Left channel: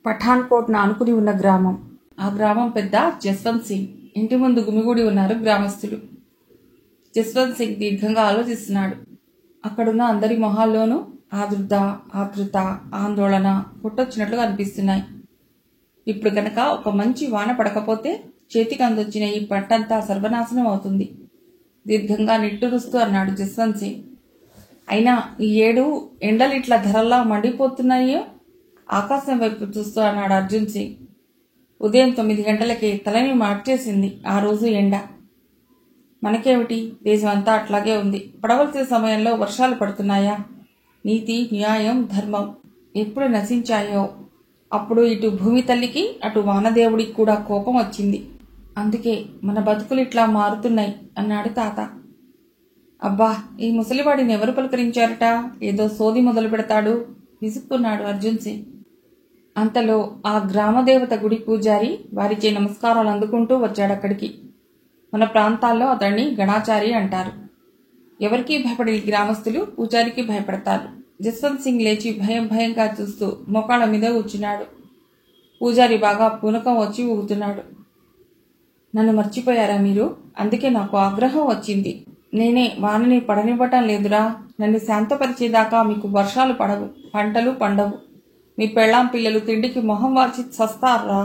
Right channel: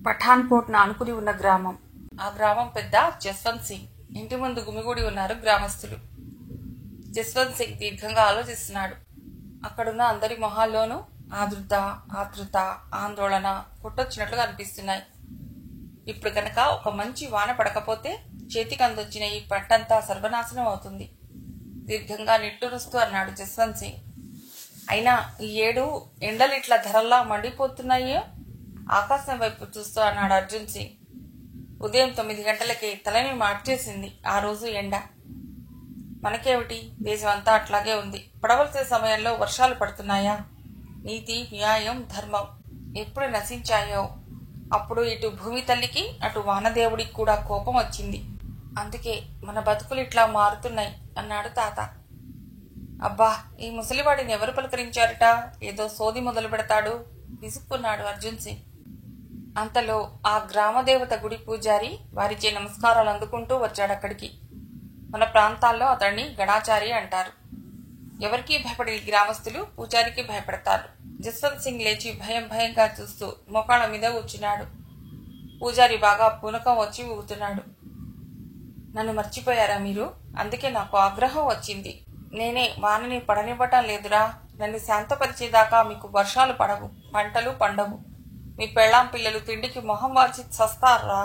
పఠాన్కోట్ ఆనుకుని ఉన్న గ్రామం. ఆ గ్రామం పెద్ద జస్వంత్ సింగ్. ఇంటి ముందు గుమిగూడి ఉన్నారు గ్రామస్తులు. జస్వంత్ సింగ్ దీర్ఘంగా ఆలోచిస్తున్నాడు. అక్కడున్న అందరి మొహాల్లోనూ ఆదుర్ద, ఆతృత, ఆందోళన కొట్టొచ్చినట్లుగా అనిపిస్తున్నాయి. ఇప్పుడు గనక ఒక మంచి వాన పడకపోతే చేతికి అందొచ్చిన ఈ పంటంతా సర్వనాశనం అవుతుంది. దీర్ఘంగా నిట్టూరుస్తూ అన్నాడు జస్వంత్ సింగ్. అయినా ఈ ఏడు ఎండలు ఇట్లా ధరల్లా మండిపోతున్నాయో. ఆకాశం వైపు చూస్తూ అన్నాడు అర్జున్ సింగ్. ఉదయం 9 గంటలకే తలని మార్చేసింది ఆ రోజు ఎండ. మనకేమిటి, దేశం అంతా అట్లాగే ఉంది. పడవలసిన సమయంలో వర్షాలు పడుతున్నాయా? నీతి, న్యాయం, ధర్మం ఎప్పుడు నశించాయో అప్పుడు ఇటు భూమి తల్లికి అటు వానదేవుడికి కూడా కోపం వచ్చింది. అందుకే మన బతుకులు ఇట్లా మారుతున్నాయి అన్నాడు తాత. అబ్బా, ఈ ముసలివాడిని ఎవరు పలకరించారట? ఏదో సోది మొదలు పెడతాడు విసుక్కున్నాడు అర్జున్ సింగ్. అంతలో ఆ గ్రామదేవత గుడి పూజారి వారిచే నమస్కారాలు అందుకుంటూ వచ్చాడక్కడికి. మన ప్రాంతాల్లో అతన్ని గణాచారి అంటారు. ఎవరికీ భయపడి గ్రామస్తులు పూజారికి భయపడతారు. జస్వంత్ సింగ్ లేచి భయంగా చూస్తూ మోకాళ్ళ మీద కూర్చున్నాడు. పూజారి బాగా పూనకం వచ్చి ఊగుతున్నాడు. నన్ను మర్చిపోయారా మీరు? అందుకే నాకు ఆగ్రహం వచ్చింది. నేనే వానని పడనివ్వటం లేదురా. నన్ను శాంతపరిచేదాకా మీకు వర్షాలు పడవు, పంటలు పండవు. మీ పెళ్ళాం పిల్లలు తిండికి మొహం వార్చి చస్తారా?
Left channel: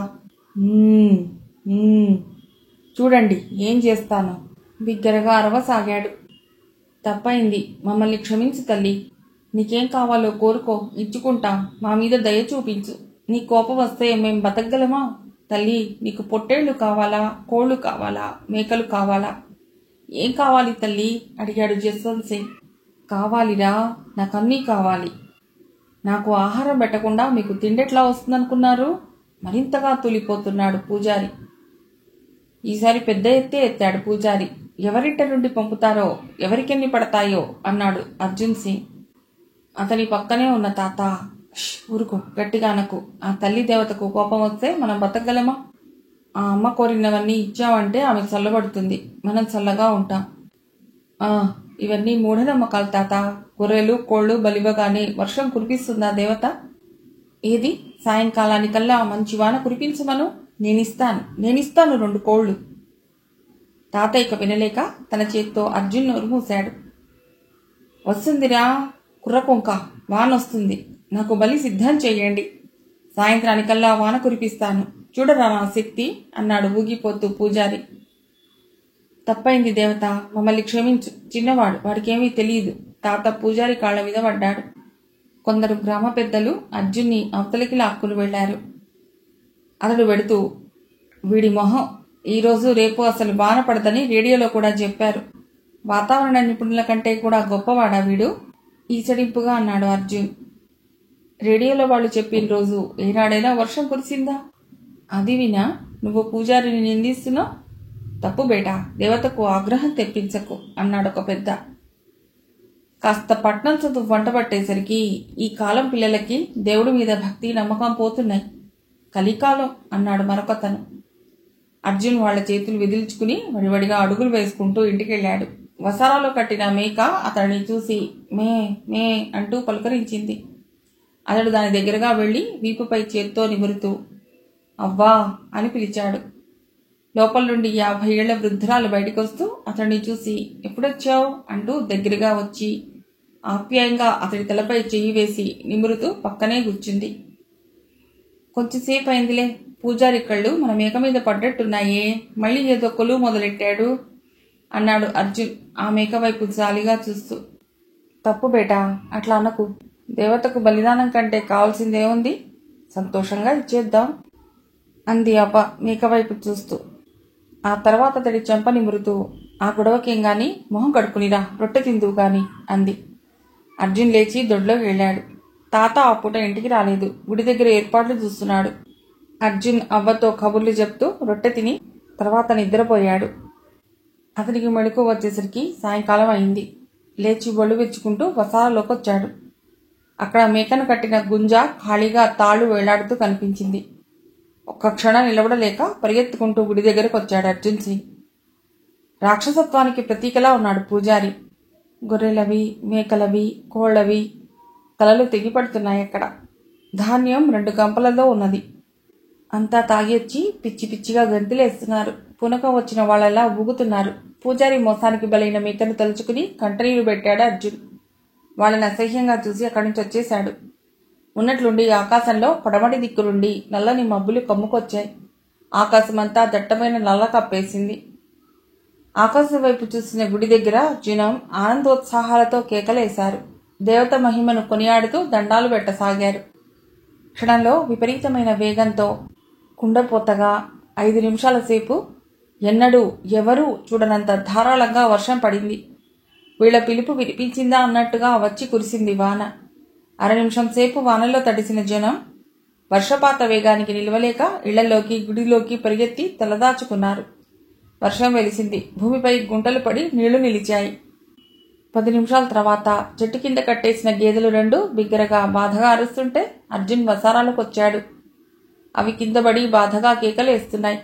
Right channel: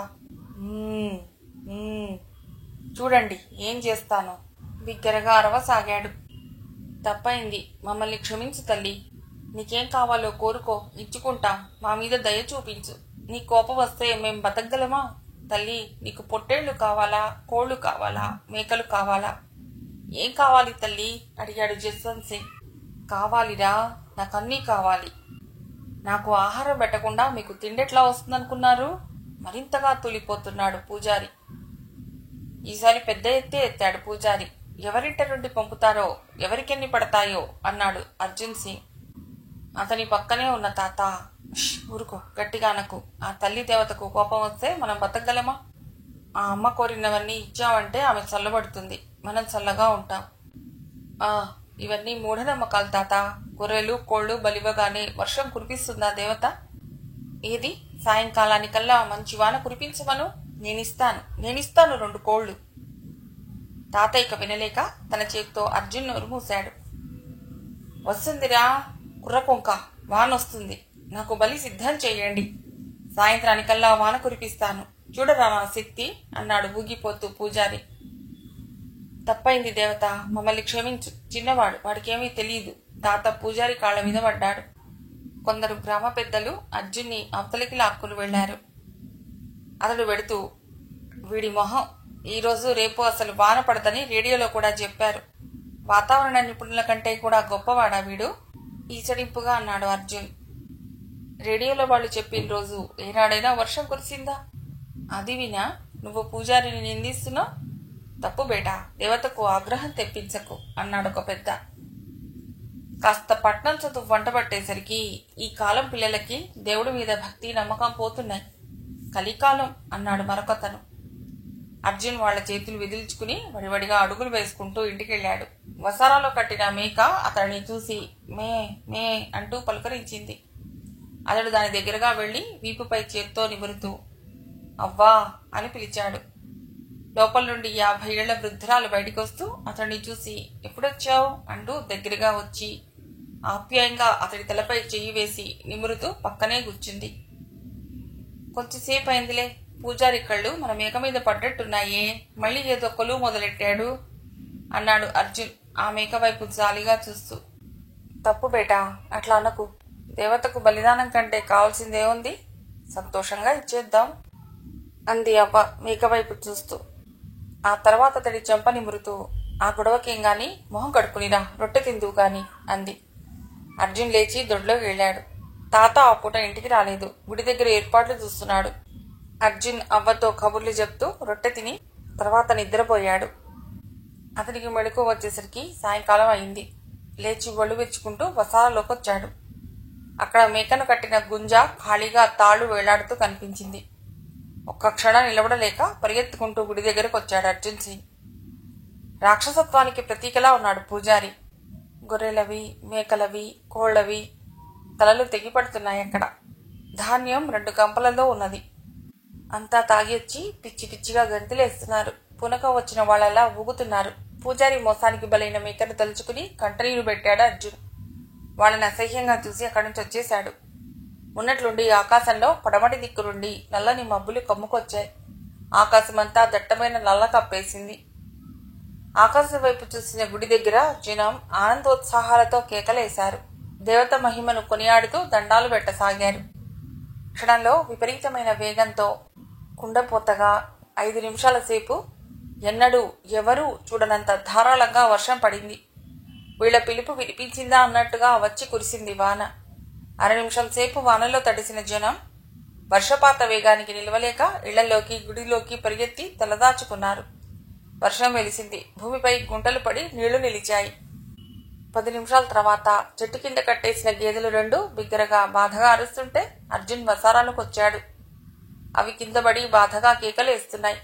చూడండి ఏం చేస్తానో బిగ్గరగా అరవసాగాడు. తప్పైంది, మమ్మల్ని క్షమించు తల్లి. నీకేం కావాలో కోరుకో, ఇచ్చుకుంటాం. మా మీద దయ చూపించు. నీ కోపం వస్తే మేం బతకగలమా? తల్లి, నీకు పొట్టేళ్లు కావాలా, కోళ్లు కావాలా, మేకలు కావాలా? ఏం కావాలి తల్లి అడిగాడు జస్వంత్ సింగ్. కావాలిరా, నాకన్నీ కావాలి. నాకు ఆహారం పెట్టకుండా మీకు తిండెట్లా వస్తుందనుకున్నారు? మరింతగా తూలిపోతున్నాడు పూజారి. ఈసారి పెద్ద ఎత్తే ఎత్తాడు పూజారి. ఎవరింట నుండి పంపుతారో, ఎవరికెన్ని పడతాయో అన్నాడు అర్జున్ సింగ్. అతని పక్కనే ఉన్న తాత, ఊరుకో, గట్టిగా అనకు. ఆ తల్లి దేవతకు కోపం వస్తే మనం బతకగలమా? ఆ అమ్మ కోరినవన్నీ ఇచ్చామంటే ఆమె చల్లబడుతుంది, మనం చల్లగా ఉంటాం. ఇవన్నీ మూఢనమ్మకాలు తాత. గొర్రెలు కోళ్లు బలివగానే వర్షం కురిపిస్తుందా దేవత? ఏది, సాయంకాలానికల్లా మంచి వాన కురిపించమను. నేనిస్తాను 2 కోళ్లు. తాత ఇక వినలేక తన చేత్తో అర్జున్ నోరు మూశాడు. వస్తుందిరా కుర్రకొంక, వానొస్తుంది. నాకు బలి సిద్ధం చెయ్యండి. సాయంత్రానికల్లా వాన కురిపిస్తాను. చూడరా నా శక్తి అన్నాడు ఊగిపోతూ పూజారి. తప్పైంది దేవత, మమ్మల్ని క్షమించు. చిన్నవాడు, వాడికేమీ తెలియదు. తాత పూజారి కాళ్ల మీద పడ్డాడు. కొందరు గ్రామ పెద్దలు అర్జున్ని అవతలికి లాక్కుని వెళ్లారు. అతడు వెడుతూ, వీడి మొహం, ఈరోజు రేపు అసలు వాన పడదని రేడియోలో కూడా చెప్పారు. వాతావరణ నిపుణుల కంటే కూడా గొప్పవాడా వీడు? ఈచడింపుగా అన్నాడు అర్జున్. రేడియోలో వాళ్ళు చెప్పిన రోజు ఏనాడైనా వర్షం కురిసిందా? అది వినా నువ్వు పూజారిని నిందిస్తున్నావు? తప్పు బేటా, దేవతకు ఆగ్రహం తెప్పించకు అన్నాడొక పెద్ద. కాస్త పట్నం చదువు వంట పట్టేసరికి ఈ కాలం పిల్లలకి దేవుడి మీద భక్తి నమ్మకం పోతున్నాయి. కలికాలం అన్నాడు మరొకతను. అర్జున్ వాళ్ల చేతులు విదిల్చుకుని వడివడిగా అడుగులు వేసుకుంటూ ఇంటికెళ్లాడు. వసారాలో కట్టిన మేక అతడిని చూసి మే మే అంటూ పలుకరించింది. అతడు దాని దగ్గరగా వెళ్లి వీపుపై చేత్తో నిమురుతూ అవ్వా అని పిలిచాడు. లోపల నుండి 50 ఏళ్ల వృద్ధురాలు బయటికొస్తూ అతడిని చూసి ఎప్పుడొచ్చావు అంటూ దగ్గరగా వచ్చి ఆప్యాయంగా అతడి తలపై చెయ్యి వేసి నిమురుతూ పక్కనే కూర్చుంది. కొంచెంసేపు అయిందిలే, పూజారి కళ్ళు మన మేక మీద పడ్డట్టున్నాయే, మళ్లీ ఏదో కొలువు మొదలెట్టాడు అన్నాడు అర్జున్ ఆ మేక వైపు జాలిగా చూస్తూ. తప్పు బేటా, అట్లా అనకు. దేవతకు బలిదానం కంటే కావాల్సిందేముంది? సంతోషంగా ఇచ్చేద్దాం అంది అవ్వ మేక వైపు చూస్తూ. ఆ తర్వాత అతడి చెంప నిమురుతూ ఆ గొడవకేం గాని మొహం కడుక్కునిరా, రొట్టె తిందువు గాని అంది. అర్జున్ లేచి దొడ్లోకి వెళ్ళాడు. తాత ఆ పూట ఇంటికి రాలేదు. గుడి దగ్గర ఏర్పాట్లు చూస్తున్నాడు. అర్జున్ అవ్వతో కబుర్లు చెప్తూ రొట్టె తిని తర్వాత నిద్రపోయాడు. అతనికి మెళుకు వచ్చేసరికి సాయంకాలం అయింది. లేచి ఒళ్ళు విరుచుకుంటూ వసారాలోకొచ్చాడు. అక్కడ మేకను కట్టిన గుంజ ఖాళీగా తాళ్లు వేలాడుతూ కనిపించింది. ఒక్క క్షణం నిలబడలేక పరిగెత్తుకుంటూ గుడి దగ్గరకు వచ్చాడు అర్జున్ సింగ్. రాక్షసత్వానికి ప్రతీకలా ఉన్నాడు పూజారి. గొర్రెలవి, మేకలవి, కోళ్లవి తలలు తెగిపడుతున్నాయక్కడ. ధాన్యం 2 గంపలలో ఉన్నది. అంతా తాగేచ్చి పిచ్చి పిచ్చిగా గంతులేస్తున్నారు. పునక వచ్చిన వాళ్ళలా ఊగుతున్నారు. పూజారి మోసానికి బలైన మేకను తలుచుకుని కంటనీరు పెట్టాడు అర్జున్. వాళ్ళని అసహ్యంగా చూసి అక్కడి నుంచి వచ్చేశాడు. ఉన్నట్లుండి ఆకాశంలో పడమటి దిక్కు నుండి నల్లని మబ్బులు కమ్ముకొచ్చాయి. ఆకాశమంతా దట్టమైన నల్ల కప్పేసింది. ఆకాశం వైపు చూసిన గుడి దగ్గర జనం ఆనందోత్సాహాలతో కేకలేశారు. దేవత మహిమను కొనియాడుతూ దండాలు పెట్టసాగారు. క్షణంలో విపరీతమైన వేగంతో కుండపోతగా 5 నిమిషాల సేపు ఎన్నడూ ఎవరూ చూడనంత ధారాళంగా వర్షం పడింది. వీళ్ల పిలుపు వినిపించిందా అన్నట్టుగా వచ్చి కురిసింది వాన. 1/2 నిమిషం సేపు వానలో తడిసిన జనం వర్షపాత వేగానికి నిలవలేక ఇళ్లలోకి గుడిలోకి పరిగెత్తి తలదాచుకున్నారు. వర్షం వెలిసింది. భూమిపై గుంటలు పడి నీళ్లు నిలిచాయి. 10 నిమిషాల తర్వాత చెట్టు కింద కట్టేసిన గేదెలు 2 బిగ్గరగా బాధగా అరుస్తుంటే అర్జున్ వసారాలకొచ్చాడు. అవి కిందపడి బాధగా కేకలేస్తున్నాయి.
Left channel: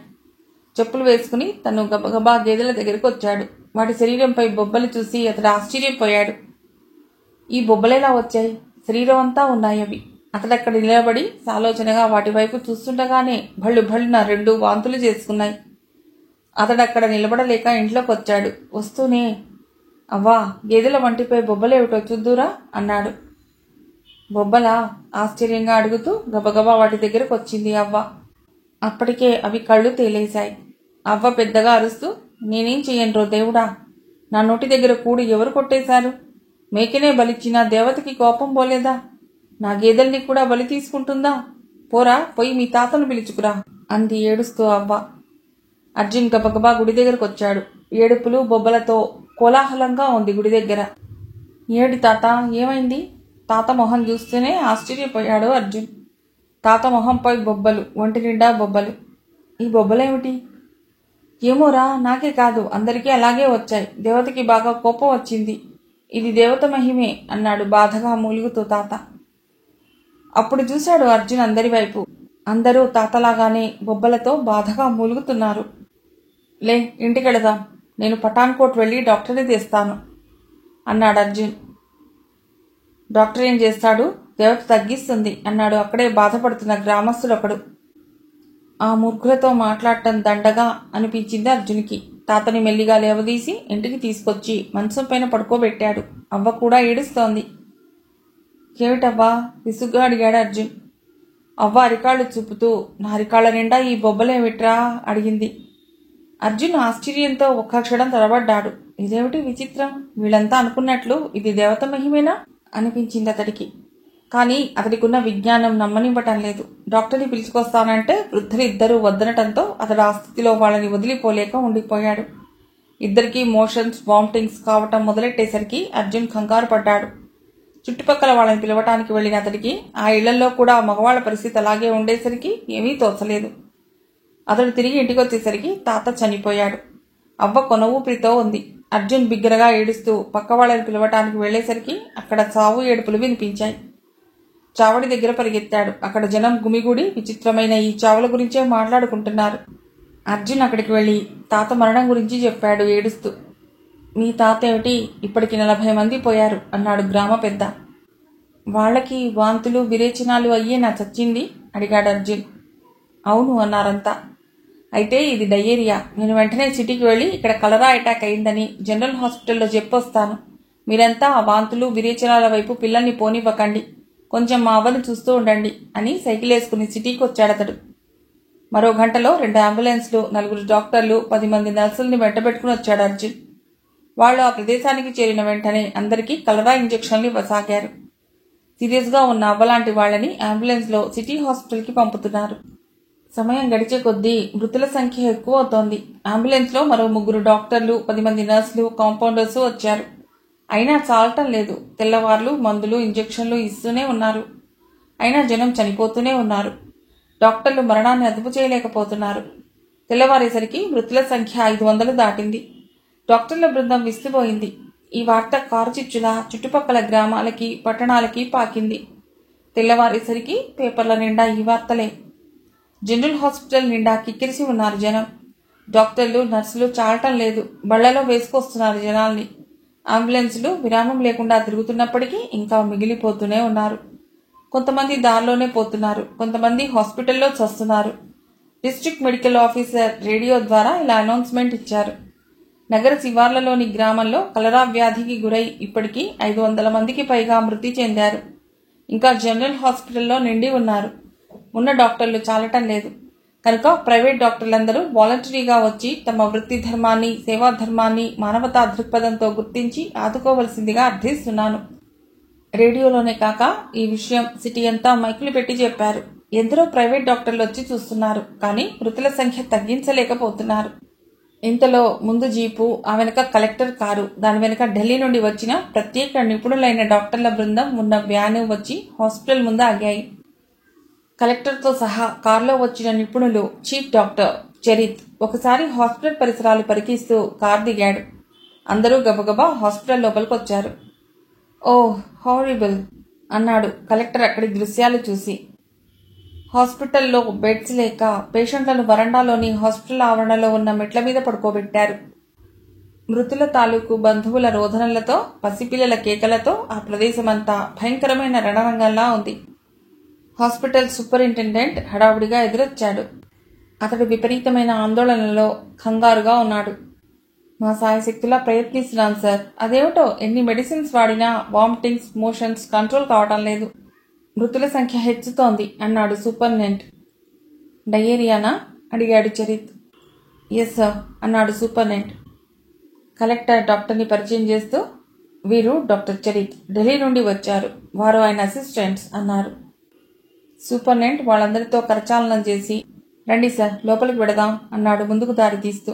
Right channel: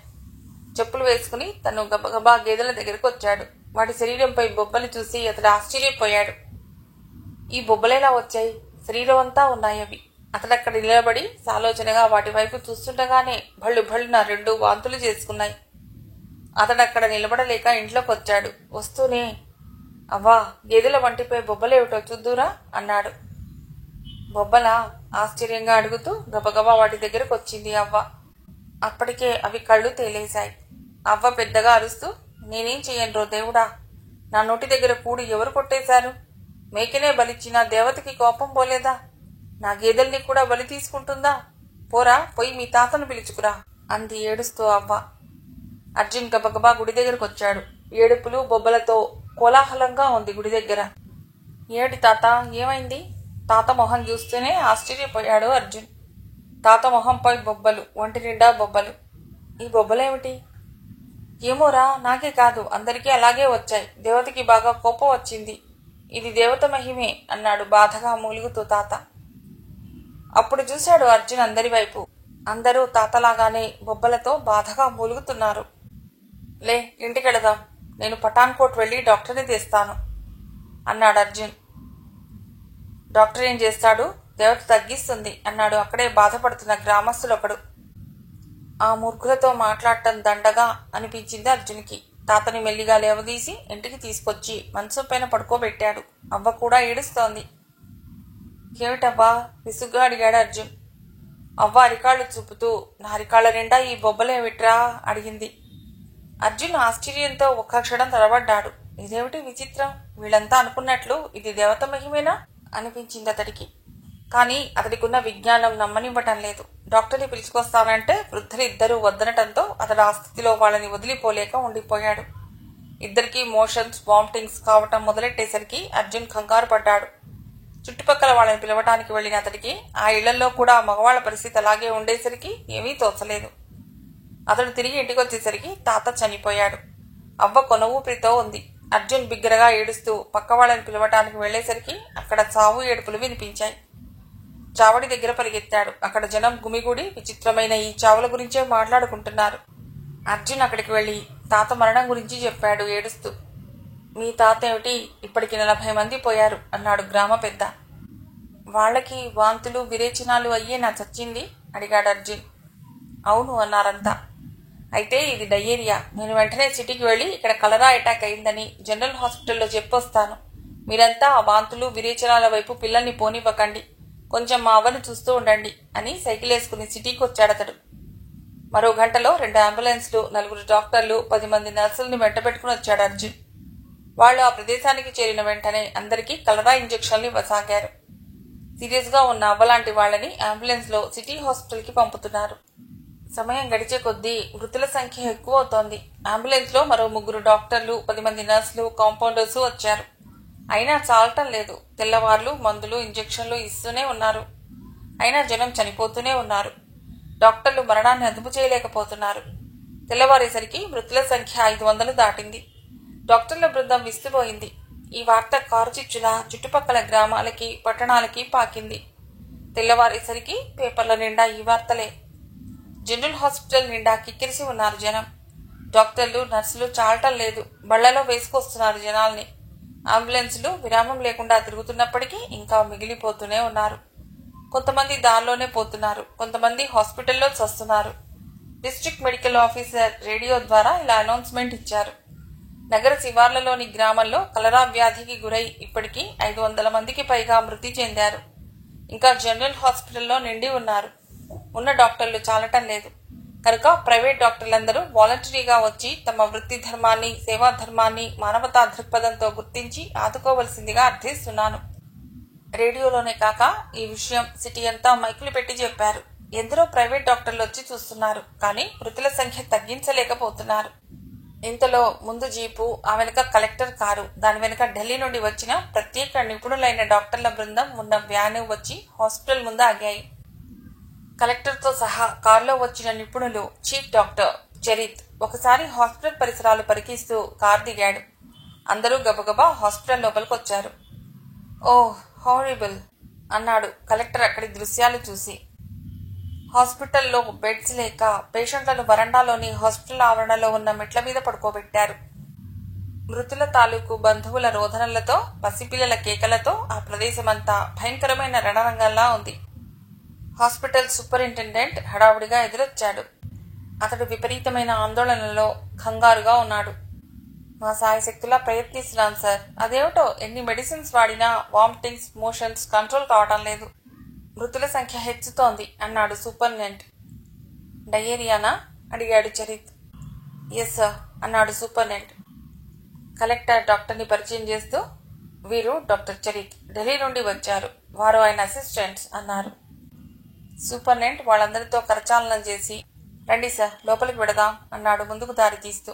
చెప్పులు వేసుకుని తను గబగబా గేదెల దగ్గరకు వచ్చాడు. వాటి శరీరంపై బొబ్బలు చూసి అతడు ఆశ్చర్యపోయాడు. ఈ బొబ్బలెలా వచ్చాయి? శరీరం అంతా ఉన్నాయి అవి. అతడక్కడ నిలబడి సాలోచనగా వాటి వైపు చూస్తుండగానే భళ్ళు భళ్ళున 2 వాంతులు చేసుకున్నాయి. అతడక్కడ నిలబడలేక ఇంట్లోకి వచ్చాడు. వస్తూనే, అవ్వా, గేదెల వంటిపై బొబ్బలేమిటో చూద్దురా అన్నాడు. బొబ్బలా? ఆశ్చర్యంగా అడుగుతూ గబగబా వాటి దగ్గరకు వచ్చింది అవ్వ. అప్పటికే అవి కళ్ళు తేలేశాయి. అవ్వ పెద్దగా అరుస్తూ, నేనేం చెయ్యనురో దేవుడా, నా నోటి దగ్గర కూడు ఎవరు కొట్టేశారు? మేకనే బలిచ్చినా దేవతకి కోపం పోలేదా? నా గేదెల్ని కూడా బలి తీసుకుంటుందా? పోరా, పోయి మీ తాతను పిలుచుకురా అంది ఏడుస్తూ అవ్వ. అర్జున్ గబగబా గుడి దగ్గరకు వచ్చాడు. ఏడుపులు బొబ్బలతో కోలాహలంగా ఉంది గుడి దగ్గర. ఏడి తాత, ఏమైంది? తాత మొహం చూస్తూనే ఆశ్చర్యపోయాడు అర్జున్. తాత మొహంపై బొబ్బలు, ఒంటి నిండా బొబ్బలు. ఈ బొబ్బలేమిటి? ఏమోరా, నాకే కాదు అందరికీ అలాగే వచ్చాయి. దేవతకి బాగా కోపం వచ్చింది. ఇది దేవత మహిమే అన్నాడు బాధగా మూలుగుతూ తాత. అప్పుడు చూశాడు అర్జున్ అందరి వైపు. అందరూ తాతలాగానే బొబ్బలతో బాధగా మూలుగుతున్నారు. లే, ఇంటికెళదాం. నేను పఠాన్కోట్ వెళ్లి డాక్టర్ని తెస్తాను అన్నాడు అర్జున్. డాక్టర్ ఏం చేస్తాడు? దేవత తగ్గిస్తుంది అన్నాడు అక్కడే బాధపడుతున్న గ్రామస్తులొకడు. ఆ మూర్ఖులతో మాట్లాడటం దండగా అనిపించింది అర్జున్కి. తాతని మెల్లిగా లేవదీసి ఇంటికి తీసుకొచ్చి మంచం పైన పడుకోబెట్టాడు. అవ్వ కూడా ఏడుస్తోంది. ఏమిటవ్వా? విసుగ్గా అడిగాడు అర్జున్. అవ్వ అరికాళ్లు చూపుతూ, నా అరికాళ్ల నిండా ఈ బొబ్బలేమిట్రా అడిగింది. అర్జున్ ఆశ్చర్యంతో ఒక్క క్షణం తడబడ్డాడు. ఇదేమిటి విచిత్రం? వీళ్ళంతా అనుకున్నట్లు ఇది దేవత మహిమేనా అనిపించింది అతడికి. కానీ అతడికున్న విజ్ఞానం నమ్మనివ్వటం లేదు. డాక్టర్ని పిలుచుకొస్తానంటే వృద్ధులిద్దరూ వద్దనటంతో అతడు ఆ స్థితిలో వాళ్ళని వదిలిపోలేక ఉండిపోయాడు. ఇద్దరికీ మోషన్స్, వామిటింగ్స్ కావటం మొదలెట్టేసరికి అర్జున్ కంగారు పడ్డాడు. చుట్టుపక్కల వాళ్ళని పిలవటానికి వెళ్లిన అతడికి ఆ ఇళ్లలో కూడా మగవాళ్ల పరిస్థితి అలాగే ఉండేసరికి ఏమీ తోచలేదు. అతడు తిరిగి ఇంటికి వచ్చేసరికి తాత చనిపోయాడు. అవ్వ కొన ఊపిరితో ఉంది. అర్జున్ బిగ్గరగా ఏడుస్తూ పక్క వాళ్ళని పిలవటానికి వెళ్లేసరికి అక్కడ చావు ఏడుపులు వినిపించాయి. చావడి దగ్గర పరిగెత్తాడు. అక్కడ జనం గుమిగూడి విచిత్రమైన ఈ చావుల గురించే మాట్లాడుకుంటున్నారు. అర్జున్ అక్కడికి వెళ్లి తాత మరణం గురించి చెప్పాడు ఏడుస్తూ. మీ తాత ఏమిటి? ఇప్పటికి 40 మంది పోయారు అన్నాడు గ్రామ పెద్ద. వాళ్లకి వాంతులు విరేచనాలు అయ్యే నా చచ్చింది అడిగాడు అర్జున్. అవును అన్నారంతా. అయితే ఇది డయేరియా. నేను వెంటనే సిటీకి వెళ్లి ఇక్కడ కలరా అటాక్ అయిందని జనరల్ హాస్పిటల్లో చెప్పొస్తాను. మీరంతా ఆ వాంతులు విరేచనాల వైపు పిల్లల్ని పోనివ్వకండి. కొంచెం మా అవ్వని చూస్తూ ఉండండి అని సైకిల్ వేసుకుని సిటీకి వచ్చాడతడు. మరో గంటలో 2 అంబులెన్స్లు, 4 డాక్టర్లు, 10 మంది నర్సుల్ని వెంటబెట్టుకుని వచ్చాడు అర్జున్. వాళ్ళు ఆ ప్రదేశానికి చేరిన వెంటనే అందరికీ కలరా ఇంజెక్షన్లు ఇవ్వసాగారు. సీరియస్ గా ఉన్న అవ్వలాంటి వాళ్ళని అంబులెన్స్ లో సిటీ హాస్పిటల్ కి పంపుతున్నారు. సమయం గడిచే కొద్దీ మృతుల సంఖ్య ఎక్కువ అవుతోంది. అంబులెన్స్ లో మరో 3 డాక్టర్లు, 10 మంది నర్సులు, కాంపౌండర్స్ వచ్చారు. అయినా చాలటం లేదు. తెల్లవార్లు మందులు, ఇంజెక్షన్లు ఇస్తూనే ఉన్నారు. అయినా జనం చనిపోతూనే ఉన్నారు. డాక్టర్లు మరణాన్ని అదుపు చేయలేకపోతున్నారు. తెల్లవారేసరికి మృతుల సంఖ్య 500 దాటింది. డాక్టర్ల బృందం విస్తుపోయింది. ఈ వార్త కారుచిచ్చులా చుట్టుపక్కల గ్రామాలకి, పట్టణాలకి పాకింది. తెల్లవారేసరికి పేపర్ల నిండా ఈ వార్తలే. జనరల్ హాస్పిటల్ నిండా కిక్కిరిసి ఉన్నారు జనం. డాక్టర్లు, నర్సులు చాలటం లేదు. బళ్లలో వేసుకొస్తున్నారు జనాల్ని. అంబులెన్సులు విరామం లేకుండా తిరుగుతున్నప్పటికీ ఇంకా మిగిలిపోతూనే ఉన్నారు. కొంతమంది దారిలోనే పోతున్నారు, కొంతమంది హాస్పిటల్లో చస్తున్నారు. డిస్ట్రిక్ట్ మెడికల్ ఆఫీసర్ రేడియో ద్వారా ఇలా అనౌన్స్మెంట్ ఇచ్చారు. నగర శివార్లలోని గ్రామంలో కలరా వ్యాధికి గురై ఇప్పటికీ 500 మందికి పైగా మృతి చెందారు. ఇంకా జనరల్ హాస్పిటల్లో నిండి ఉన్నారు. ఉన్న డాక్టర్లు చాలటం లేదు కనుక ప్రైవేట్ డాక్టర్లందరూ వాలంటరీగా వచ్చి తమ వృత్తి ధర్మాన్ని, సేవా ధర్మాన్ని మానవతా దృక్పథంతో గుర్తించి ఆదుకోవలసిందిగా అర్థిస్తున్నాను. రేడియోలోనే కాక ఈ విషయం సిటీ అంతా మైకులు పెట్టి చెప్పారు. ఎందరో ప్రైవేట్ డాక్టర్లు వచ్చి చూస్తున్నారు, కానీ మృతుల సంఖ్య తగ్గించలేకపోతున్నారు. ఇంతలో ముందు జీపు, ఆ వెనుక కలెక్టర్ కారు, దాని వెనుక ఢిల్లీ నుండి వచ్చిన ప్రత్యేక నిపుణులైన డాక్టర్ల బృందం ఉన్న వ్యాను వచ్చి హాస్పిటల్ ముందు ఆగాయి. కలెక్టర్తో సహా కారులో వచ్చిన నిపుణులు చీఫ్ డాక్టర్ చరిత్ ఒకసారి హాస్పిటల్ పరిసరాలు పరికిస్తూ కారు దిగాడు. అందరూ గబగబా హాస్పిటల్ లోపలికొచ్చారు. ఓహ్, హారిబుల్ అన్నాడు కలెక్టర్ అక్కడి దృశ్యాలు చూసి. హాస్పిటల్లో బెడ్స్ లేక పేషెంట్లను వరండాలోని హాస్పిటల్ ఆవరణలో ఉన్న మెట్ల మీద పడుకోబెట్టారు. మృతుల తాలూకు బంధువుల రోదనలతో, పసిపిల్లల కేకలతో ఆ ప్రదేశమంతా భయంకరమైన రణరంగంలా ఉంది. హాస్పిటల్ సూపరింటెండెంట్ హడావుడిగా ఎదురొచ్చాడు. అతడు విపరీతమైన ఆందోళనలో, కంగారుగా ఉన్నాడు. మా సాయశక్తులా ప్రయత్నిస్తున్నాను సార్. అదేమిటో ఎన్ని మెడిసిన్స్ వాడినా వామిటింగ్స్, మోషన్స్ కంట్రోల్ కావటం లేదు. మృతుల సంఖ్య హెచ్చుతోంది అన్నాడు సూపరింటెండెంట్. డయేరియానా అడిగాడు చరిత్. ఎస్ సార్ అన్నాడు సూపరింటెండెంట్. కలెక్టర్ డాక్టర్ని పరిచయం చేస్తూ, వీరు డాక్టర్ చరిత్, ఢిల్లీ నుండి వచ్చారు, వారు ఆయన అసిస్టెంట్స్ అన్నారు. సూపరింటెండెంట్ వాళ్ళందరితో కరచాలనం చేసి, రండి సార్ లోపలికి వెడదాం అన్నాడు ముందుకు దారి తీస్తూ.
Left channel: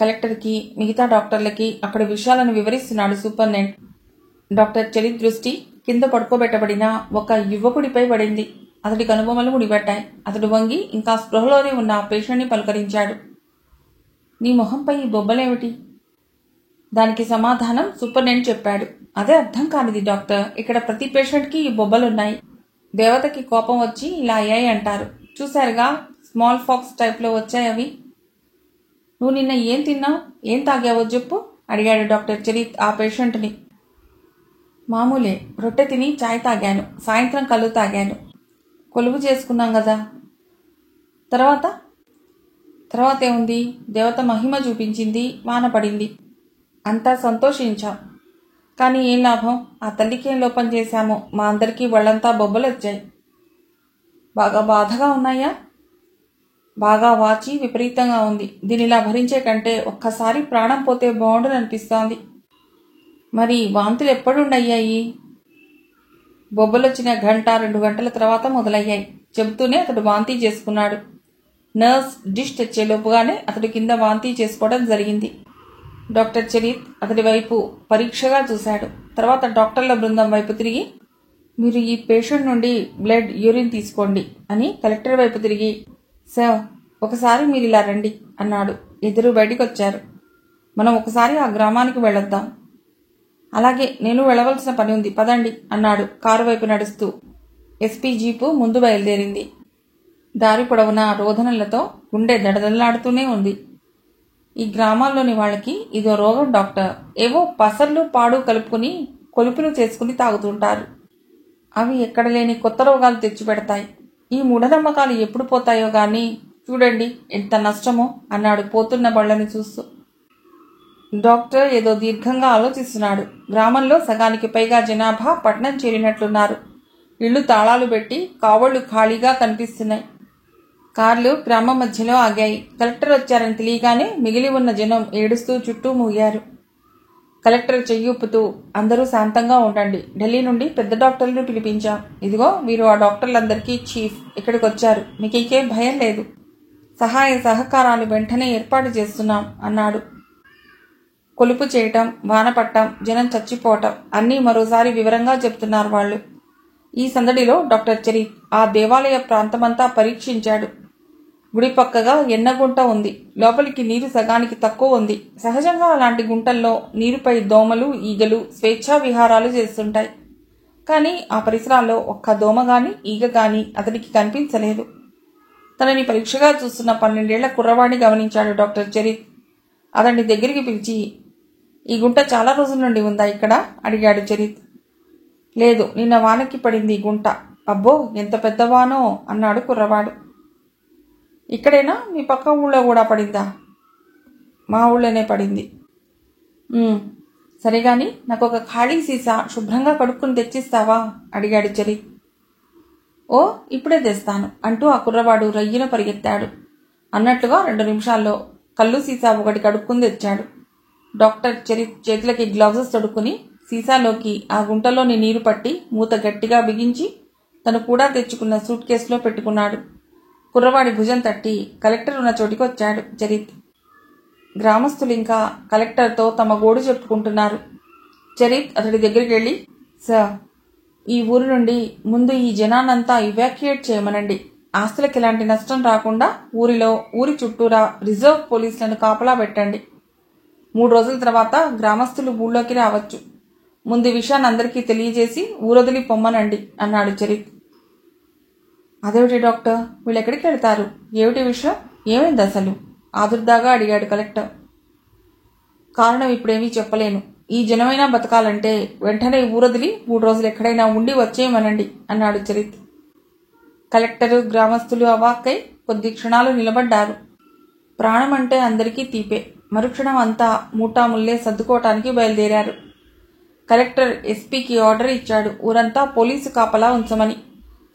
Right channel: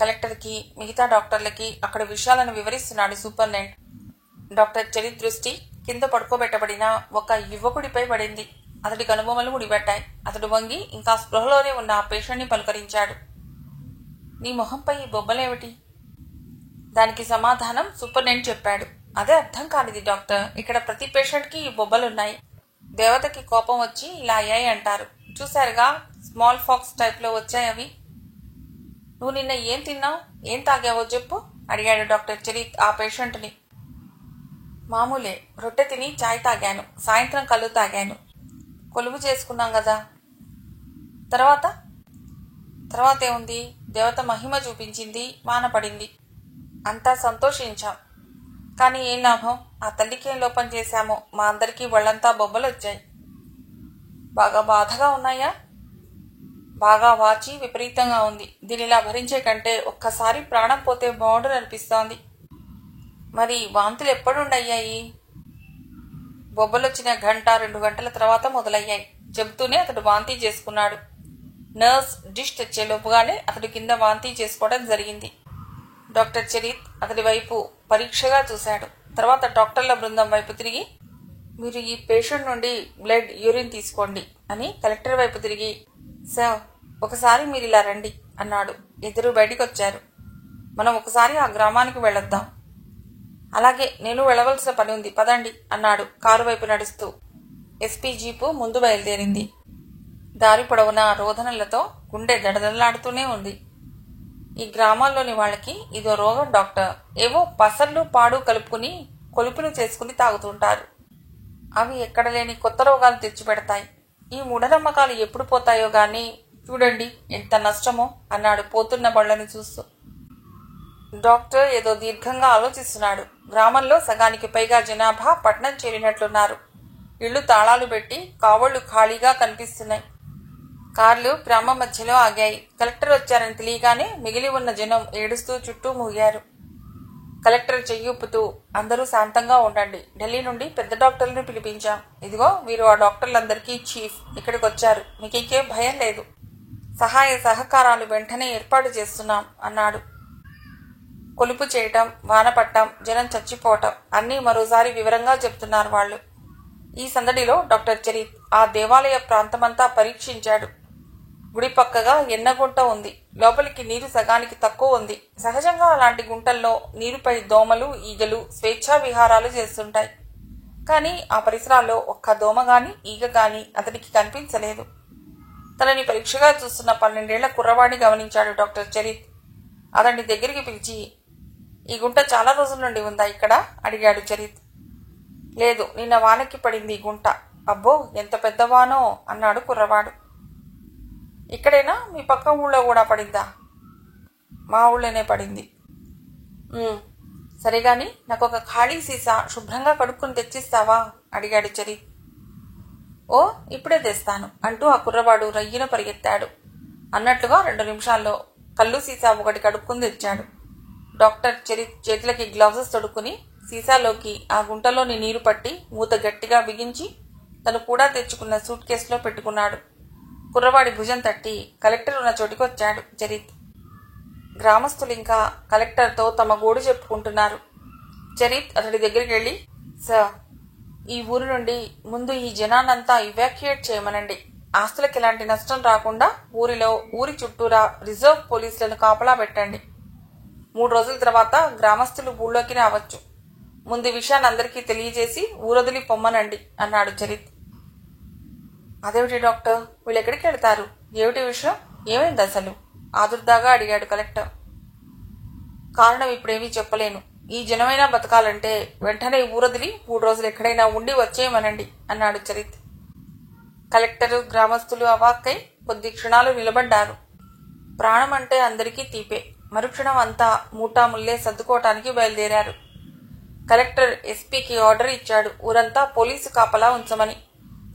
కలెక్టర్కి, మిగతా డాక్టర్లకి అక్కడ విషయాలను వివరిస్తున్నాడు సూపరింటెండెంట్. డాక్టర్ చరిత్ దృష్టి కింద పడుకోబెట్టబడిన ఒక యువకుడిపై పడింది. అతడి కనుబొమ్మలు ముడిపడ్డాయి. అతడు వంగి ఇంకా స్పృహలోనే ఉన్న ఆ పేషెంట్ని పలకరించాడు. నీ మొహంపై ఈ బొబ్బలేమిటి? దానికి సమాధానం సూపరింటెండెంట్ చెప్పాడు. అదే అర్థం కానిది డాక్టర్. ఇక్కడ ప్రతి పేషెంట్కి ఈ బొబ్బలున్నాయి. దేవతకి కోపం వచ్చి ఇలా అయ్యాయి అంటారు. చూశారుగా, స్మాల్ ఫాక్స్ టైప్లో వచ్చాయి అవి. నువ్వు నిన్న ఏం తిన్నావు, ఏం తాగావో చెప్పు అడిగాడు డాక్టర్ చరిత్ ఆ పేషెంట్ని. మామూలే, రొట్టె తిని చాయ్ తాగాను, సాయంత్రం కళ్ళు తాగాను. కొలువు చేసుకున్నాం కదా. తర్వాత ఏముంది? దేవత మహిమ చూపించింది, వాన పడింది, అంతా సంతోషించాం. కానీ ఏం లాభం? ఆ తల్లికేం లోపం చేశామో మా అందరికీ ఒళ్ళంతా బొబ్బలు వచ్చాయి. బాగా బాధగా ఉన్నాయా? బాగా వాచి విపరీతంగా ఉంది. దీనిలా భరించే కంటే ఒక్కసారి ప్రాణం పోతే బాగుండుననిపిస్తోంది. మరి వాంతులు ఎప్పుడుండయ్యాయి? బొబ్బలొచ్చిన 1-2 గంటల తర్వాత మొదలయ్యాయి చెబుతూనే అతడు వాంతీ చేసుకున్నాడు. నర్స్ డిష్ తెచ్చేలోపుగానే అతడు కింద వాంతీ చేసుకోవడం జరిగింది. డాక్టర్ చరిత్ అతడి వైపు పరీక్షగా చూశాడు. తర్వాత డాక్టర్ల బృందం వైపు తిరిగి, మీరు ఈ పేషెంట్ నుండి బ్లడ్, యూరిన్ తీసుకోండి అని కలెక్టర్ వైపు తిరిగి, సార్ ఒకసారి మీరు ఇలా రండి అన్నాడు. ఇద్దరు బయటికొచ్చారు. మనం ఒకసారి ఆ గ్రామానికి వెళ్ళొద్దాం. అలాగే, నేను వెళ్ళవలసిన పని ఉంది, పదండి అన్నాడు కారు వైపు నడుస్తూ. ఎస్పీ జీపు ముందు బయలుదేరింది. దారి పొడవునా రోదనలతో గుండె దడదడలాడుతూనే ఉంది. ఈ గ్రామాల్లోని వాళ్ళకి ఇదో రోగం డాక్టర్. ఏవో పసర్లు పాడు కలుపుకుని కొలుపులు చేసుకుని తాగుతుంటారు. అవి ఎక్కడ లేని కొత్త రోగాలు తెచ్చిపెడతాయి. ఈ మూఢనమ్మకాలు ఎప్పుడు పోతాయో గాని చూడండి ఎంత నష్టమో అన్నాడు పోతున్న బళ్లను చూస్తూ. డాక్టర్ ఏదో దీర్ఘంగా ఆలోచిస్తున్నాడు. గ్రామంలో సగానికి పైగా జనాభా పట్నం చేరినట్లున్నారు. ఇళ్లు తాళాలు పెట్టి కావళ్లు ఖాళీగా కనిపిస్తున్నాయి. కార్లు గ్రామం మధ్యలో ఆగాయి. కలెక్టర్ వచ్చారని తెలియగానే మిగిలి ఉన్న జనం ఏడుస్తూ చుట్టూ మూగారు. కలెక్టర్ చెయ్యూపుతూ, అందరూ శాంతంగా ఉండండి. ఢిల్లీ నుండి పెద్ద డాక్టర్లను పిలిపించాం. ఇదిగో వీరు ఆ డాక్టర్లందరికీ చీఫ్. ఇక్కడికి వచ్చారు. మీకు ఇంకేం భయం లేదు. సహాయ సహకారాలు వెంటనే ఏర్పాటు చేస్తున్నాం అన్నాడు. కొలుపు చేయటం, వాన పట్టం, జనం చచ్చిపోవటం అన్నీ మరోసారి వివరంగా చెప్తున్నారు వాళ్ళు. ఈ సందడిలో డాక్టర్ చరిత్ ఆ దేవాలయ ప్రాంతమంతా పరీక్షించాడు. గుడి పక్కగా ఎన్నగుంట ఉంది. లోపలికి నీరు సగానికి తక్కువ ఉంది. సహజంగా అలాంటి గుంటల్లో నీరుపై దోమలు, ఈగలు స్వేచ్ఛా విహారాలు చేస్తుంటాయి. కానీ ఆ పరిసరాల్లో ఒక్క దోమ గాని, ఈగ గాని అతనికి కనిపించలేదు. తనని పరీక్షగా చూస్తున్న 12 ఏళ్ల కుర్రవాడిని గమనించాడు డాక్టర్ చరిత్. అతన్ని దగ్గరికి పిలిచి, ఈ గుంట చాలా రోజుల నుండి ఉందా ఇక్కడ అడిగాడు చరిత్. లేదు, నిన్న వానకి పడింది గుంట. అబ్బో, ఎంత పెద్ద వానో అన్నాడు కుర్రవాడు. ఇక్కడేనా, మీ పక్క ఊళ్ళో కూడా పడిందా? మా ఊళ్ళోనే పడింది. సరే గాని నాకు ఒక ఖాళీ సీసా శుభ్రంగా కడుక్కుని తెచ్చిస్తావా అడిగాడు చరిత్. ఓ, ఇప్పుడే తెస్తాను అంటూ ఆ కుర్రవాడు రయ్యిన పరిగెత్తాడు. అన్నట్లుగా 2 నిమిషాల్లో కళ్ళు సీసా ఒకటి కడుక్కుని తెచ్చాడు. డాక్టర్ చరిత్ చేతులకి గ్లౌజెస్ తొడుక్కుని సీసాలోకి ఆ గుంటలోని నీరు పట్టి మూత గట్టిగా బిగించి తను కూడా తెచ్చుకున్న సూట్ కేసులో పెట్టుకున్నాడు. కుర్రవాడి భుజం తట్టి కలెక్టర్ ఉన్న చోటికొచ్చాడు చరిత్. గ్రామస్తులు ఇంకా కలెక్టర్తో తమ గోడు చెప్పుకుంటున్నారు. చరిత్ అతడి దగ్గరికి వెళ్ళి, సార్, ఈ ఊరి నుండి ముందు ఈ జనాన్నంతా ఇవాక్యుయేట్ చేయమనండి. ఆస్తులకు ఎలాంటి నష్టం రాకుండా ఊరి చుట్టూరా రిజర్వ్ పోలీసులను కాపలా పెట్టండి. 3 రోజుల తర్వాత గ్రామస్తులు ఊళ్ళోకి రావచ్చు. ముందు విషయాన్ని అందరికీ తెలియజేసి ఊరొదిలి పొమ్మనండి అన్నాడు చరిత్. అదేమిటి డాక్టర్, వీళ్ళెక్కడికి వెళ్తారు? ఏమిటి విషయం? ఏమైంది అసలు? ఆదుర్దాగా అడిగాడు కలెక్టర్. కారణం ఇప్పుడేమీ చెప్పలేను. ఈ జనమైనా బతకాలంటే వెంటనే ఊరొదిలి 3 రోజులు ఎక్కడైనా ఉండి వచ్చేయమనండి అన్నాడు చరిత్. కలెక్టరు, గ్రామస్తులు అవాక్కై కొద్ది క్షణాలు నిలబడ్డారు. ప్రాణం అంటే అందరికీ తీపే. మరుక్షణం అంతా మూటాముల్లే సర్దుకోవటానికి బయలుదేరారు. కలెక్టర్ ఎస్పీకి ఆర్డర్ ఇచ్చాడు ఊరంతా పోలీసు కాపలా ఉంచమని.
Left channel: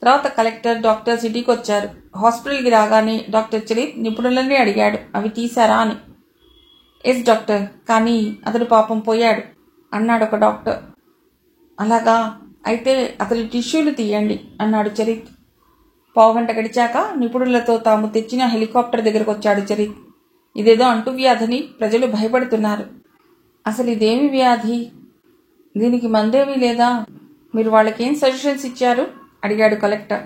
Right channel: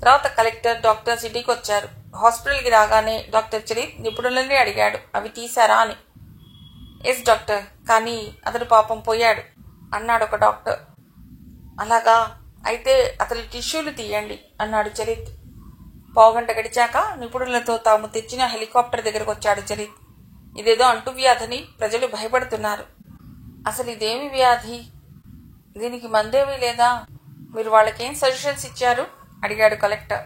తర్వాత కలెక్టర్, డాక్టర్ సిటీకి వచ్చారు. హాస్పిటల్కి రాగానే డాక్టర్ చరిత్ నిపుణులన్నీ అడిగాడు అవి తీశారా అని. ఎస్ డాక్టర్, కానీ అతడు పాపం పోయాడు అన్నాడు ఒక డాక్టర్. అలాగా, అయితే అతడి టిష్యూలు తీయండి అన్నాడు చరిత్. పావుగంట గడిచాక నిపుణులతో తాము తెచ్చిన హెలికాప్టర్ దగ్గరకు వచ్చాడు చరిత్. ఇదేదో అంటువ్యాధని ప్రజలు భయపడుతున్నారు. అసలు ఇదేమి వ్యాధి? దీనికి మందేమీ లేదా? మీరు వాళ్ళకేం సజెషన్స్ ఇచ్చారు అడిగాడు కలెక్టర్.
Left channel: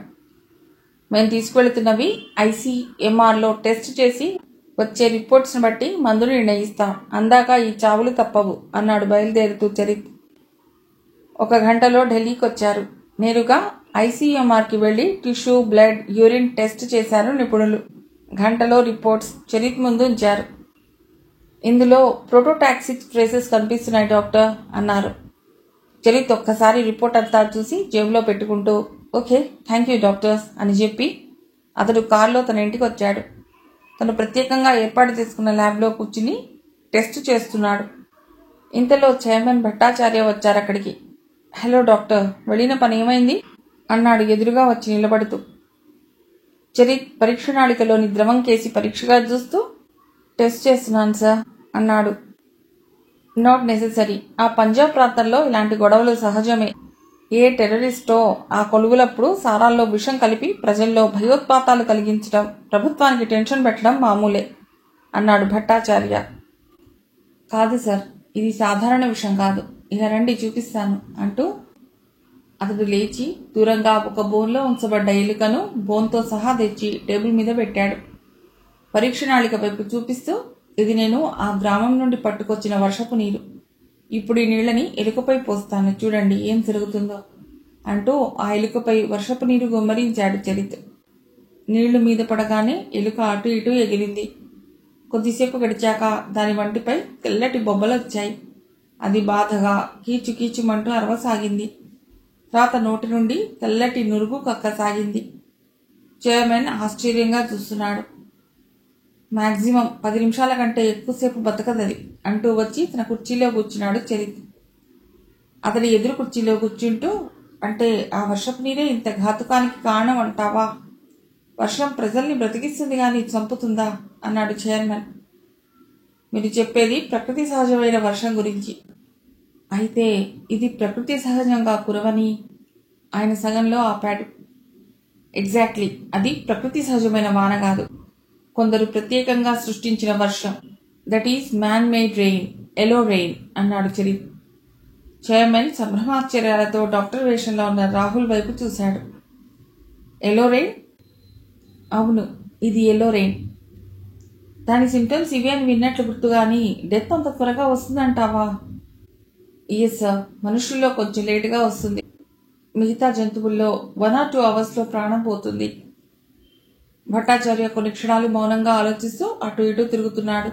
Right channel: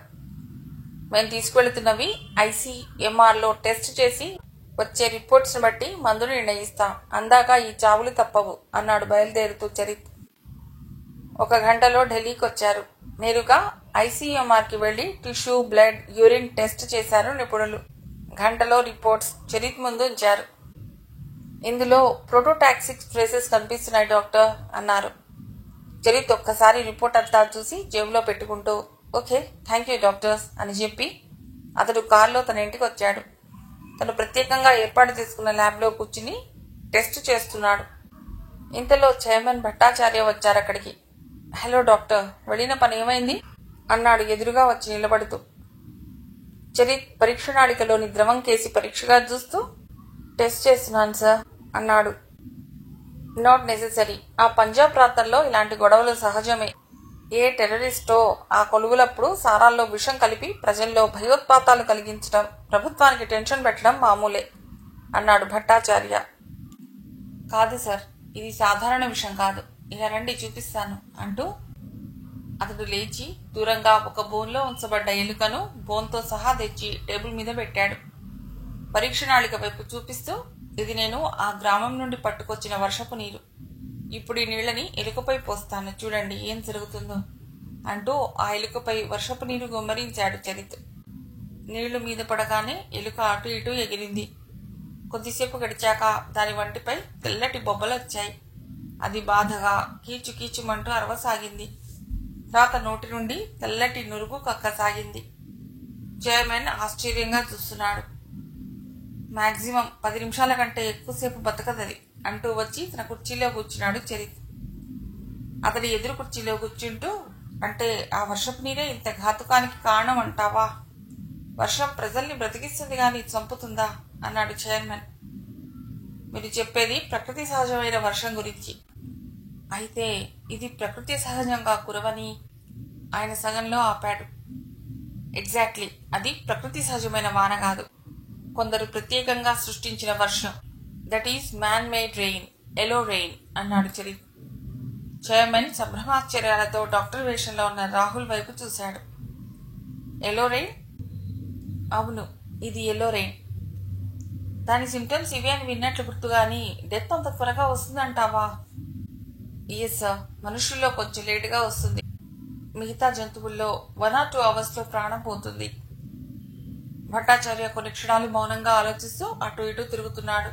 మేం తీసుకువెళుతున్నవి ICMRలో టెస్ట్ చేసి వచ్చే రిపోర్ట్స్ని బట్టి మందులు నిర్ణయిస్తాం. అందాక ఈ చావులు తప్పవు అన్నాడు బయలుదేరుతూ చరిత్. 1 గంటలో ఢిల్లీకి వచ్చారు. నేరుగా ICMRకి వెళ్లి టిష్యూ, బ్లడ్, యూరిన్ టెస్ట్ చేశారు నిపుణులు. గంటలో రిపోర్ట్స్ చరిత్ ముందు ఉంచారు. ఇందులో ప్రోటోటాక్సిక్ ట్రేసెస్ కనిపిస్తున్నాయి డాక్టర్ అన్నారు. చరిత్ ఒక్కసారి రిపోర్ట్ అంతా చూసి జేబులో పెట్టుకుంటూ, ఓకే, థ్యాంక్ యూ డాక్టర్స్ అని చెప్పి అతడు కారులో తన ఇంటికి వచ్చాడు. తను ప్రత్యేకంగా ఏర్పాటు చేసుకున్న ల్యాబ్లో కూర్చుని టెస్ట్ చేస్తున్నాడు. ఇంతలో చైర్మన్ భట్టాచార్య వచ్చారక్కడికి. హలో డాక్టర్, వెళ్ళిన పని ఏమైంది అన్నాడు ఎదురుగా వచ్చి నిలబడుతూ. చరిత్ పరీక్షనాళికలోని ద్రవం కేసి పరీక్షగా చూస్తూ, టెస్ట్ చేస్తున్నాను సార్ అన్నాడు. Not necessary. ఆ పంజాబ్ ప్రాంతంలో ఇలాంటి గొడవలు సహజమే. ఏ టెర్రరిస్టో ఆ కొలువులప్పుడు సారాల్లో విషం కలిపి ప్రజల్లో భయోత్పాతాలు కలిగించడం, ప్రభుత్వానికి టెన్షన్ పెట్టడం మామూలే అన్నాడు భట్టాచార్య. కాదు సార్, ఇది సాధారణ విషయం కాదు. ఇలా రండి చూపిస్తాను అంటూ అతడు లేచి దూరంగా ఒక బోన్లో ఉంచబడ్డ ఎలుకను బోన్తో సహా తెచ్చి టేబుల్ మీద పెట్టాడు. పరీక్షనాళిక వైపు చూపిస్తూ, ఇది నేను ఆ గ్రామం నుండి పట్టుకొచ్చిన వర్షపు నీరు. ఇప్పుడు ఈ నీళ్లని ఎలుకపై పోస్తాను, చూడండి ఏం జరుగుతుందో అంటూ ఆ ఎలుకపై వర్షపు నీరు గుమ్మరించాడు చరిత్. నీళ్లు మీద పడగానే ఎలుక అటు ఇటు ఎగిరింది. కొద్దిసేపు గడిచాక దాని వంటిపై తెల్లటి బొబ్బలొచ్చాయి. అది బాధగా కీచుకీచుమంటూ అరవసాగింది. తర్వాత నోటి నుండి తెల్లటి నురుగు కక్కసాగింది. చైర్మన్ ఆశ్చర్యంగా చూస్తున్నాడు. మాక్సిమం 10 నిమిషాల కంటే ఎక్కువసేపు బతకదది అంటూ వచ్చి తన కుర్చీలో కూర్చున్నాడు చరిత్. అతడి ఎదురు కుర్చీలో కూర్చుంటూ, అంటే ఆ వర్షపు నీరే ఇంత ఘాతుకానికి కారణం అంటావా? వర్షం ప్రజల్ని బ్రతికిస్తుంది గాని చంపుతుందా అన్నాడు చైర్మన్. మీరు చెప్పేది ప్రకృతి సహజమైన వర్షం గురించి. అయితే ఇది ప్రకృతి సహజంగా కురవని ఆయన సగంలో ఆపాడు. ఎగ్జాక్ట్లీ, అది ప్రకృతి సహజమైన వాన కాదు, కొందరు ప్రత్యేకంగా సృష్టించిన వర్షం. That is man made rain, yellow rain అన్నాడు చరిత్. చైర్మన్ సంభ్రమాశ్చర్యాలతో డాక్టర్ వేషంలో ఉన్న రాహుల్ వైపు చూశాడు. ఎలో రెయిన్? అవును, ఇది ఎల్లో రెయిన్. దాని సింటమ్స్ ఇవి అని విన్నట్లు గుర్తుగాని డెత్ అంత త్వరగా వస్తుందంటావా? ఎస్ సార్, మనుషుల్లో కొంచెం లేటుగా వస్తుంది. మిగతా జంతువుల్లో 1 or 2 అవర్స్లో ప్రాణం పోతుంది. భట్టాచార్య కొన్ని క్షణాలు మౌనంగా ఆలోచిస్తూ అటు ఇటు తిరుగుతున్నాడు.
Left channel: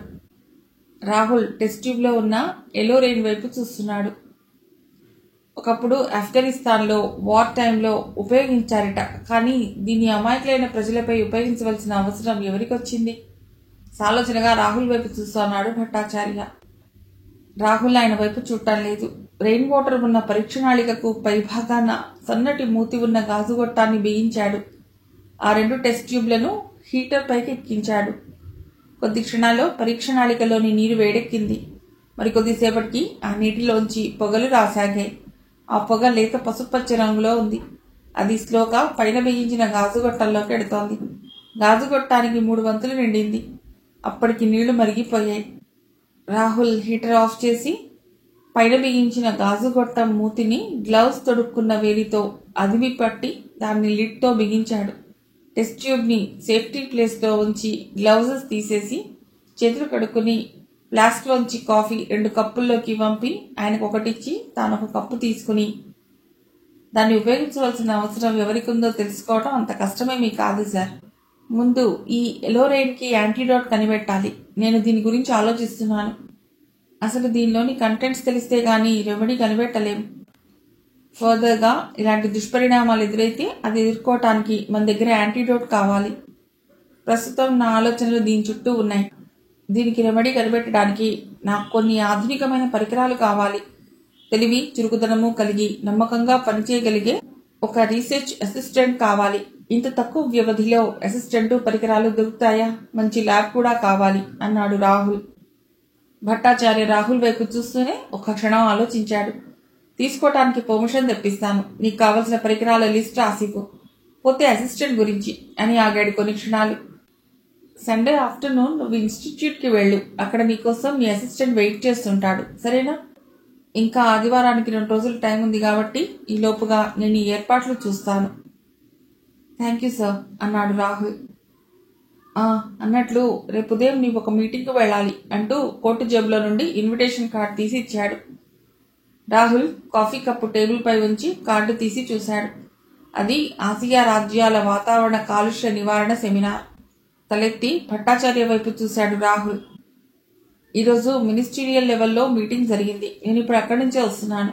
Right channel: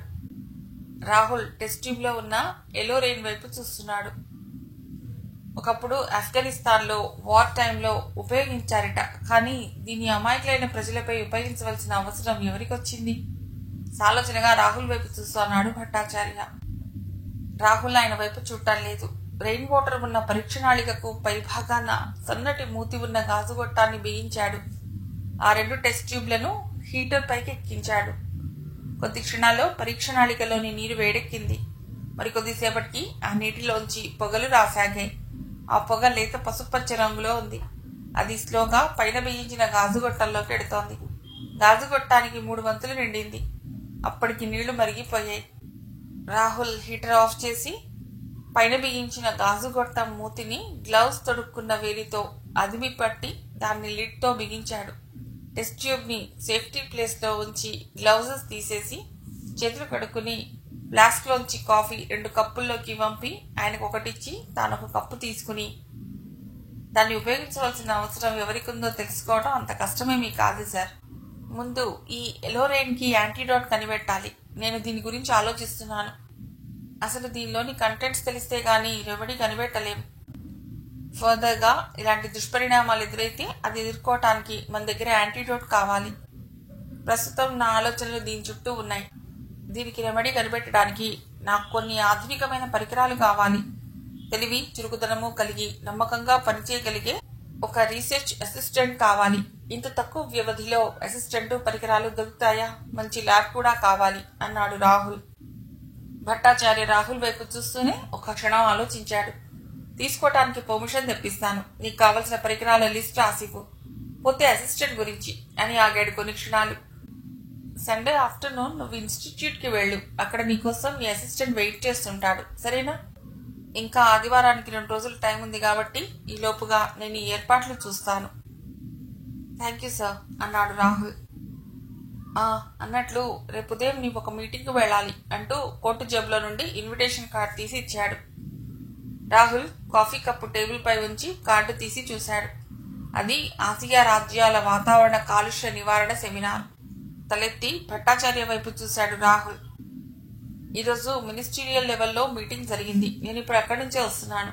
రాహుల్ టెస్ట్ ట్యూబ్లో ఉన్న ఎల్లో రెయిన్ వైపు చూస్తున్నాడు. ఒకప్పుడు ఆఫ్ఘనిస్తాన్లో వార్ టైంలో ఉపయోగించారట. కానీ దీన్ని అమాయకులైన ప్రజలపై ఉపయోగించవలసిన అవసరం ఎవరికొచ్చింది? సాలోచనగా రాహుల్ వైపు చూస్తున్నాడు భట్టాచార్య. రాహుల్ ఆయన వైపు చూడటం లేదు. రెయిన్ వాటర్ ఉన్న పరీక్షణాళికకు పైభాగాన సన్నటి మూతి ఉన్న గాజుగొట్టాన్ని బిగించాడు. ఆ 2 టెస్ట్ ట్యూబ్లను హీటర్ పైకి ఎక్కించాడు. కొద్ది క్షణాల్లో పరీక్షణాళికలోని నీరు వేడెక్కింది. మరికొద్దిసేపటికి ఆ నీటిలోంచి పొగలు రాసాగాయి. ఆ పొగ లేత పసుపచ్చ రంగులో ఉంది. అది స్లోగా పైన బిగించిన గాజుగొట్టంలోకి ఎడుతోంది. గాజుగొట్టానికి 3 వంతులు నిండింది. అప్పటికి నీళ్లు మరిగిపోయాయి. రాహుల్ హీటర్ ఆఫ్ చేసి పైన బిగించిన గాజుగొట్టం మూతిని గ్లౌస్ తొడుక్కున్న వేలితో అదిమి పట్టి దాన్ని లిడ్తో బిగించాడు. టెస్ట్ ట్యూబ్ ని సేఫ్టీ ప్లేస్ లో ఉంచి గ్లౌజెస్ తీసేసి చేతులు కడుక్కుని ఫ్లాస్క్ లోంచి కాఫీ 2 కప్పుల్లోకి వంపి ఆయనకు ఒకటిచ్చి తానొక కప్పు తీసుకుని, దాన్ని ఉపయోగించవలసిన అవసరం ఎవరికుందో తెలుసుకోవడం అంత కష్టమేమీ కాదు సార్. ముందు ఈ ఎలోరైన్ కి యాంటీడోట్ కనిపెట్టాలి. నేను దీని గురించి ఆలోచిస్తున్నాను. అసలు దీనిలోని కంటెంట్స్ తెలిస్తే గానీ రెమెడీ కనిపెట్టలేం. ఫర్దర్ గా ఇలాంటి దుష్పరిణామాలు ఎదురైతే అది ఎదుర్కోవటానికి మన దగ్గర యాంటీడోట్ కావాలి. ప్రస్తుతం నా ఆలోచనలు దీని చుట్టూ ఉన్నాయి. దీనికి రెమెడీ కనిపెట్టడానికి నాకు కొన్ని ఆధునికమైన పరికరాలు కావాలి. తెలివి, చురుకుదనము కలిగి నమ్మకంగా పనిచేయగలిగే ఒక రీసెర్చ్ అసిస్టెంట్ కావాలి. ఇంత తక్కువ వ్యవధిలో అసిస్టెంట్ పరికరాలు దొరుకుతాయా? మంచి ల్యాబ్ కూడా కావాలి అన్నాడు రాహుల్. భట్టాచార్య రాహుల్ వైపు చూస్తూనే ఒక్క క్షణం ఆలోచించాడు. తీసుకోవటానికి పర్మిషన్ తెప్పిస్తాను. నీకు కావలసిన పరికరాల లిస్ట్ రాసిపో. పోతే అసిస్టెంట్ గురించి అని ఆగాడు కొన్ని క్షణాలు. సండే ఆఫ్టర్నూన్ నువ్వు ఇన్స్టిట్యూట్ కి వెళ్ళు. అక్కడ నీకోసం నీ అసిస్టెంట్ వెయిట్ చేస్తుంటాడు. సరేనా? ఇంకా ఆదివారానికి 2 రోజులు టైం ఉంది కాబట్టి ఈ లోపుగా నేను ఈ ఏర్పాట్లు చూస్తాను. థ్యాంక్ యూ సార్ అన్నాడు రాహుల్. అన్నట్లు రేపు ఉదయం నీవు ఒక మీటింగ్ కు వెళ్ళాలి అంటూ కోటు జేబులో నుండి ఇన్విటేషన్ కార్డు తీసి ఇచ్చాడు. రాహుల్ కాఫీ కప్పు టేబుల్ పై ఉంచి కార్డు తీసి చూశాడు. అది ఆసియా రాజ్యాల వాతావరణ కాలుష్య నివారణ సెమినార్. తలెత్తి భట్టాచార్య వైపు చూశాడు రాహుల్. ఈరోజు మినిస్టీరియల్ లెవెల్లో మీటింగ్ జరిగింది. నేను ఇప్పుడు అక్కడి నుంచే వస్తున్నాను.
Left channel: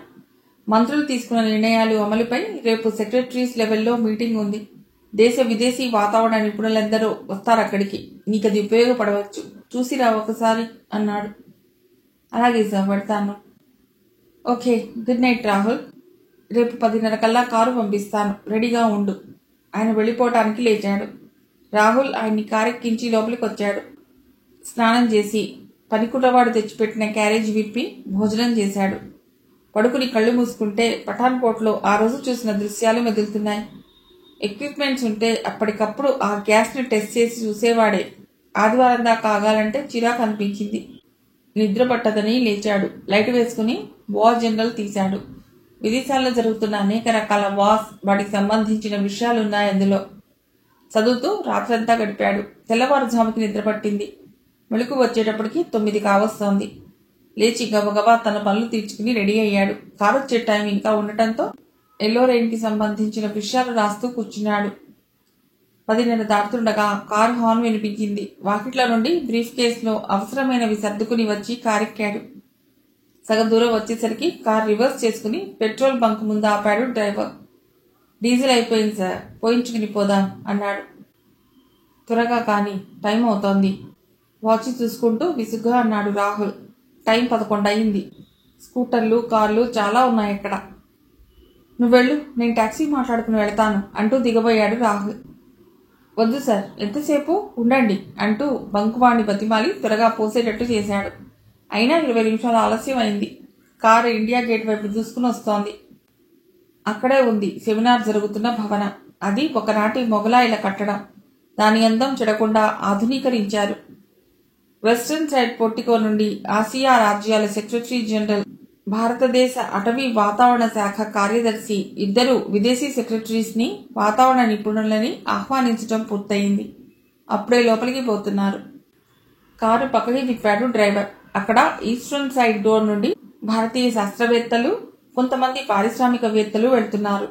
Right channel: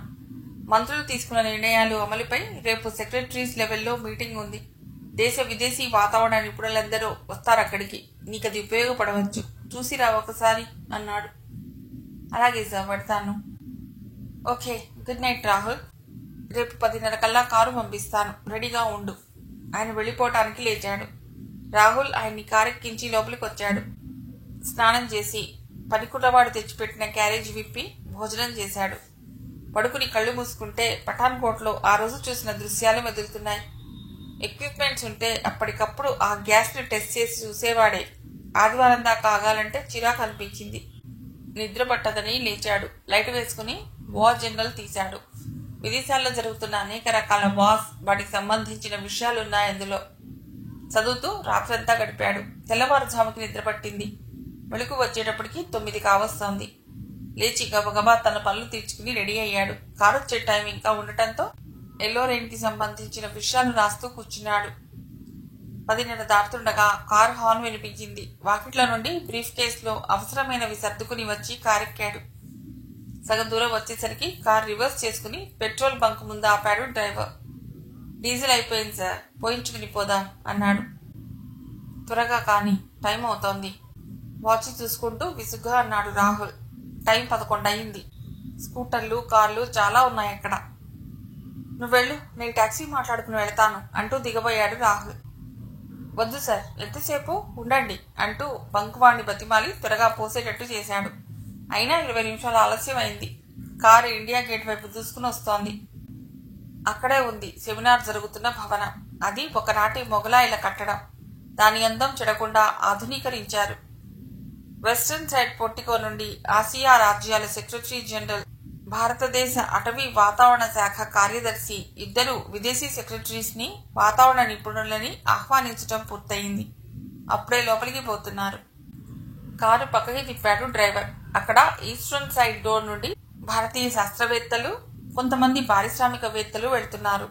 మంత్రులు తీసుకున్న నిర్ణయాలు అమలుపై రేపు సెక్రటరీస్ లెవెల్లో మీటింగ్ ఉంది. దేశ విదేశీ వాతావరణ నిపుణులందరూ వస్తారక్కడికి. నీకది ఉపయోగపడవచ్చు. చూసిరా ఒకసారి అన్నాడు. అలాగే సార్, పెడతాను. Okay, good night Rahul. రేపు 10:30 కల్లా కారు పంపిస్తాను. రెడీగా ఉండు. ఆయన వెళ్లిపోవటానికి లేచాడు. రాహుల్ ఆయన్ని కారెక్కించి లోపలికి వచ్చాడు. స్నానం చేసి పనికుర్రవాడు తెచ్చిపెట్టిన క్యారేజ్ విప్పి భోజనం చేశాడు. పడుకుని కళ్ళు మూసుకుంటే పఠాన్కోట్లో ఆ రోజు చూసిన దృశ్యాలు మెదులుతున్నాయి. ఎక్విప్మెంట్స్ ఉంటే అప్పటికప్పుడు ఆ గ్యాస్ ని టెస్ట్ చేసి చూసేవాడే. ఆదివారం దాకా ఆగాలంటే చిరాకు అనిపించింది. నిద్ర పట్టదని లేచాడు. లైట్ వేసుకుని వార్ జనరల్ తీశాడు. విదేశాల్లో జరుగుతున్న అనేక రకాల వార్స్, వాటికి సంబంధించిన విషయాలున్నాయి అందులో. చదువుతూ రాత్రంతా గడిపాడు. తెల్లవారుజాముకి నిద్ర పట్టింది. మెళుకు వచ్చేటప్పటికి 9 కావస్తోంది. లేచి గబగబా తన పనులు తీర్చుకుని రెడీ అయ్యాడు. కారు వచ్చే టైం ఇంకా ఉండటంతో ఎల్లోరైన్ కి సంబంధించిన విషయాలు రాస్తూ కూర్చున్నాడు. 10:30 దాటుతుండగా కారు హార్న్ వినిపించింది. వాకిట్ల నుండి బ్రీఫ్ కేసులో అవసరమైనవి సర్దుకుని వచ్చి కారెక్కాడు. సగం దూరం వచ్చేసరికి కారు రివర్స్ చేసుకుని పెట్రోల్ బంక్ ముందు ఆపాడు డ్రైవర్. డీజిల్ అయిపోయింది సార్, పోయించుకుని పోదాం అన్నాడు. త్వరగా కాని, టైం అవుతోంది. వాచ్ చూసుకుంటూ విసుగ్గా అన్నాడు రాహుల్. టైం 11 అయింది. స్కూటర్లు, కార్లు చాలా ఉన్నాయి అక్కడ. నువ్వెళ్ళు, నేను టాక్సీ మాట్లాడుకుని వెళతాను అంటూ దిగబోయాడు రాహుల్. వద్దు సార్, ఎంతసేపు ఉండండి అంటూ బంకువాణ్ణి బతిమాలి త్వరగా పోసేటట్టు చేశాడు. అయినా 20 నిమిషాలు ఆలస్యం అయింది. కారు ఇండియా గేట్ వైపు దూసుకుని వస్తోంది. అక్కడే ఉంది సెమినార్ జరుగుతున్న భవనం. అది ఒకనాటి మొగలాయిల కట్టడం. దాని అందం చెడకుండా ఆధునీకరించారు. వెస్టర్న్ సైడ్ పోర్టికో నుండి ఆసియా రాజ్యాల సెక్రటరీ జనరల్, భారతదేశ అటవీ వాతావరణ శాఖ కార్యదర్శి ఇద్దరు విదేశీ సెక్రటరీస్ ని, వాతావరణ నిపుణులని ఆహ్వానించడం పూర్తయింది. అప్పుడే లోపలికి పోతున్నారు. కారు పక్కకి తిప్పాడు డ్రైవర్. అక్కడ ఈస్టర్న్ సైడ్ డోర్ నుండి భారతీయ శాస్త్రవేత్తలు, కొంతమంది పారిశ్రామికవేత్తలు వెళ్తున్నారు.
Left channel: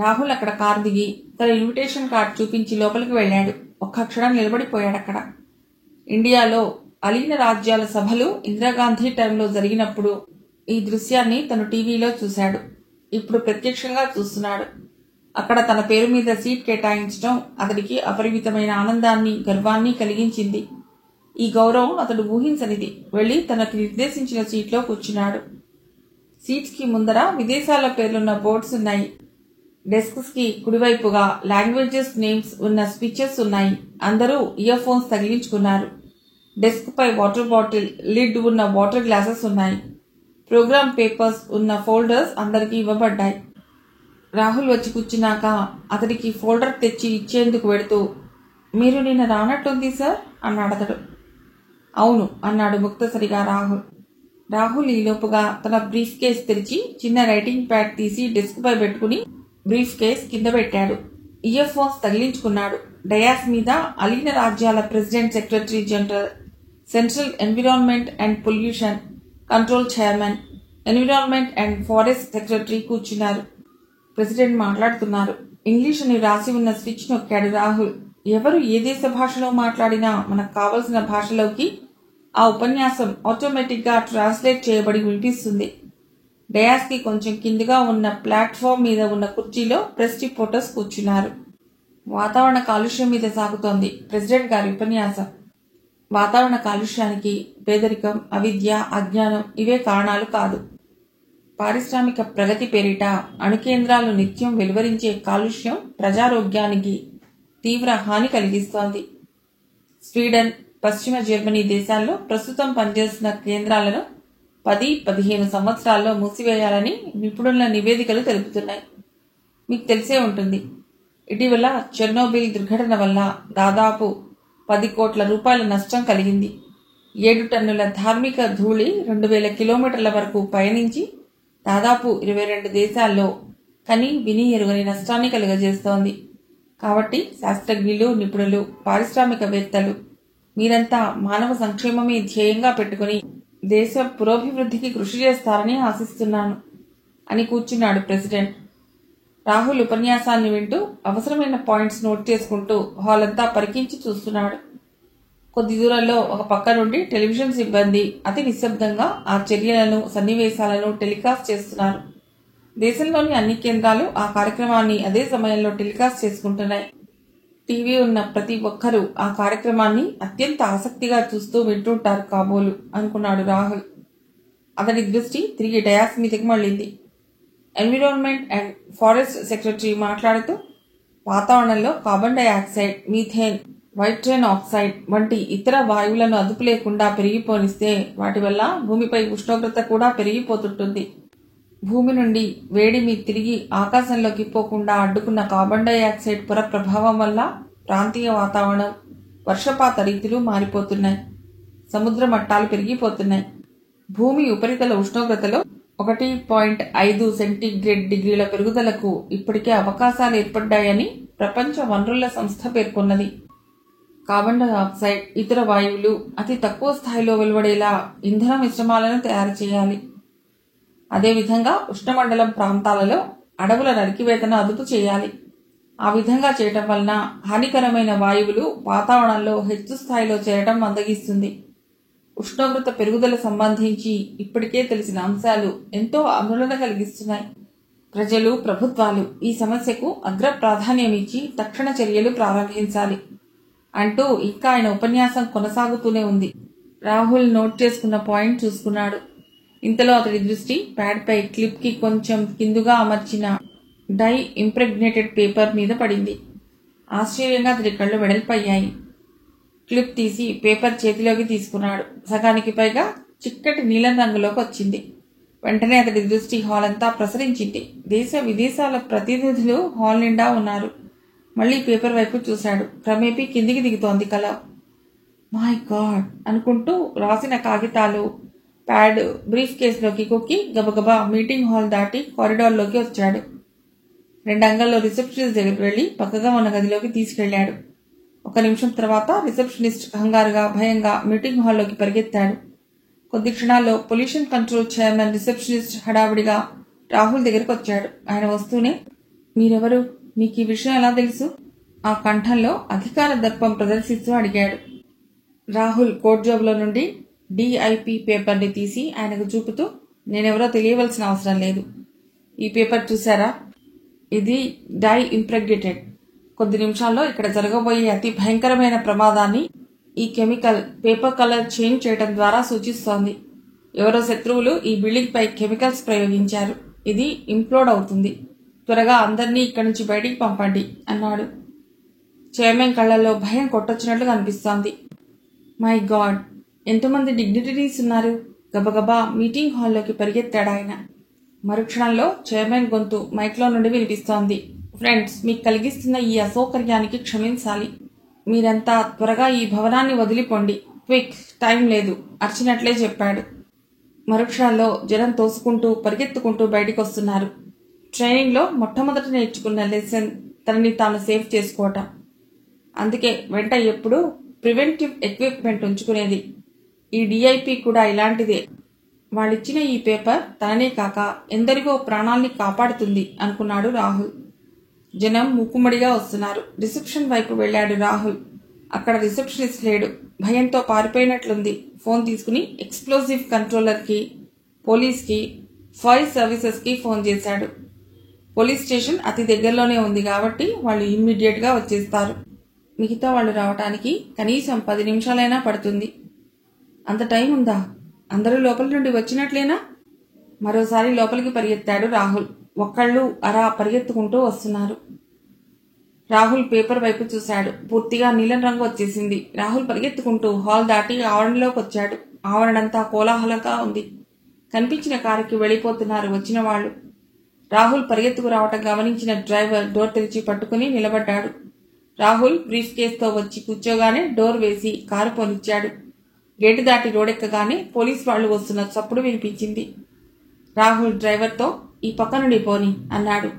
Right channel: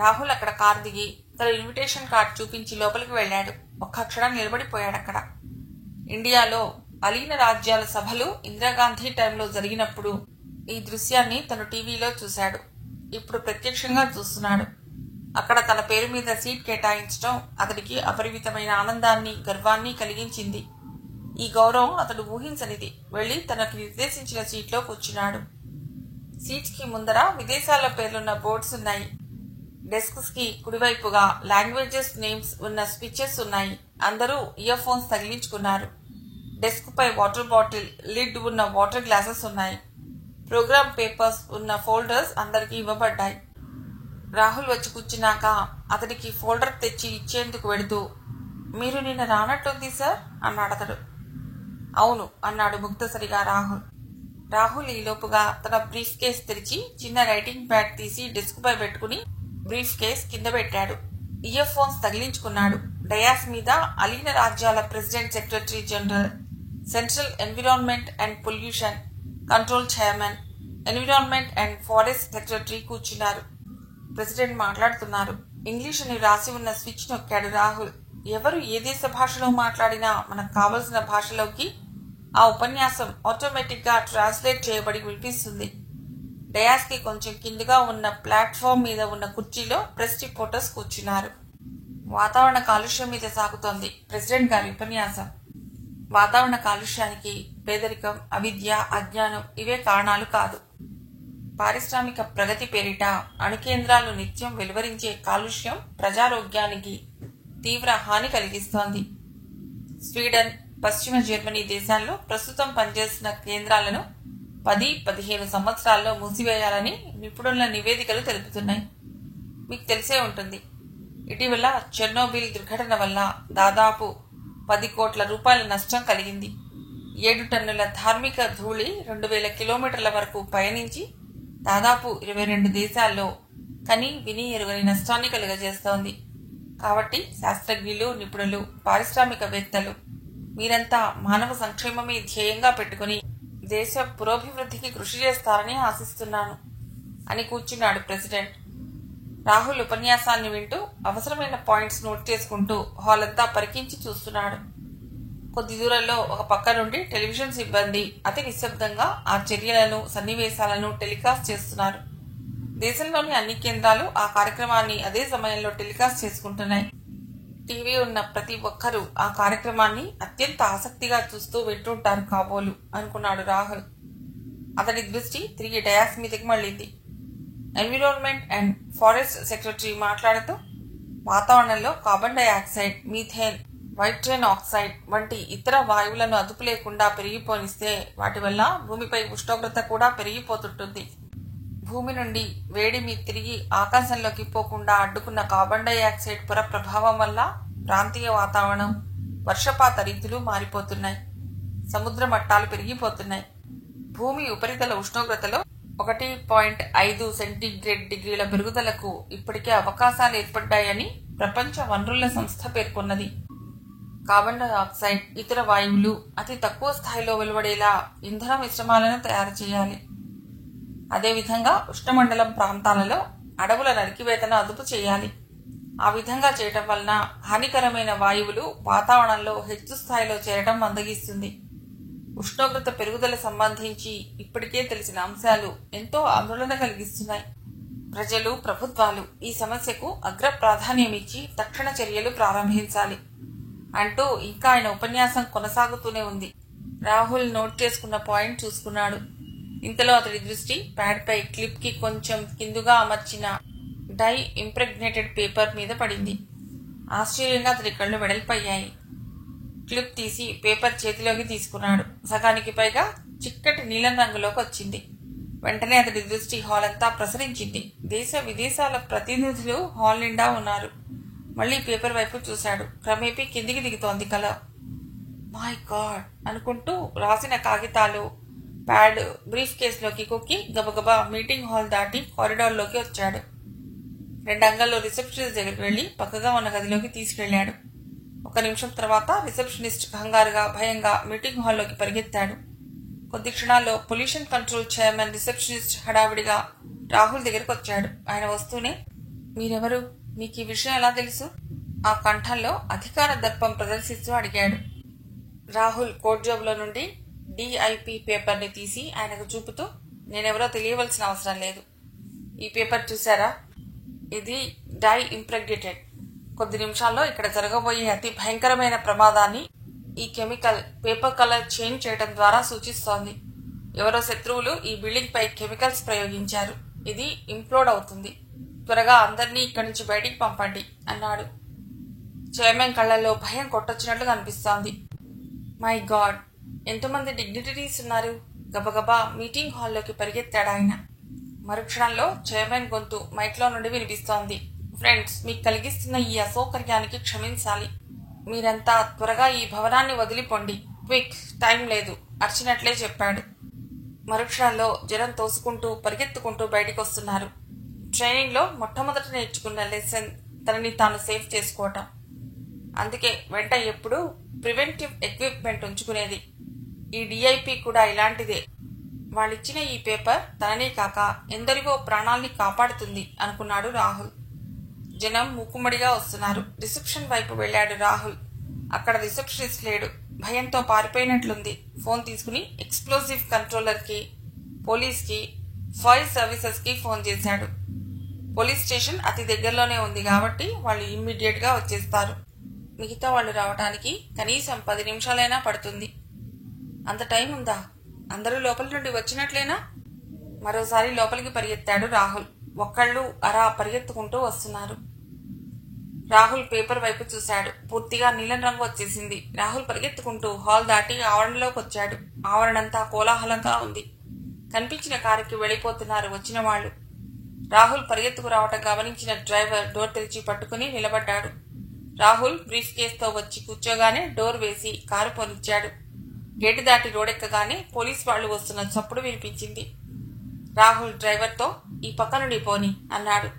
రాహుల్ అక్కడ కారు దిగి తన ఇన్విటేషన్ కార్డు చూపించి లోపలికి వెళ్లాడు. ఒక్క క్షణం నిలబడిపోయాడక్కడ. ఇండియాలో అలీన రాజ్యాల సభలు ఇందిరాగాంధీ టైంలో జరిగినప్పుడు ఈ దృశ్యాన్ని తను టీవీలో చూశాడు. ఇప్పుడు ప్రత్యక్షంగా చూస్తున్నాడు. అక్కడ తన పేరు మీద సీట్ కేటాయించడం అతడికి అపరిమితమైన ఆనందాన్ని, గర్వాన్ని కలిగించింది. ఈ గౌరవం అతడు ఊహించనిది. వెళ్లి తనకు నిర్దేశించిన సీట్లో కూర్చున్నాడు. సీట్స్ కి ముందర విదేశాల పేర్లున్న బోర్డ్స్ ఉన్నాయి. డెస్క్స్ కి కుడివైపుగా లాంగ్వేజెస్ నేమ్స్ ఉన్న స్పీచెస్ ఉన్నాయి. అందరూ ఇయర్ ఫోన్స్ తగిలించుకున్నారు. డెస్క్ పై వాటర్ బాటిల్ లిడ్ ఉన్న వాటర్ గ్లాసెస్ ఉన్నాయి. ప్రోగ్రామ్ పేపర్స్ ఉన్న ఫోల్డర్స్ అందరికీ ఇవ్వబడ్డాయి. రాహుల్ వచ్చి కూర్చున్నాక అతడికి ఫోల్డర్ తెచ్చి ఇచ్చేందుకు వెడుతూ, మీరు నిన్న రానట్టుంది సార్ అన్నాడు అతడు. అవును అన్నాడు ముక్తసరిగా రాహుల్. రాహుల్ ఈలోపుగా తన బ్రీఫ్ కేస్ తెరిచి చిన్న రైటింగ్ ప్యాడ్ తీసి డెస్క్ పై పెట్టుకుని బ్రీఫ్ కేస్ కింద పెట్టాడు. Ear phones తగిలించుకున్నాడు. డయాస్ మీద అలీన రాజ్యాల president, secretary general, central environment and pollution control chairman, environment and forest secretary కూర్చున్నారు. ప్రెసిడెంట్ మాట్లాడుతున్నారు. ఇంగ్లీష్ అని రాసి ఉన్న స్విచ్ నొక్కాడు రాహుల్. ఎవరు ఏ దేశ భాషలో మాట్లాడినా మనకు కావలసిన భాషలోకి ఆ ఉపన్యాసం ఆటోమేటిక్ గా ట్రాన్స్లేట్ చేయబడి వినిపిస్తుంది. డయాస్ కి కొంచెం కిందగా ఉన్న ప్లాట్ఫామ్ మీద ఉన్న కుర్చీలో ప్రెస్ రిపోర్టర్స్ కూర్చున్నారు. వాతావరణ కాలుష్యం మీద సాగుతోంది ప్రెసిడెంట్ గారి ఉపన్యాసం. వాతావరణ కాలుష్యానికి పేదరికం, అవిద్య, అజ్ఞానం ఇవే కారణాలు కాదు. పారిశ్రామిక ప్రగతి పేరిట అణుకేంద్రాలు నిత్యం వెలువరించే కాలుష్యం ప్రజారోగ్యానికి తీవ్ర హాని కలిగిస్తోంది. స్వీడన్, పశ్చిమ జర్మనీ దేశాల్లో ప్రస్తుతం పనిచేస్తున్న కేంద్రాలను 10-15 సంవత్సరాల్లో మూసివేయాలని నిపుణుల నివేదికలు తెలుపుతున్నాయి. మీకు తెలిసే ఉంటుంది, ఇటీవల చెర్నోబిల్ దుర్ఘటన వల్ల దాదాపు 10 కోట్ల రూపాయల నష్టం కలిగింది. 7 టన్నుల ధార్మిక ధూళి 2000 కిలోమీటర్ల వరకు పయనించి దాదాపు 22 దేశాల్లో కని విని ఎరుగని నష్టాన్ని కలుగజేస్తోంది. కాబట్టి శాస్త్రజ్ఞులు, నిపుణులు, పారిశ్రామికవేత్తలు మీరంతా మానవ సంక్షేమమే ధ్యేయంగా పెట్టుకుని దేశ పురోభివృద్ధికి కృషి చేస్తారని ఆశిస్తున్నాను అని కూర్చున్నాడు ప్రెసిడెంట్. రాహుల్ ఉపన్యాసాన్ని వింటూ అవసరమైన పాయింట్స్ నోట్ చేసుకుంటూ హాల్ అంతా పరికించి చూస్తున్నాడు. కొద్ది దూరంలో ఒక పక్క నుండి టెలివిజన్ సిబ్బంది అతి నిశ్శబ్దంగా ఆ చర్యలను, సన్నివేశాలను టెలికాస్ట్ చేస్తున్నారు. దేశంలోని అన్ని కేంద్రాలు ఆ కార్యక్రమాన్ని అదే సమయంలో టెలికాస్ట్ చేసుకుంటున్నాయి. టీవీ ఉన్న ప్రతి ఒక్కరూ ఆ కార్యక్రమాన్ని అత్యంత ఆసక్తిగా చూస్తూ వింటుంటారు కాబోలు అనుకున్నాడు రాహుల్. అతడి దృష్టి తిరిగి డయాస్ మీదకి మళ్లింది. ఎన్విరాన్మెంట్ అండ్ ఫారెస్ట్ సెక్రటరీ మాట్లాడుతూ, వాతావరణంలో carbon dioxide, methane, nitrogen oxide వంటి ఇతర వాయువులను అదుపు లేకుండా పెరిగిపోనిస్తే వాటి వల్ల భూమిపై ఉష్ణోగ్రత కూడా పెరిగిపోతుంటుంది. భూమి నుండి వేడిమి తిరిగి ఆకాశంలోకి పోకుండా అడ్డుకున్న కార్బన్ డైఆక్సైడ్ పొర ప్రభావం వల్ల ప్రాంతీయ వాతావరణం, వర్షపాత రీతులు మారిపోతున్నాయి. సముద్ర మట్టాలు పెరిగిపోతున్నాయి. భూమి ఉపరితల ఉష్ణోగ్రతలో 1.5 సెంటీగ్రేడ్ డిగ్రీల పెరుగుదలకు ఇప్పటికే అవకాశాలు ఏర్పడ్డాయని ప్రపంచ వనరుల సంస్థ పేర్కొన్నది. కార్బన్ డైఆక్సైడ్, ఇతర వాయువులు అతి తక్కువ స్థాయిలో వెలువడేలా ఇంధన మిశ్రమాలను తయారు చేయాలి. అదేవిధంగా ఉష్ణమండలం ప్రాంతాలలో అడవుల నరికివేతను అదుపు చేయాలి. ఆ విధంగా చేయటం వలన హానికరమైన వాయువులు వాతావరణంలో హెచ్చు స్థాయిలో చేరటం మందగిస్తుంది. ఉష్ణోగ్రత పెరుగుదల సంబంధించి ఇప్పటికే తెలిసిన అంశాలు ఎంతో ఆందోళన కలిగిస్తున్నాయి. ప్రజలు, ప్రభుత్వాలు ఈ సమస్యకు అగ్ర ప్రాధాన్యమిచ్చి తక్షణ చర్యలు ప్రారంభించాలి అంటూ ఇంకా ఆయన ఉపన్యాసం కొనసాగుతూనే ఉంది. రాహుల్ నోట్ చేసుకున్న పాయింట్ చూసుకున్నాడు. ఇంతలో అతడి దృష్టి ప్యాడ్ పై క్లిప్ కి కొంచెం కిందుగా అమర్చిన డై ఇంప్రెగ్నేటెడ్ పేపర్ మీద పడింది. ఆశ్చర్యంగా అతడి కళ్ళు వెడల్పయ్యాయి. క్లిప్ తీసి పేపర్ చేతిలోకి తీసుకున్నాడు. సగానికి పైగా చిక్కటి నీలం రంగులోకి వచ్చింది. వెంటనే అతడి దృష్టి హాల్ అంతా ప్రసరించింది. దేశ విదేశాల ప్రతినిధులు హాల్ నిండా ఉన్నారు. మళ్లీ పేపర్ వైపు చూశాడు. క్రమేపీ కిందికి దిగుతోంది కల. మై గాడ్ అనుకుంటూ రాసిన కాగితాలు, ప్యాడ్ బ్రీఫ్ కేసులోకి కొక్కి గబగబా మీటింగ్ హాల్ దాటి కారిడార్లోకి వచ్చాడు. 2 అంగల్లో రిసెప్షనిస్ట్ దగ్గరికి వెళ్లి పక్కగా ఉన్న గదిలోకి తీసుకెళ్లాడు. 1 నిమిషం తర్వాత రిసెప్షనిస్ట్ కంగారుగా, భయంగా మీటింగ్ హాల్లోకి పరిగెత్తాడు. కొద్ది క్షణాల్లో పొల్యూషన్ కంట్రోల్ చైర్మన్ రిసెప్షనిస్ట్ హడావిడిగా రాహుల్ దగ్గరికి వచ్చాడు. ఆయన వస్తూనే, మీరెవరు? మీకు ఈ విషయం ఎలా తెలుసు? ఆ కంఠంలో అధికార దర్పం ప్రదర్శిస్తూ అడిగాడు. రాహుల్ కోట్ జోబులో నుండి DIP పేపర్ని తీసి ఆయనకు చూపుతూ, నేనెవరో తెలియవలసిన అవసరం లేదు. ఈ పేపర్ చూసారా? ఇది డై ఇంప్రెగ్నేటెడ్. కొద్ది నిమిషాల్లో ఇక్కడ జరగబోయే అతి భయంకరమైన ప్రమాదాన్ని ఈ కెమికల్ పేపర్ కలర్ చేంజ్ చేయడం ద్వారా సూచిస్తోంది. ఎవరో శత్రువులు ఈ బిల్డింగ్ పై కెమికల్స్ ప్రయోగించారు. ఇది ఇంప్లోడ్ అవుతుంది. త్వరగా అందరినీ ఇక్కడి నుంచి బయటికి పంపండి అన్నాడు. చైర్మన్ కళ్లలో భయం కొట్టొచ్చినట్లు కనిపిస్తోంది. మై గాడ్, ఎంతమంది డిగ్నిటరీస్ ఉన్నారు! గబగబా మీటింగ్ హాల్లోకి పరిగెత్తాడు ఆయన. మరుక్షణంలో చైర్మన్ గొంతు మైక్లో నుండి వినిపిస్తోంది. ఫ్రెండ్స్, మీకు కలిగిస్తున్న ఈ అసౌకర్యానికి క్షమించాలి. మీరంతా త్వరగా ఈ భవనాన్ని వదిలిపోండి. క్విక్, టైం లేదు అర్చినట్లే చెప్పాడు. మరుక్షణంలో జనం తోసుకుంటూ పరిగెత్తుకుంటూ బయటికొస్తున్నారు. ట్రైనింగ్లో మొట్టమొదట నేర్చుకున్న లెసన్ తనని తాను సేఫ్ చేసుకోవటం. అందుకే వెంట ఎప్పుడూ ప్రివెంటివ్ ఎక్విప్మెంట్ ఉంచుకునేది. ఈ డిఐపి కూడా ఇలాంటిదే. వాళ్ళిచ్చిన ఈ పేపర్ తననే కాక ఎందరికో ప్రాణాల్ని కాపాడుతుంది అనుకున్నాడు రాహుల్. జనం మూకుమ్మడిగా వస్తున్నారు. రిసెప్షన్ వైపు వెళ్లాడు రాహుల్. అక్కడ రిసెప్షనిస్ట్ లేడు. భయంతో పారిపోయినట్లుంది. ఫోన్ తీసుకుని ఎక్స్ప్లోజివ్ కంట్రోలర్ కి, పోలీస్ కి, ఫైర్ సర్వీసెస్ కి ఫోన్ చేశాడు. పోలీస్ స్టేషన్ అతి దగ్గరలోనే ఉంది కాబట్టి వాళ్ళు ఇమ్మీడియట్ గా వచ్చేస్తారు. మిగతా వాళ్ళు రావటానికి కనీసం 10 నిమిషాలైనా పడుతుంది. అంత టైం ఉందా? అందరూ లోపలి నుండి వచ్చినట్లేనా? మరోసారి లోపలికి పరిగెత్తాడు రాహుల్. ఒక్కళ్ళు అరా పరిగెత్తుకుంటూ వస్తున్నారు. రాహుల్ పేపర్ వైపు చూశాడు. పూర్తిగా నీలం రంగు వచ్చేసింది. రాహుల్ పరిగెత్తుకుంటూ హాల్ దాటి ఆవరణలోకి వచ్చాడు. ఆవరణంతా కోలాహలంగా ఉంది. కనిపించిన కారుకి వెళ్లిపోతున్నారు వచ్చిన వాళ్లు. రాహుల్ పరిగెత్తుకు రావటం గమనించిన డ్రైవర్ డోర్ తెరిచి పట్టుకుని నిలబడ్డాడు. రాహుల్ బ్రీఫ్ కేసుతో వచ్చి కూర్చోగానే డోర్ వేసి కారు పోనిచ్చాడు. గేటు దాటి రోడెక్కగానే పోలీస్ వాళ్లు వస్తున్న చప్పుడు వినిపించింది. రాహుల్ డ్రైవర్తో ఈ పక్క నుండి పోని అన్నాడు.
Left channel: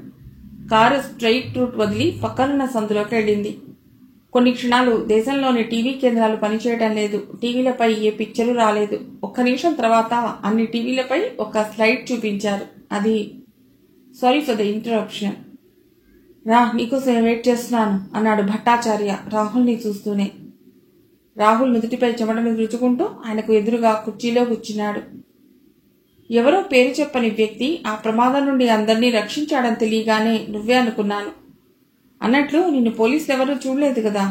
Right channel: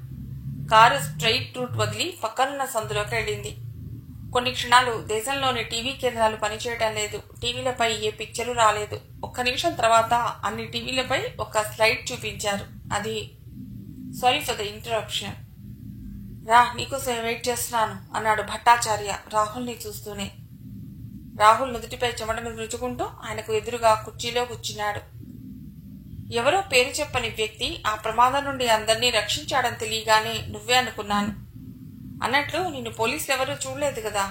కారు స్ట్రెయిట్ రూట్ వదిలి పక్కనున్న సందులోకి వెళ్లింది. కొన్ని క్షణాలు దేశంలోని టీవీ కేంద్రాలు పనిచేయడం లేదు. టీవీలపై ఏ పిక్చరు రాలేదు. ఒక్క నిమిషం తర్వాత అన్ని టీవీలపై ఒక స్లైడ్ చూపించారు. అది సారీ ఫర్ ద ఇంటరప్షన్. రా, నీకోసం వెయిట్ చేస్తున్నాను అన్నాడు భట్టాచార్య రాహుల్ని చూస్తూనే. రాహుల్ నుదుటిపై చెమటను రుచుకుంటూ ఆయనకు ఎదురుగా కుర్చీలో కూర్చున్నాడు. ఎవరో పేరు చెప్పని వ్యక్తి ఆ ప్రమాదం నుండి అందరినీ రక్షించాడని తెలియగానే నువ్వే అనుకున్నాను. అన్నట్లు నిన్ను పోలీసులెవరూ చూడలేదు కదా?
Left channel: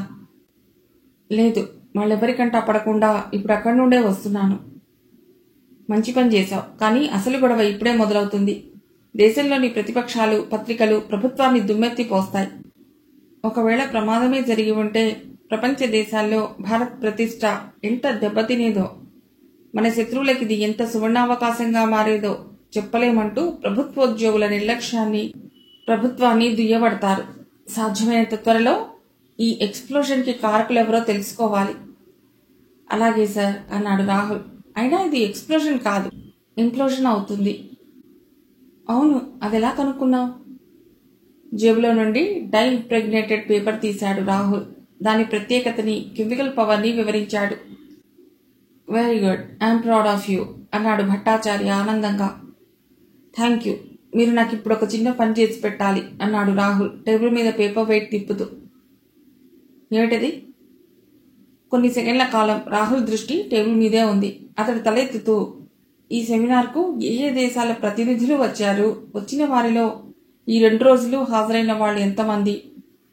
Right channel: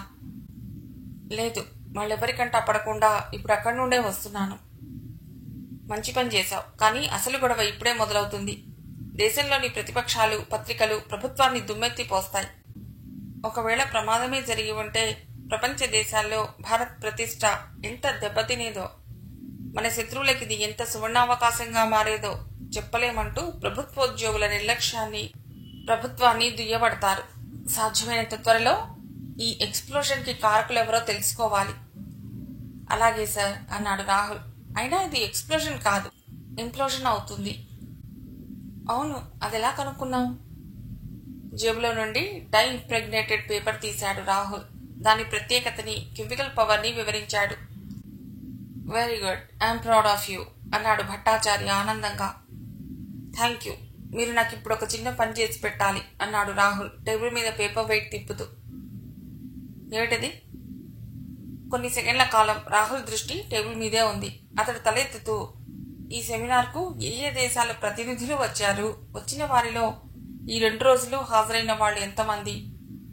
లేదు, వాళ్ళెవరికంటా పడకుండా ఇప్పుడు అక్కడి నుండే వస్తున్నాను. మంచి పని చేశావు. కానీ అసలు గొడవ ఇప్పుడే మొదలవుతుంది. దేశంలోని ప్రతిపక్షాలు, పత్రికలు ప్రభుత్వాన్ని దుమ్మెత్తి పోస్తాయి. ఒకవేళ ప్రమాదమే జరిగి ఉంటే ప్రపంచ దేశాల్లో భారత్ ప్రతిష్ట ఎంత దెబ్బతినేదో, మన శత్రువులకి ఇది ఎంత సువర్ణావకాశంగా మారేదో చెప్పలేమంటూ ప్రభుత్వోద్యోగుల నిర్లక్ష్యాన్ని, ప్రభుత్వాన్ని దుయ్యబడతారు. సాధ్యమైనంత త్వరలో ఈ ఎక్స్ప్లోజన్ కి కారకులెవరో తెలుసుకోవాలి. అలాగే సార్ అన్నాడు రాహుల్. అయినా ఇది ఎక్స్ప్లోజన్ కాదు, ఇంప్లోజన్ అవుతుంది. అవును, అదెలా కనుక్కున్నావు? జేబులో నుండి డై ఇంప్రెగ్నేటెడ్ పేపర్ తీశాడు రాహుల్. దాని ప్రత్యేకతని, కెమికల్ పవర్ ని వివరించాడు. Very good, I'm proud of you అన్నాడు భట్టాచార్య ఆనందంగా. Thank you. మీరు నాకు ఇప్పుడు ఒక చిన్న పని చేసి పెట్టాలి అన్నాడు రాహుల్ టేబుల్ మీద పేపర్ వెయిట్ తిప్పుతూ. ఏమిటది? కొన్ని సెకండ్ల కాలం రాహుల్ దృష్టి టేబుల్ మీదే ఉంది. అతడు తలెత్తుతూ, ఈ సెమినార్కు ఏ ఏ దేశాల ప్రతినిధులు వచ్చారు? వచ్చిన వారిలో ఈ 2 రోజులు హాజరైన వాళ్ళు ఎంతమంది?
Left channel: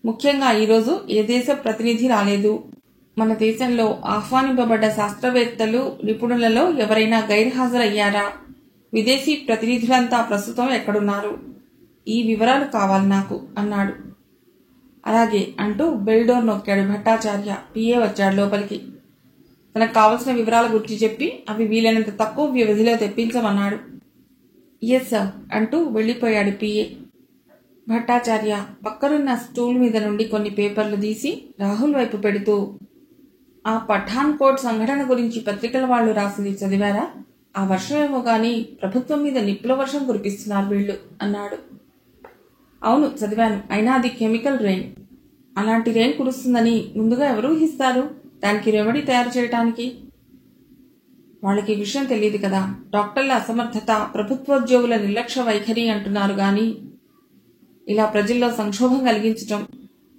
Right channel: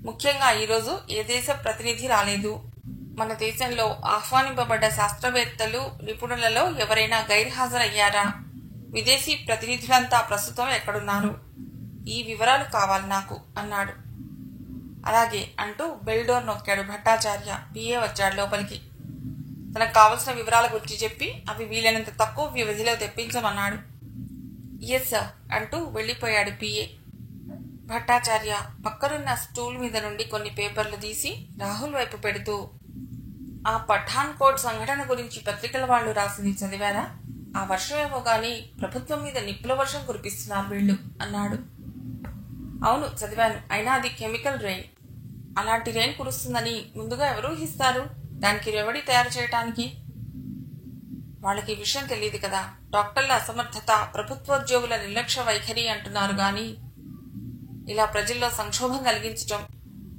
ముఖ్యంగా ఈరోజు ఏ దేశ ప్రతినిధి రాలేదు? మన దేశంలో ఆహ్వానింపబడ్డ శాస్త్రవేత్తలు, నిపుణులలో ఎవరైనా గైర్హాజరయ్యారా? విదేశీ ప్రతినిధులంతా ప్రస్తుతం ఎక్కడున్నారు? ఈ వివరాలు కావాలి నాకు అన్నాడు. అలాగే అంటూ బెల్ డోర్ నొక్కాడు భట్టాచార్య. పిఏ వచ్చాడు లోపలికి. తనకు కావలసిన వివరాల గురించి చెప్పి అవి వీలైనంత తక్కువ వ్యవధిలో తెప్పించమన్నాడు. ఎస్ సార్ అంటూ వెళ్లిపోయాడు పిఏ. భట్టాచార్య పక్కనున్న స్టూల్ మీద నుండి కొన్ని పేపర్లు తీసి రాహుల్ వైపు పెడుతూ, ఆ పఠాన్ కోట్ సంఘటన గురించి పత్రికల వాళ్లు రాసింది చదివారా? ఆ వర్షమేమో గాని ప్రభుత్వం మీద నిప్పుల వర్షం కురిపిస్తున్నారు వీళ్లు అన్నాడు. అవును చదివాను. అయినా అది కెమికల్ రెయిన్. అలాంటి రెయిన్ కురుస్తుందని ముందుగా ఎవరు ఊహిస్తారు? దానికి రెమెడీ తయారు చేయటానికి వాళ్ళకి విషయం తెలియదు కదా. డాక్టర్ల అసమర్థత, ప్రభుత్వోద్యోగుల నిర్లక్ష్య వైఖరి అంటున్నారు గాని ఇలా ప్రజల్లో సంక్షోభం కలిగించటం,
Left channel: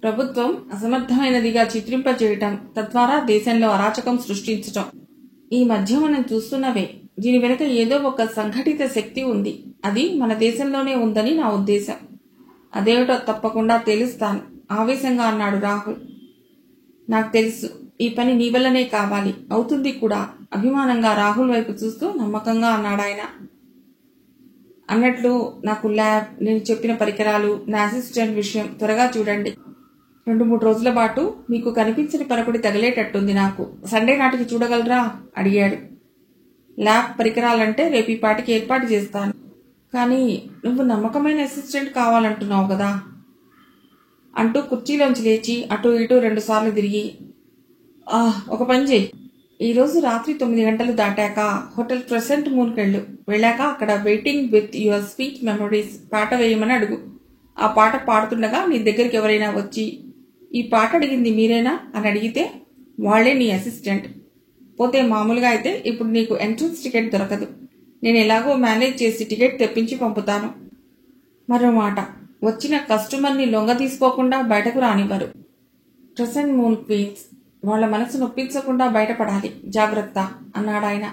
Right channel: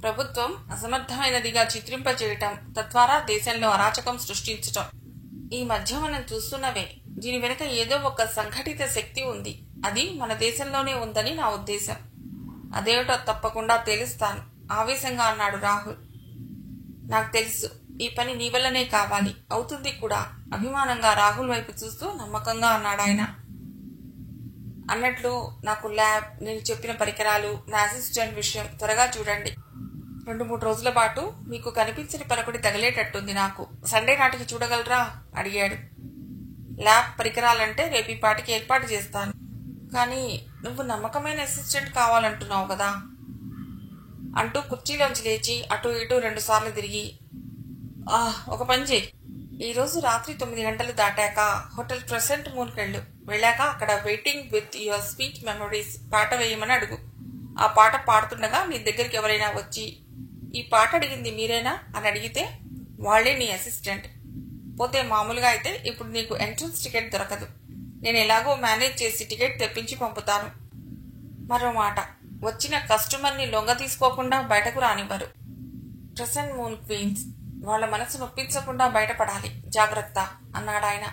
ప్రభుత్వం అసమర్థమైనదిగా చిత్రింపచేయటం, తద్వారా దేశంలో అరాచకం సృష్టించటం ఈ మధ్య మనం చూస్తున్నవే. దీని వెనుక ఏదో ఒక సంఘటిత శక్తి ఉంది. అది మన దేశంలోనే ఉందని నా ఉద్దేశం. అదేమిటో తప్పకుండా తెలుస్తాను ఆవేశంగా అన్నాడు రాహుల్. నాకు తెలుసు, ఈ పని నీ వల్లనే కావాలి, అవుతుంది కూడా అభిమానంగా రాహుల్ వైపు చూస్తూ నమ్మకంగా అన్నాడు ఆయన. అన్నట్లు నాకు ల్యాబ్, నేను చెప్పిన పరికరాలు, నా అసిస్టెంట్ విషయం త్వరగా చూడండి. 2-3 రోజుల పాటు మీకు కనిపించని పరకుడి తగిలేటట్టుంది. నాకు సండే నాటికి చూడగలరా అడిగాడు. ల్యాబ్ పరికరాలంటే రేపు ఈ పాటికి ఏర్పాటు చేస్తాను. కానీ నువ్వు నమ్మకమైన అసిస్టెంట్ కావాలంటున్నావు కదా అంటూ కుర్చీలోంచి లేచి అటు ఇటు 2 సార్లు తిరిగి, ఒక పని చేయి, ఈరోజు రాత్రి 9 గంటలు దాటాక హోటల్ క్రెసెంట్ మూన్కి వెళ్ళాక అక్కడ waiting with your sweet memories పాట వేయమని అడుగు. ఆ పాట పాడుతుండగా నీ దగ్గరికి ఎవరైనా వచ్చి ఈ పాట అడిగింది మీరేనా అని అడిగితే వాళ్లే నీ అసిస్టెంట్. పోతే మామూలుగా అయితే ఇప్పుడు నీకు ఎంట్రన్స్ టికెట్ దొరకదు. నేను ఎలాగో మేనేజ్ చేసి టికెట్ తెప్పించి పంపుతాను. మరో మాట, వచ్చిన కస్టమర్ని లొంగ తీసుకోకుండా బయటకు రానివ్వరు. క్రెసెంట్ మూన్ క్వీన్స్ వాళ్ల మనసు నొప్పించకుండా బయటపడాలి, జాగ్రత్త అన్నాడాయన.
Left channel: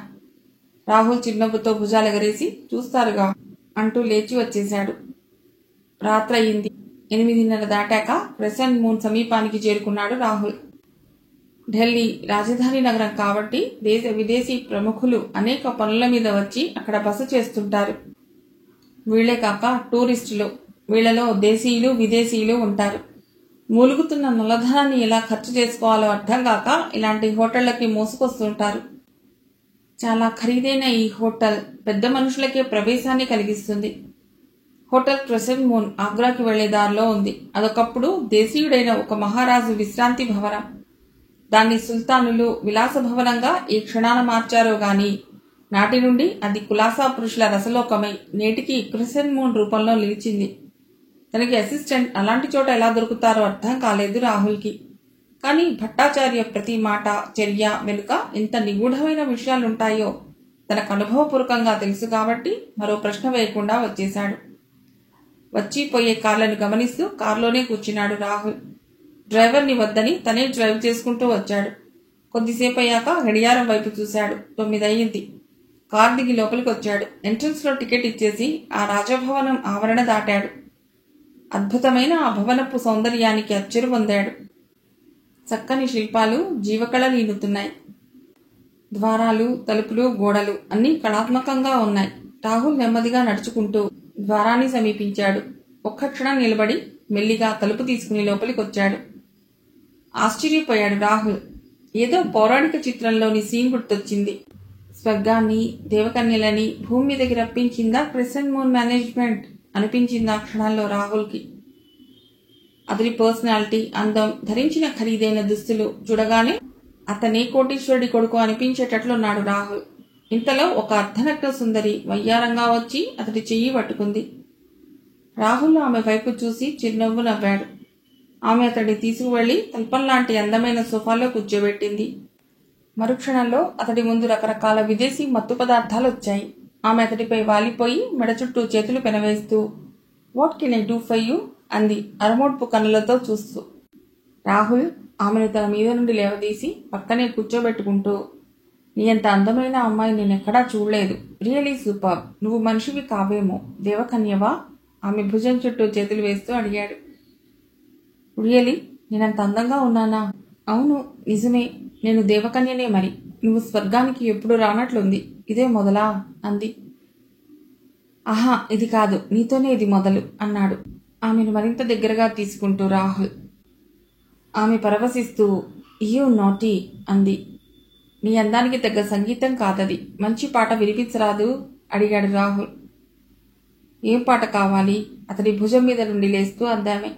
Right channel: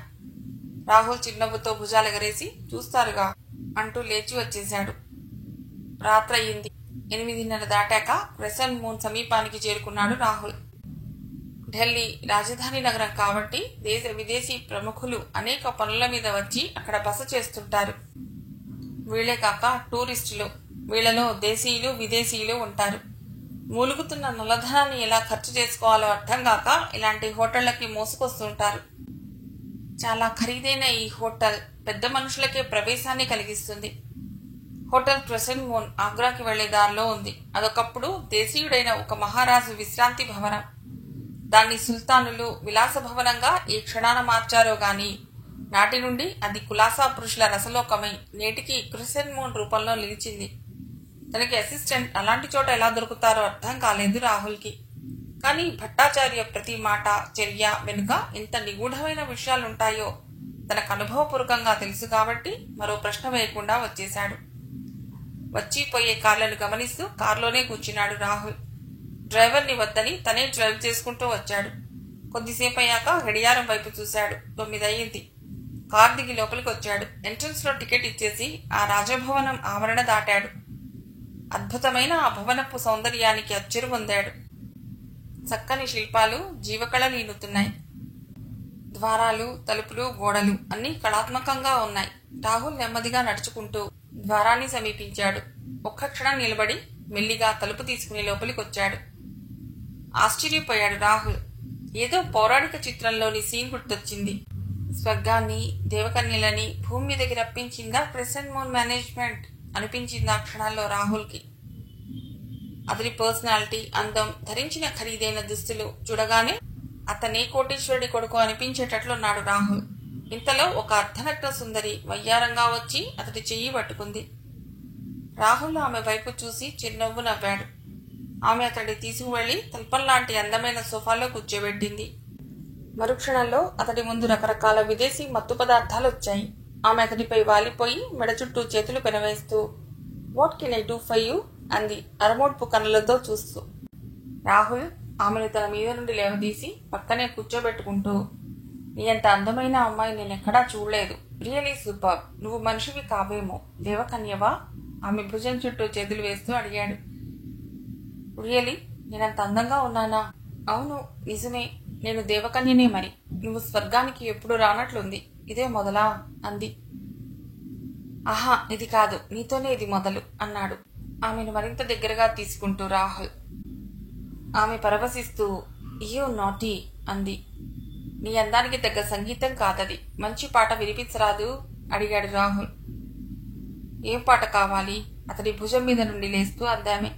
రాహుల్ చిన్నవ్వుతో భుజాలెగరేసి చూస్తారుగా అంటూ లేచి వచ్చేశాడు. రాత్రయింది. 8:30 దాటాక క్రెసెంట్ మూన్ సమీపానికి చేరుకున్నాడు రాహుల్. ఢిల్లీ రాజధాని నగరం కాబట్టి దేశ విదేశీ ప్రముఖులు అనేక పనుల మీద వచ్చి అక్కడ బస చేస్తుంటారు. వీళ్లే కాక టూరిస్టులు, వీళ్లలో దేశీయులు విదేశీయులు ఉంటారు. మూలుగుతున్న నల్లధనాన్ని ఎలా ఖర్చు చేసుకోవాలో అర్థం కాక ఇలాంటి హోటళ్లకి మోసుకొస్తుంటారు. చాలా ఖరీదైన ఈ హోటల్ పెద్ద మనుషులకే ప్రవేశాన్ని కలిగిస్తుంది. హోటల్ క్రెసెంట్ మూన్ ఆగ్రాకి వెళ్లే దారిలో ఉంది. అదొకప్పుడు దేశీయుడైన ఒక మహారాజు విశ్రాంతి భవనం. దాన్ని సుల్తానులు విలాస భవనంగా ఈ క్షణాన మార్చారో గాని నాటి నుండి అది కులాసా పురుషుల రసలోకమై నేటికి క్రెసెంట్ మూన్ రూపంలో నిలిచింది. తనకి అసిస్టెంట్ అలాంటి చోట ఎలా దొరుకుతారో అర్థం కాలేదు రాహుల్కి. కానీ భట్టాచార్య ప్రతి మాట చర్య వెనుక ఇంత నిగూఢమైన విషయాలుంటాయో తనకు అనుభవపూర్వకంగా తెలుసు కాబట్టి మరో ప్రశ్న వేయకుండా వచ్చేశాడు. వచ్చిపోయే కార్లను గమనిస్తూ కారులోనే కూర్చున్నాడు రాహుల్. డ్రైవర్ని వద్దని తనే డ్రైవ్ చేసుకుంటూ వచ్చాడు. కొద్దిసేపు అయ్యాక గడియారం వైపు చూశాడు. 9 అయ్యింది. కారు దిగి లోపలికి వచ్చాడు. ఎంట్రన్స్ లో టికెట్ ఇచ్చేసి ఆ రాజభవనం ఆవరణ దాటాడు. అద్భుతమైన ఆ భవనపు సౌందర్యానికి అచ్చెరు పొందాడు. చక్కని శిల్పాలు జీవకళ నీనుతున్నాయి. ద్వారాలు, తలుపులు, గోడలు అన్నీ కళాత్మకంగా ఉన్నాయి. రాహుల్ నెమ్మదిగా నడుచుకుంటూ ద్వారాన్ని సమీపించాడు. ఒక్క క్షణం నిలబడి మెల్లిగా తలుపు తీసుకుని లోపలికొచ్చాడు. ఆశ్చర్యపోయాడు రాహుల్. ఏదో పౌరాణిక చిత్రంలోని సీన్ గుర్తొచ్చింది. స్వర్గాన్ని, దేవకన్యలని భూమి మీదకి రప్పించిందా క్రెసెంట్ మూన్ మేనేజ్మెంట్ అనిపించింది ఆ క్షణంలో రాహుల్కి. అతని పర్సనాలిటీ, అందం, ధరించిన ఖరీదైన దుస్తులు చూడగానే అతనే కోటీశ్వరుడి కొడుకు అనిపించేటట్లున్నాడు రాహుల్. ఇంతలో ఒక అర్ధనగ్న సుందరి వయ్యారంగా వచ్చి అతడి చెయ్యి పట్టుకుంది. రాహుల్ ఆమె వైపు చూసి చిరునవ్వు నవ్వాడు. ఆమె అతడిని తీసుకువెళ్లి తల్పంలాంటి అందమైన సోఫాలో కూర్చోబెట్టింది. మరుక్షణంలో అతడి ముందు రకరకాల విదేశీ మత్తు పదార్థాలు వచ్చాయి. ఆమె అతడిపై వాలిపోయి మెడ చుట్టూ చేతులు పెనవేస్తూ what can I do for you అంది అరమోడ్పు కన్నులతో చూస్తూ. రాహుల్ ఆమెను తన మీద నుండి లేవదీసి పక్కనే కూర్చోబెట్టుకుంటూ, నీ అంత అందమైన అమ్మాయి నేనెక్కడా చూడలేదు. Really super. నువ్వు మనిషివి కావేమో, దేవకన్యవా? ఆమె భుజం చుట్టూ చేతులు వేస్తూ అడిగాడు. రియలీ? నేనంత అందంగా ఉన్నానా? అవును, నిజమే. నేను దేవకన్యనే. మరి నువ్వు స్వర్గానికి ఎప్పుడు రానట్లుంది. ఇదే మొదలా అంది. ఆహా, ఇది కాదు, నీతోనే ఇది మొదలు అన్నాడు ఆమెను మరింత దగ్గరగా తీసుకుంటూ రాహుల్. ఆమె పరవశిస్తూ యూ నాటీ అంది. నీ అందానికి తగ్గ సంగీతం కాదది. మంచి పాట వినిపించరాదు అడిగాడు రాహుల్. ఏం పాట కావాలి? అతడి భుజం మీద నుండి లేస్తూ అందామె.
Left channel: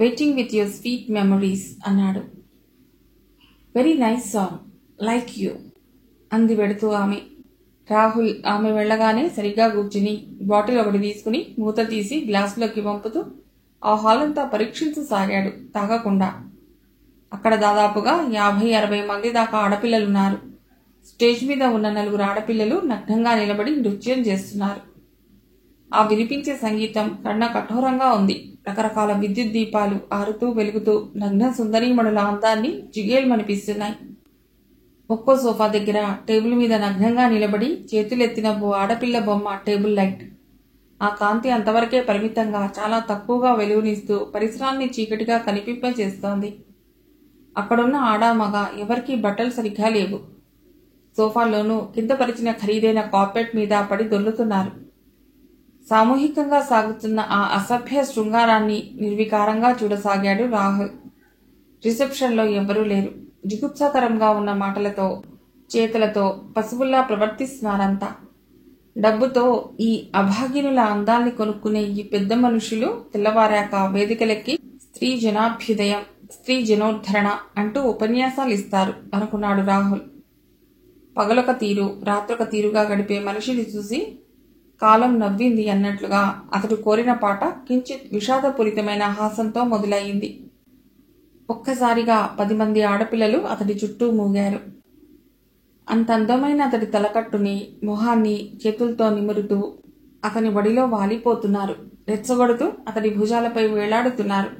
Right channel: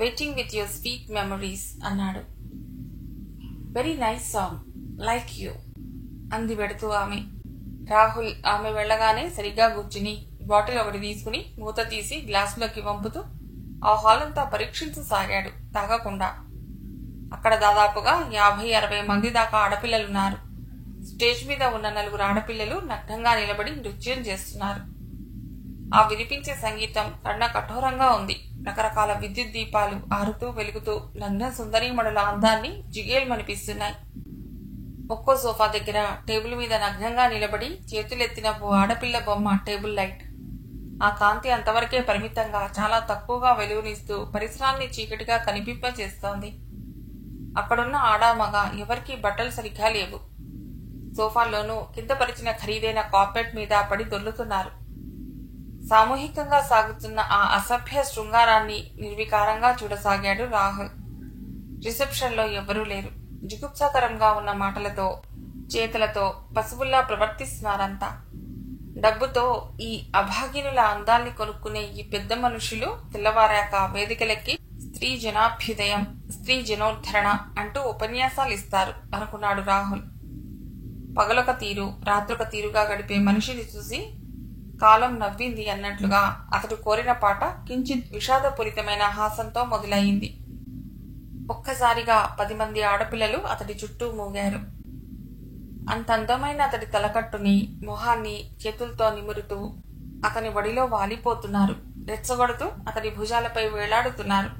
Waiting with your sweet memories అన్నాడు. Very nice song, like you అంది వెడుతూ ఆమె. రాహుల్ ఆమె వెళ్లగానే సరిగ్గా కూర్చుని బాటిల్ ఒకటి తీసుకుని మూత తీసి గ్లాసులోకి పంపుతూ ఆ హాల్ అంతా పరీక్షించసాగాడు తాగకుండా. అక్కడ దాదాపుగా 50-60 మంది దాకా ఆడపిల్లలున్నారు. స్టేజ్ మీద ఉన్న 4 ఆడపిల్లలు నగ్నంగా నిలబడి నృత్యం చేస్తున్నారు. ఆ వినిపించే సంగీతం కర్ణ కఠోరంగా ఉంది. రకరకాల విద్యుత్ దీపాలు ఆరుతూ వెలుగుతూ నగ్న సుందరీమణుల అందాన్ని జిగేల్మనిపిస్తున్నాయి. ఒక్కో సోఫా దగ్గర టేబుల్ మీద నగ్నంగా నిలబడి చేతులెత్తిన ఓ ఆడపిల్ల బొమ్మ టేబుల్ లైట్. ఆ కాంతి అంతవరకే పరిమితంగా చాలా తక్కువగా వెలుగునిస్తూ పరిసరాన్ని చీకటిగా కనిపింపచేస్తోంది. అక్కడున్న ఆడామగ ఎవరికీ బట్టలు సరిగ్గా లేవు. సోఫాల్లోనూ కింద పరిచిన ఖరీదైన కార్పెట్ మీద పడి దొర్లుతున్నారు. సామూహికంగా సాగుతున్న ఆ అసభ్య శృంగారాన్ని నిర్వికారంగా చూడసాగాడు రాహుల్. రిసెప్షన్లో ఎవ్వరూ లేరు. జుగుప్సాకరంగా ఉన్న మాటలతో, చేతులతో పశువుల్లా ప్రవర్తిస్తున్నారంతా. డబ్బుతో ఈ అభాగినుల అందాల్ని కొనుక్కునే ఈ పెద్ద మనుషులు తెల్లవారాక వేదికలెక్కి స్త్రీ జనాభ్యుదయం, స్త్రీ జనోద్ధరణ అంటూ ఉపన్యాసాలిస్తారు అనుకున్నాడు రాహుల్. పగలొక తీరు, రాత్రొక తీరుగా గడిపే మనిషిని చూసి కాలం నవ్వింది అన్నట్లుగా అతడు కోరిన పాట కించిత్ విషాదపూరితమైన హాసంతో మొదలయ్యింది. ఒక్కసారిగా 10 మంది ఆడపిల్లలు అతడి చుట్టూ మూగారు. అంత అందమైన అతడి తలకట్టుని, మొహాన్ని చేతులతో నిమురుతూ అతని ఒడిలో వాలిపోతున్నారు. రెచ్చగొడుతూ అతడి భుజాలపై వేలాడుతున్నారు.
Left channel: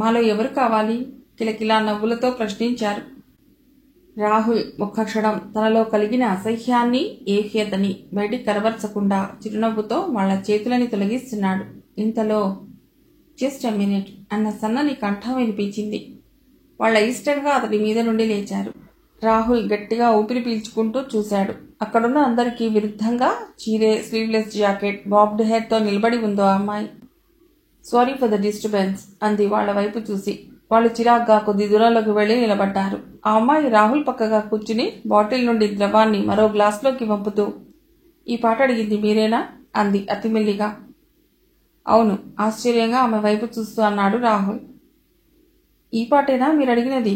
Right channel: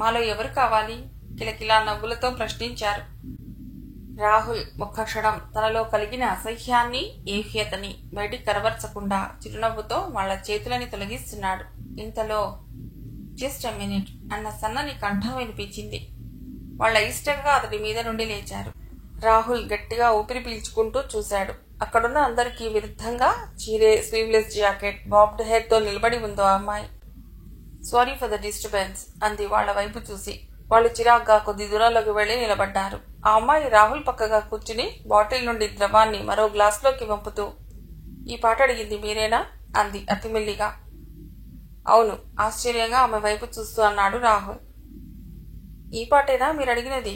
మాలో ఎవరు కావాలి? కిలకిలా నవ్వులతో ప్రశ్నించారు. రాహుల్ ఒక్క క్షణం తనలో కలిగిన అసహ్యాన్ని, ఏహ్యతని బయటికి కనబరచకుండా చిరునవ్వుతో వాళ్ల చేతులని తొలగిస్తున్నాడు. ఇంతలో జస్ట్ ఎ మినిట్ అన్న సన్నని కంఠం వినిపించింది. వాళ్ల ఇష్టంగా అతడి మీద నుండి లేచారు. రాహుల్ గట్టిగా ఊపిరి పీల్చుకుంటూ చూశాడు. అక్కడున్న అందరికీ విరుద్ధంగా చీరే, స్లీవ్లెస్ జాకెట్, బాబ్డ్ హెయిర్ తో నిలబడి ఉందో ఆ అమ్మాయి. సారీ ఫర్ ద డిస్టర్బెన్స్ అంది వాళ్ల వైపు చూసి. వాళ్ళు చిరాగ్గా కొద్ది దూరంలోకి వెళ్లి నిలబడ్డారు. ఆ అమ్మాయి రాహుల్ పక్కగా కూర్చుని బాటిల్ నుండి ద్రవాన్ని మరో గ్లాసులోకి వంపుతూ, ఈ పాట అడిగింది మీరేనా అంది అతిమెల్లిగా. అవును ఆశ్చర్యంగా ఆమె వైపు చూస్తూ అన్నాడు రాహుల్. ఈ పాటేనా మీరు అడిగినది?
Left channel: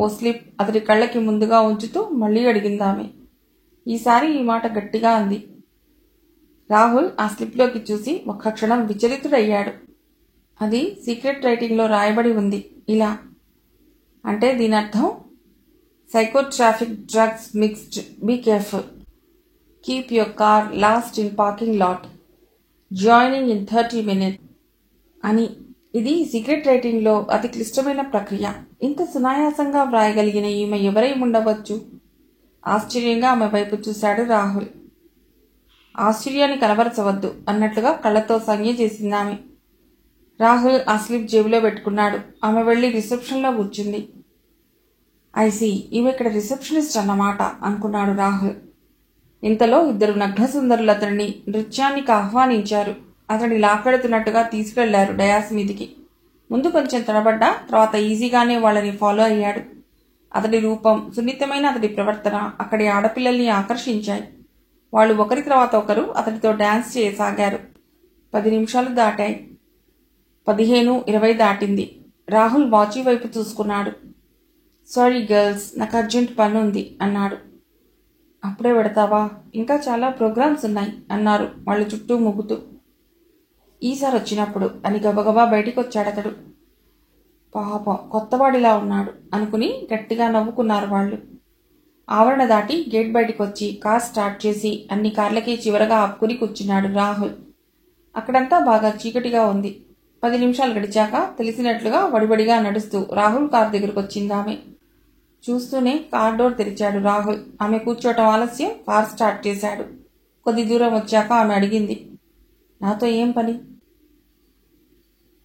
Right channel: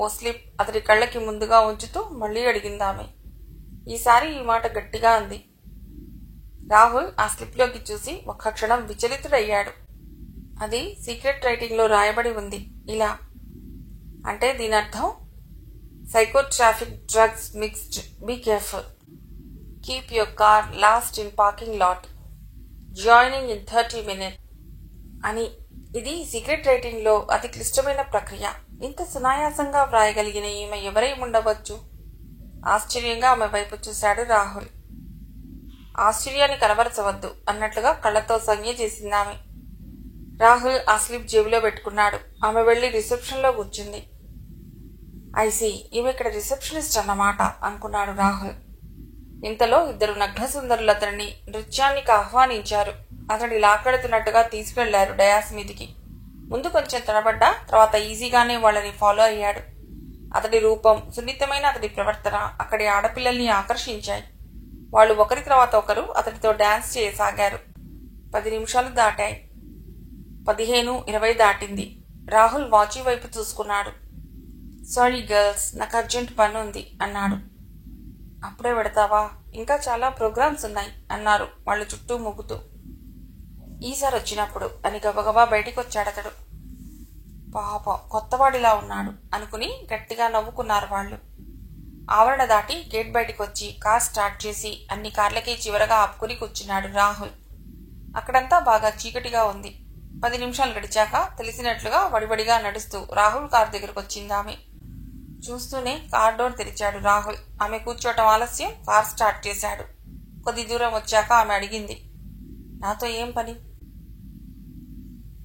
ఓ స్లిప్ అతడి కళ్ళకి ముందుగా ఉంచుతూ మళ్లీ అడిగిందామె. ఈసారి ఈ మాట గట్టిగా అంది. రాహుల్ ఆ స్లిప్లోకి చూసి ఒక్క క్షణం విచలితుడయ్యాడు. అది సీక్రెట్ రైటింగ్లో రాయబడి ఉంది ఇలా. అంటే దీనర్థం psychotropic drugs mixed, be careful, keep your car last in parking lot, joining in 30 minutes అని. ఇది సీక్రెట్ రైటింగ్లో అతి క్లిష్టమైన ప్రక్రియ. ఇంత సునాయాసంగా వ్రాయగలిగిన ఈమె ఎవరై ఉండవచ్చు? ఆశ్చర్యంగా ఆమె వైపు చూశాడు రాహుల్. ఆశ్చర్యాన్ని కనబరచవద్దు అన్నట్లుగా కళ్లతో సంజ్ఞ చేసిందామె. రాహుల్ ఆ స్లిప్ జేబులో పెట్టుకున్నాడు. ఆమె వెళ్లి రిసెప్షన్లో కూర్చుంది. ఐసీ, ఈమె ఇక్కడ రిసెప్షనిస్ట్ అన్నమాట అనుకున్నాడు రాహుల్. ఇంతలో 2 నగ్నసుందరులు అతడిని నృత్యానికి ఆహ్వానించారు. అతడిని లాక్కెడుతున్నట్టుగా తీసుకెళ్లారు డయాస్ మీదికి. ముందు కొంచెం తడబడ్డా తర్వాత ఈజీగానే వాళ్ళని ఫాలో అయ్యాడు. అతడి రూపం, సున్నితమైన అతడి ప్రవర్తన అక్కడి ఆడపిల్లల్ని ఆకర్షించాయి. వాళ్ళు ఒకరి తర్వాత ఒకరు అతడితో డాన్స్ చేయసాగారు. 10 నిమిషాలు దాటాయి. 15, 20 దాటింది. రాహుల్ వాచి వైపు చూసుకున్నాడు. సారీ గర్ల్స్, నాకు అర్జెంట్ పని ఉంది అన్నాడు. అప్పుడే పెడతావా? ఇంకా చాలా ప్రోగ్రామ్స్ ఉన్నాయి అన్నారు వాళ్ళు చుట్టూ ముగ్గుతూ. ఈసారి వచ్చినప్పుడు అని గబగబా బయటికొచ్చాడతడు. పాపం కొత్తవాడిలా ఉన్నాడు అనుకుని గట్టిగా నవ్వుకున్నారు వాళ్ళు. ఆవరణ దాటి గేట్ బయటికొచ్చి కార్ స్టార్ట్ చేసి అన్ని కార్లకి చివరగా ఆపుకుని కూర్చున్నాడు రాహుల్. అక్కడంతా బాగా చీకటిగా ఉంది. 10 నిమిషాలు గడిచాక తెలిసినట్లుగా వడివడిగా నడుస్తూ రాహుల్ కార్ దగ్గరకొచ్చిందామె. చూస్తూనే కార్ డోర్ తెరిచాడు రాహుల్. ఆమె కూర్చోటం ఆలస్యం, కార్ స్టార్ట్ చేశాడు. కొద్ది దూరం వచ్చాక ఆమె అడిగింది, నాతో ఏం పని?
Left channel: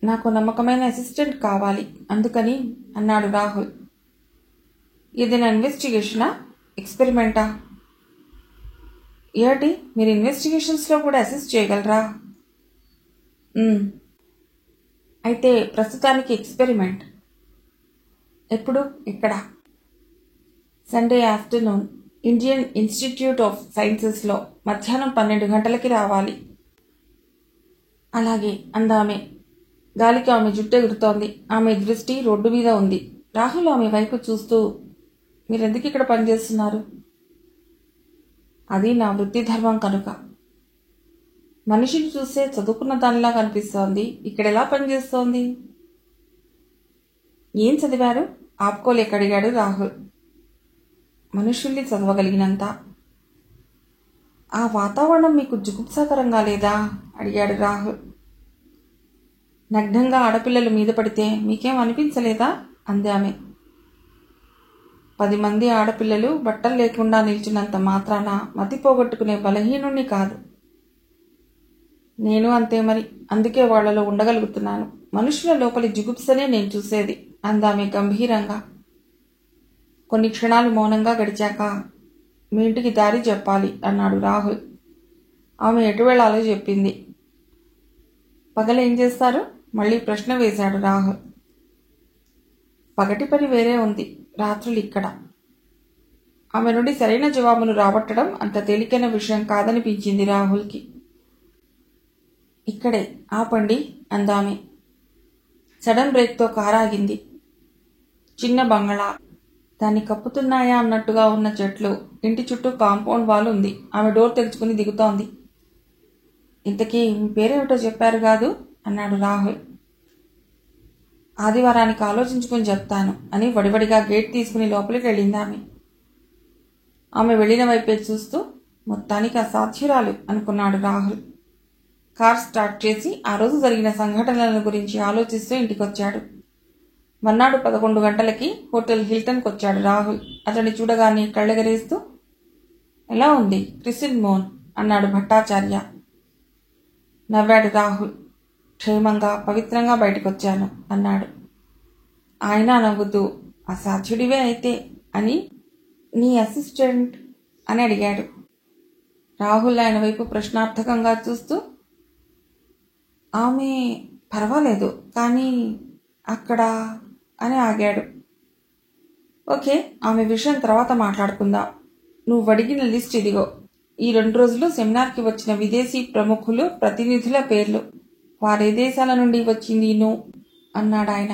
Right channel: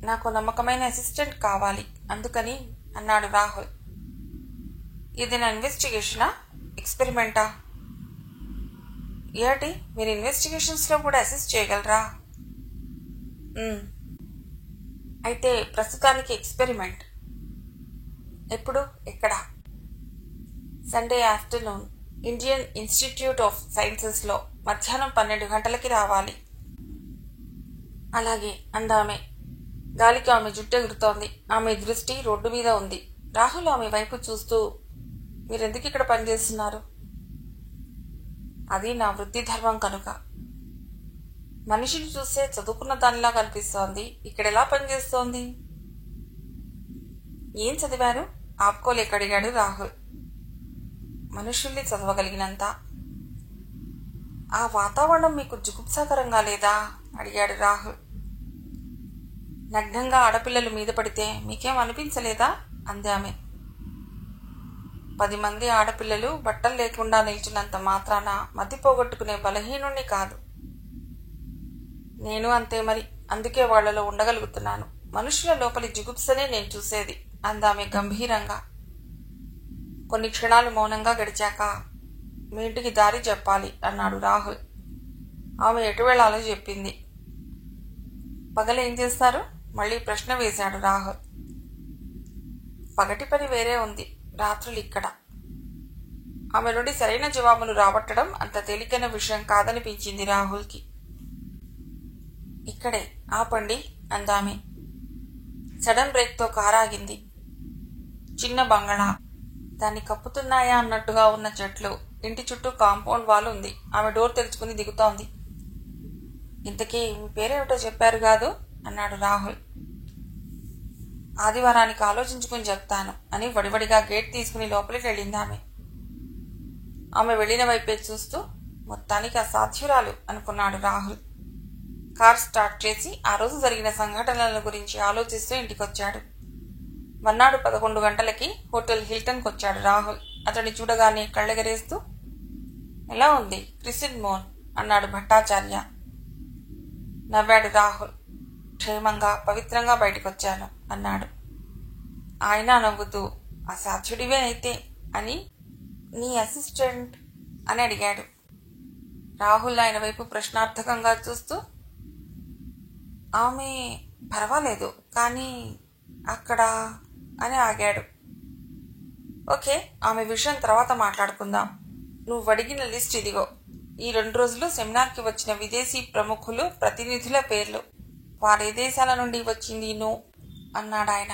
నాకు నమ్మకమైన అసిస్టెంట్ కావాలి అందుకని అన్నాడు రాహుల్. ఏదైనా ఇన్వెస్టిగేషనా, ఎక్స్పెరిమెంటా? ఏమిటి, మీరు ఇన్వెస్టిగేషన్స్లో కూడా అసిస్ట్ చేయగలరా? అయితే ప్రస్తుతానికి ఎక్స్పెరిమెంట్. ఎప్పుడు, ఎక్కడ? Sunday afternoon Indian Institute of సైన్సెస్లో మధ్యాహ్నం 12 గంటలకి రావాలి. అలాగే అందామె. గాలికి ఆమె జుట్టు ఎగురుతోంది. ఆమె దృష్టి రోడ్డు మీద ఉంది. రాహుల్ ఆమె వైపు చూస్తూ, మీరెందుకు ఇక్కడ పనిచేస్తున్నారు? అది నా వృత్తి ధర్మం కనుక. మనిషిని చూస్తే చదువుకున్న దానిలా కనిపిస్తోంది. ఇక్కడెలా పనిచేస్తోంది? ఏం చదివారు? ఆపుకోలేక అడిగాడు రాహుల్. మనుషుల్ని చదవగలిగినంత. ఆ వాతావరణం మీకు జుగుప్సాకరంగా లేదా అడిగాడు రాహుల్. నగ్నంగా ఆడపిల్లలు మీద పడితే మీకేం అనిపించలేదా అంది ఆమె. 10 మంది ఆడపిల్లలు బట్టలు లేకుండా నిల్చున్నంత మాత్రాన మతి పోగొట్టుకునే బలహీనుణ్ణి కాదు. నేను అంతే మరి, అందుకే వాళ్లలో ఉండగలుగుతున్నాను. మనుషుల లోపలి జిగుప్సనే నేను చూసేది అందామె గంభీరంగా. కొన్ని క్షణాలు మౌనంగా గడిచాక, మీ ఇంటికి దారి చెప్పాలి అన్నాడు రాహుల్. ఆమె ఎటు వెళ్లాలో చెప్పింది. పగలేం చేస్తారు? మళ్లీ ప్రశ్న వేశాడు రాహుల్. పగటి పని వేరే ఉంది, రాత్రులు ఇక్కడ. ఆమె నుండి సరైన జవాబును రాబట్టడం అంత తేలికైన విషయం కాదనిపించింది రాహుల్కి. ఇక్కడే ఆపండి అందామె. సడన్ బ్రేక్తో కారాగింది. చిన్న బంగళా, దాన్ని కప్పుతున్నాయా అన్నట్టుగా ఉన్న చెట్లు, ఇంటి చుట్టూ కాంపౌండ్ వాల్ ఉంది. ఆమె డోర్ తెరుచుకుని దిగుతోంది. ఇంతకీ మీ పేరేమిటో చెప్పారు కాదు అన్నాడు రాహుల్. ఆదివారానికి ఆలోచించుకుని చెప్తాను అని వడివడిగా గేట్ తీసుకుని లోపలికి వెళ్ళింది ఆమె. ఆమె వెళ్లిన వైపే చూస్తూ మొత్తానికి అసాధ్యురాలు అనుకున్నాడు రాహుల్. కార్ స్టార్ట్ చేసి ఆ రోజు జరిగిన సంఘటనల గురించి ఆలోచిస్తూ ఇంటికొచ్చాడు. మన్నాడు 11 గంటలకి హోటల్ హిల్టన్కి వచ్చాడు రాహుల్. అతన్ని చూడగానే కళ్ళెగరేస్తూ, ఎలా ఉంది క్రిసిన్ మోన్ అన్నాడు భట్టాచార్య. నవ్వాడు రాహుల్. క్షేమంగా పవిత్రంగా బయటకొచ్చాను అన్నాడు. ఆయన నవ్వుతూ, అసాధ్యుడివే అయితే అని నీ అసిస్టెంట్ అని అడిగాడు. రాహుల్ ఆయన వైపు ప్రశ్నార్థకంగా చూస్తూ, ఆమె పర్వాలేదు కానీ అక్కడ అని ఆగాడు. ఓకే, ఆమె విషయం తర్వాత మాట్లాడుకుందాం. నువ్వు అడిగిన లిస్ట్ ఇదిగో. ఈ 2 రోజులు సెమినార్కి వచ్చిన విదేశీ ప్రముఖులు ప్రతినిధుల పేర్లు. వారే దేశాల నుండి వచ్చింది నువ్వు అన్నాడు ఆయన.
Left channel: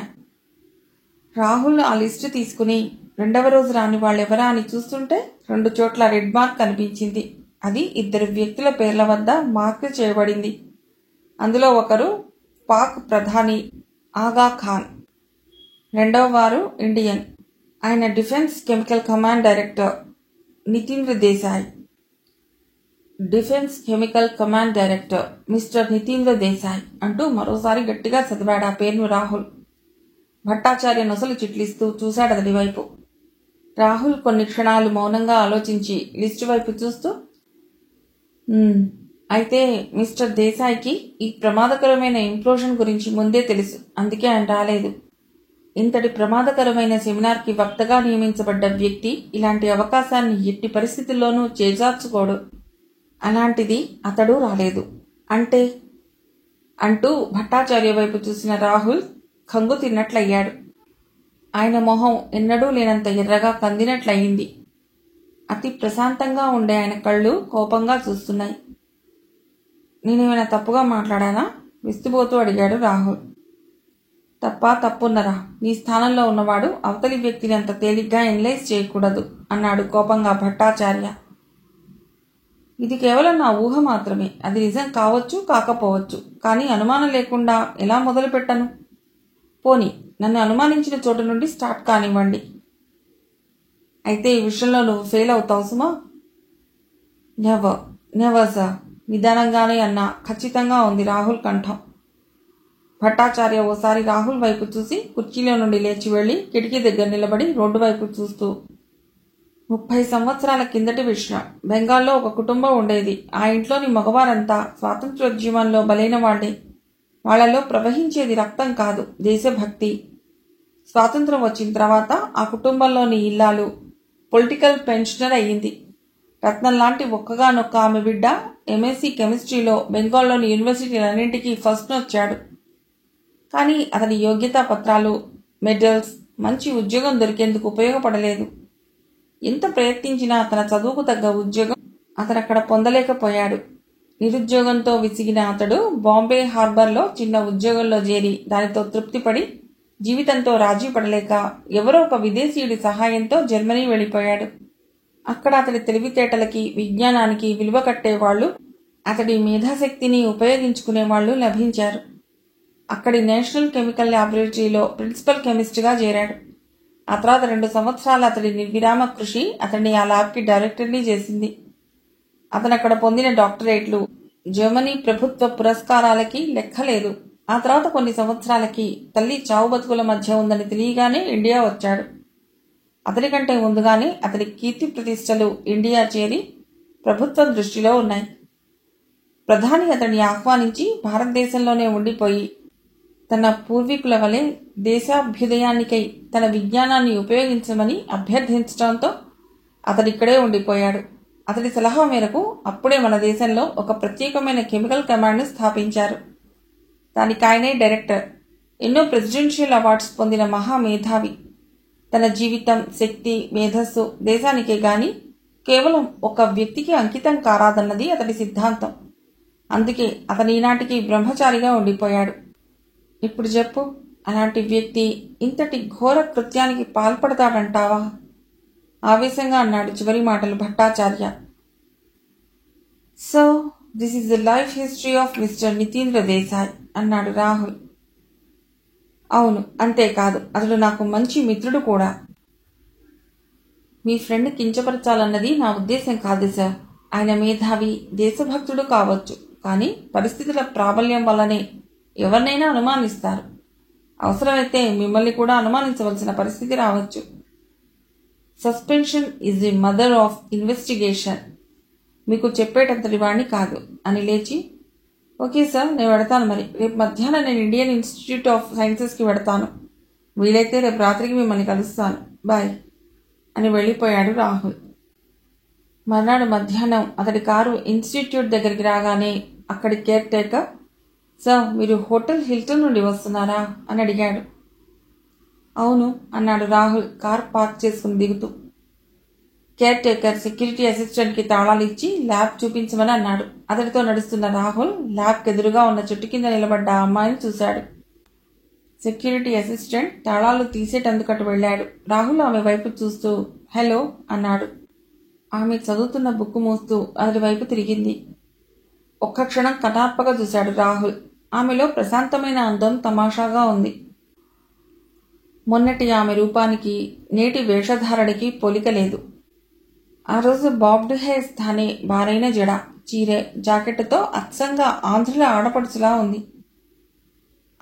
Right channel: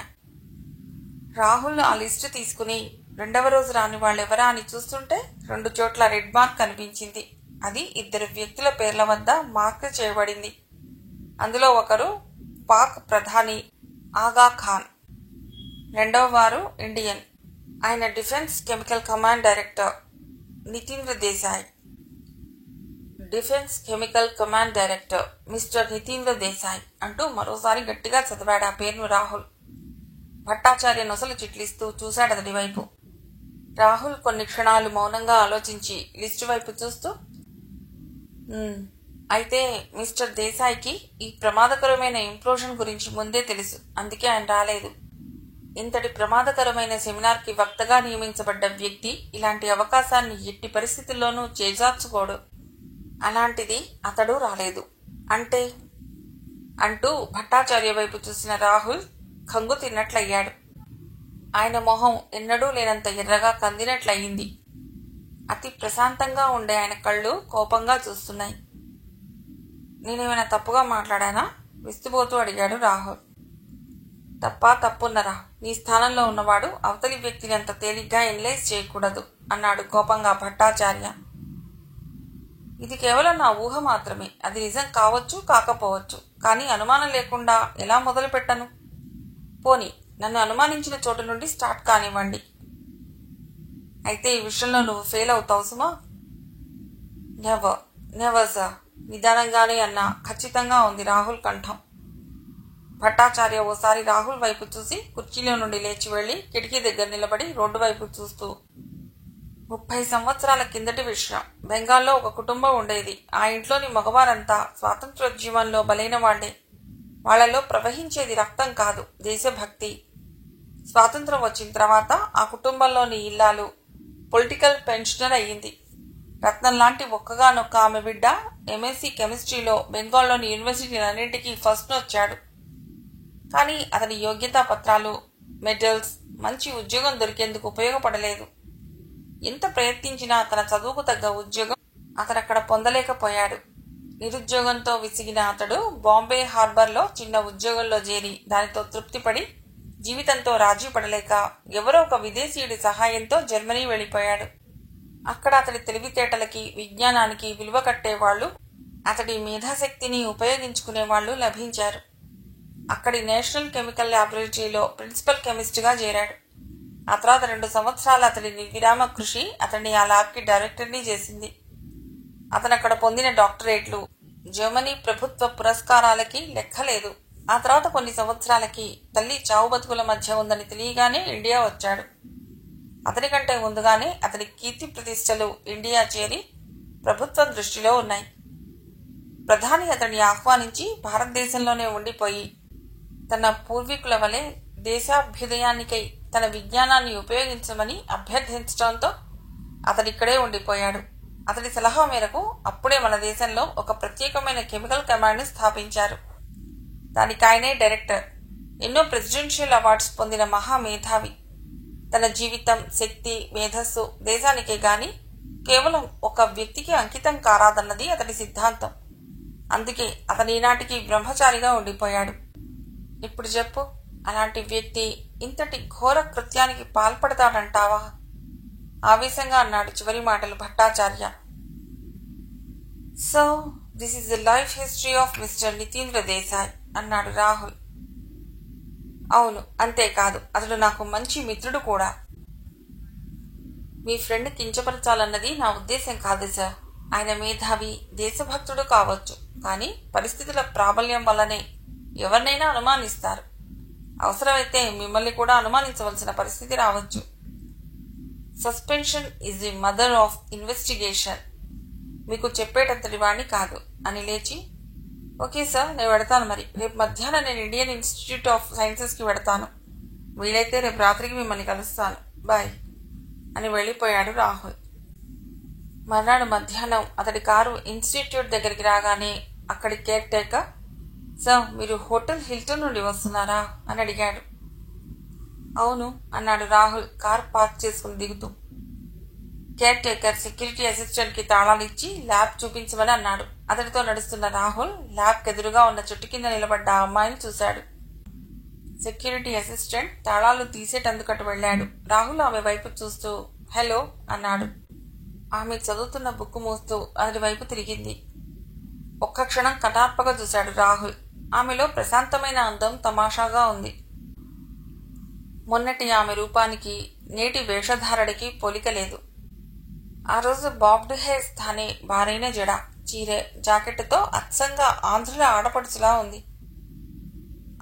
రాహుల్ ఆ లిస్టు తీసుకుని 2వ రోజు రాని వాళ్ళెవరా అని చూస్తుంటే 2 చోట్ల రెడ్ మార్క్ కనిపించింది. అది 2 వ్యక్తుల పేర్ల వద్ద మార్క్ చేయబడింది. అందులో ఒకరు పాక్ ప్రధాని ఆగా ఖాన్, 2వ వారు ఇండియన్, ఆయన defence chemical command director Nitindra Desai. Defence chemical command director mister Nitindra Desai అంటూ మరోసారి గట్టిగా చదివాడు ఆ పేరును రాహుల్. భట్టాచార్య నొసలు చిట్లిస్తూ చూశాడు అతడి వైపు. రాహుల్ కొన్ని క్షణాలు మౌనంగా ఆలోచించి లిస్టు వైపు చూస్తూ, అయితే మిస్టర్ దేశాయ్కి ఈ ప్రమాదకరమైన ఇంప్లోషన్ గురించి ముందే తెలుసు, అందుకే ఆయన రాలేదు. ఇంతటి ప్రమాదకరమైన సెమినార్కి వక్తగా నియమించబడ్డ వ్యక్తి ఇలాంటి అవకాశాన్ని ఎట్టి పరిస్థితుల్లోనూ చేజార్చుకోడు. అలాంటిది అతడు రాలేదు అంటే అంటూ భట్టాచార్య వైపు చూసిన రాహుల్ కంగు తిన్నట్లయ్యాడు. ఆయన మొహం ఎన్నడూ లేనంత ఎర్రగా కందినట్లయింది. అతి ప్రశాంతంగా ఉండే ఆయన కళ్ళు కోపంగా చూస్తున్నాయి. నేనేమైనా తప్పుగా మాట్లాడానా? విస్తుపోతూ అడిగాడు రాహుల్. తప్పున్నరా? నీ స్థానంలో ఉన్నవాడు అవతలి వ్యక్తిని అంత తేలిగ్గా ఎనలైజ్ చేయకూడదు అన్నాడు కోపంగా భట్టాచార్య. ఇది కేవలం నా ఊహ మాత్రమే. అది నిజం కావచ్చు కాకపోవచ్చు, కానీ అనుమానం లేకుండా ఎలా మొదలు పెట్టను? పోనీ నన్ను అనుమానించిన చోటు నుండి స్టార్ట్ కానివ్వండి. అయితే ఈ విషయంలో నువ్వు ఫెయిల్ అవుతావు సుమా. నెవర్ సార్, నిదానంగానే అన్నా ఖచ్చితంగా ఉంది రాహుల్ కంఠం. భట్టాచార్య ఓసారి రాహుల్ వైపు చూసి కుర్చీలో నుండి లేచి వెళ్లి కిటికీ దగ్గర నిలబడి రోడ్డు వైపు చూస్తూ, 30 సంవత్సరాల కిందటి విషయం. బెంగాల్లో ఒక కుటుంబం ఉండేది. ఆ ఇంట్లోని మగవారంతా స్వాతంత్ర్యోద్యమంలో బలైన వాళ్లే. వాళ్లలో ప్రవహించేది రక్తం కాదు, దేశభక్తి. స్వాతంత్ర్యం వచ్చిన తర్వాత ఆ కుటుంబంలోని ఇల్లాలు పొలిటికల్ పెన్షనర్ అయ్యింది. రత్నం లాంటి ఒక్కగానొక్క ఆమె బిడ్డ ఎంఎస్సీ కెమిస్ట్రీలో బెంగాల్లోని యూనివర్సిటీలన్నింటికీ ఫస్ట్ వచ్చాడు. కానీ అతని యోగ్యతా పత్రాలు, మెడల్స్ మంచి ఉద్యోగం దొరికేందుకు ఉపయోగపడలేదు. ఎంత ప్రయత్నించినా తన చదువుకు తగ్గ ఉద్యోగం అతనక్కడ పొందలేకపోయాడు. నిరుద్యోగంతో విసిగిన అతడు బాంబే హార్బర్లో చిన్న ఉద్యోగంలో చేరి దానితో తృప్తిపడి జీవితంతో రాజీ పడలేక ఎవరో ఒక విదేశీయుడి సహాయంతో జర్మనీ వెళ్లిపోయాడు. అక్కడ అతడి తెలివితేటలకి, విజ్ఞానానికి విలువ కట్టేవాళ్లు, అతడి మేధాశక్తిని ఉపయోగించుకునేవాళ్లు లభించారు. అక్కడి నేషనల్ కెమికల్ ల్యాబొరేటరీలో ప్రిన్సిపల్ కెమిస్ట్గా చేరాడు. ఆ తర్వాత 2 సంవత్సరాల అతడి నిర్విరామ కృషి అతన్ని ఆ ల్యాబ్కి డైరెక్టర్ని చేసింది. అతనక్కడ పొందిన డాక్టరేట్లు, జర్మనీ ప్రభుత్వ పురస్కారాలకి లెక్కలేదు. ఆ తర్వాత కొన్ని సంవత్సరాలకి తల్లి చావు బతుకుల మధ్య ఉందని తెలియగానే ఇండియా వచ్చాడు. అతని కంటే ముందుగానే అతని కీర్తి ప్రతిష్టలు ఇండియా చేరి ప్రభుత్వం దృష్టిలో ఉన్నాయి. ప్రధాని అతన్ని ఆహ్వానించి భారతదేశంలోనే ఉండిపోయి తన పూర్వీకుల వలె దేశాభ్యుదయానికై తన విజ్ఞానాన్ని ఉపయోగించమని అభ్యర్థించడంతో అతడిక్కడే ఉండిపోయాడు. అతడి సలహా మేరకు అప్పుడే మన దేశంలో ఒక ప్రత్యేకమైన కెమికల్ కమాండ్ని స్థాపించారు. దానికి ఆయనే డైరెక్టర్. ఎన్నో ప్రెసిడెన్షియల్ అవార్డ్స్ పొందిన మహామేధావి. తన జీవితం, శక్తి, మేధస్సు దేశానికే గాని కేవలం ఒక వ్యక్తికి అంకితం కారాదన్నది అతడి సిద్ధాంతం. అందుకే అతని ఈనాటికి బ్రహ్మచారిగా ఉండిపోయాడు. ఇప్పుడు చెప్పు, అలాంటి వ్యక్తి ఇంతటి ఘోర కృత్యానికి పాల్పడతాడంటావా? ఆవేశంగా అన్నాడు చివరి మాటలు Bhattacharya. So this is the life history of mister Nitindra Desai అన్నాడు రాహుల్. అవును, అంతేకాదు అతడు నాకు మంచి మిత్రుడు కూడా. మీ ఫ్రెండ్ కించపరచాలన్నది నా ఉద్దేశం కాదు సార్. ఆయన మేధావి, దేశభక్తుడు కావచ్చు, కానీ పరిస్థితుల ప్రాబల్యం వల్లనే ఎవరినైనా అనుమానిస్తారు. అవసరమైతే మిమ్మల్ని కూడా అనుమానించవలసిన పరిస్థితి రావచ్చు. Suspension is the mother of investigation. మీకు చెప్పేటంతటి వాణ్ణి కాదు అని లేచి, ఓకే సార్, నేను వెడతాను. మరి రేపు మధ్యాహ్నం నేను ఇండియన్ ఇన్స్టిట్యూట్ ఆఫ్ సైన్సెస్కి వెడతాను. వీలైతే రేపు రాత్రికి మిమ్మల్ని కలుస్తాను. బాయ్ అని వెళ్ళిపోయాడు రాహుల్. మర్నాడు మధ్యాహ్నం అతడి కారు ఇన్స్టిట్యూట్ దగ్గరికి రాగానే అక్కడి కేర్ టేకర్, సార్ మీరు హోటల్ హిల్టన్ నుండి వస్తున్నారా అని అడిగాడు. అవును అన్నాడు రాహుల్ కార్ పార్క్ చేసుకుని దిగుతూ. కేర్ టేకర్ సెక్యూరిటీ అసిస్టెంట్ కి తాళాలు ఇచ్చి ల్యాబ్ చూపించమని అన్నాడు. అతడితో నడుస్తున్న రాహుల్ ల్యాబ్ ఎదురుగా ఉన్న చెట్టు కింద నిలబడ్డ ఆ అమ్మాయిని చూశాడు. సెక్యూరిటీ అసిస్టెంట్ తాళాలు తీసేటందుకటు వెళ్లాడు. రాహుల్ ఆమె వైపు చూస్తూ హలో అన్నాడు. ఆమె చదువుతున్న బుక్ మూస్తూ అతడి వైపు తిరిగింది. ఒక్క క్షణం కటార్పగా చూశాడు రాహుల్. ఆమెలో ప్రశాంతమైన అందం తమాషాగా ఉంది. మొన్నటి ఆమె రూపానికి నేటి వేషధారణకి పోలిక లేదు. ఆ రోజు బాబ్డ్ హెయిర్ స్థానే బారైన జడ, చీరె, జాకెట్తో అచ్చంగా ఆంధ్రుల ఆడపడుచులా ఉంది.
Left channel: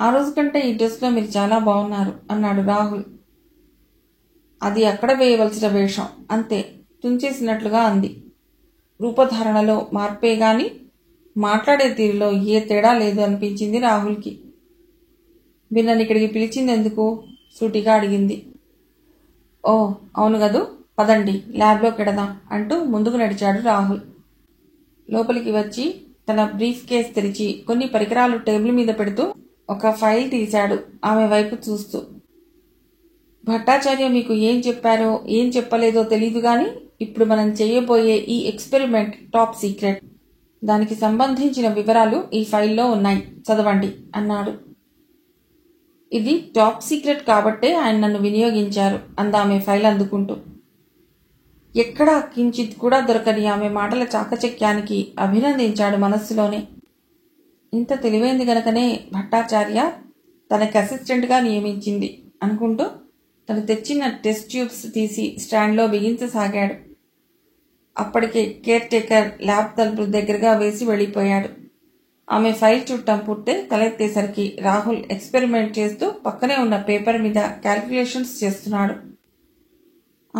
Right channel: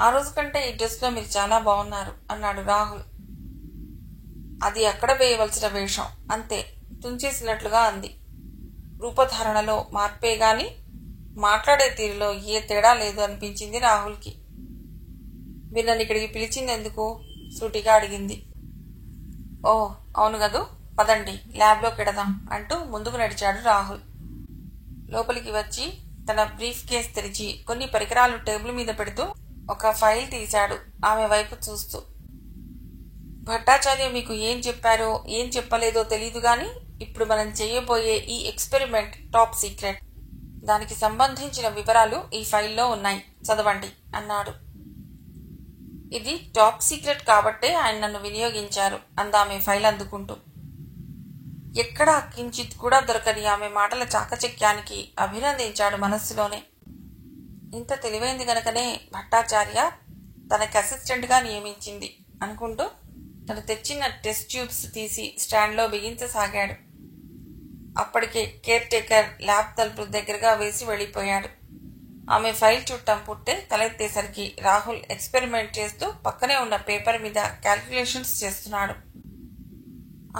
ఆ రోజు కంటే ఈ డ్రెస్లో మీరు చాలా బాగున్నారు అన్నాడు రాహుల్. అది అక్కడ వేయవలసిన వేషం అంతే, తుంచేసినట్లుగా అంది. రూపధారణలో మార్పే గాని మాట్లాడే తీరులో ఏ తేడా లేదు అనిపించింది రాహుల్కి. నన్ను ఇక్కడికి పిలిచిందెందుకు? సూటిగా అడిగింది. ఓ అవును గదు, పదండి ల్యాబ్లోకి వెడదాం అంటూ ముందుకు నడిచాడు రాహుల్. లోపలికి వచ్చి తన బ్రీఫ్ కేస్ తెరిచి కొన్ని పరికరాలు టేబుల్ మీద పెడుతూ ఒక ఫైల్ తీశాడు ఆమె వైపు చూస్తూ. భట్టాచార్య మీకు ఏం చెప్పారో ఏం చెప్పలేదో తెలీదు గాని ఇప్పుడు మనం చేయబోయే ఈ ఎక్స్పెరిమెంట్ టాప్ సీక్రెట్. దానికి సంబంధించిన వివరాలు ఈ ఫైల్లో ఉన్నాయి, చదవండి అన్నాడు. ఇది టాప్ సీక్రెట్ కాబట్టే ఆయన నన్ను వినియోగించారు అందామె ఫైల్ అందుకుంటూ. ఎక్కడా కించిత్ కూడా దొరకని ఆమె మాటల చాకచక్యానికి అభినందించాడు మనస్సులోనే. ఇంత తెలివైంది గనకనే భట్టాచార్య తనకి అసిస్టెంట్గా నియమించింది అనుకుంటూ తను తెచ్చిన టెస్ట్ ట్యూబ్స్ తీసి స్టాండ్లో బిగించసాగాడు. అప్పటికే కేర్ టేకర్ ల్యాబ్ తలుపు దగ్గరగా వేసి వెళ్లిపోయాడు. ఆమె ఫైల్ చుట్టం పుట్టే తలెత్తేసరికి రాహుల్ ఎక్స్పెరిమెంట్ చేస్తూ పక్కనే ఉన్న పేపర్ మీద క్యాల్కులేషన్స్ చేస్తున్నాడు.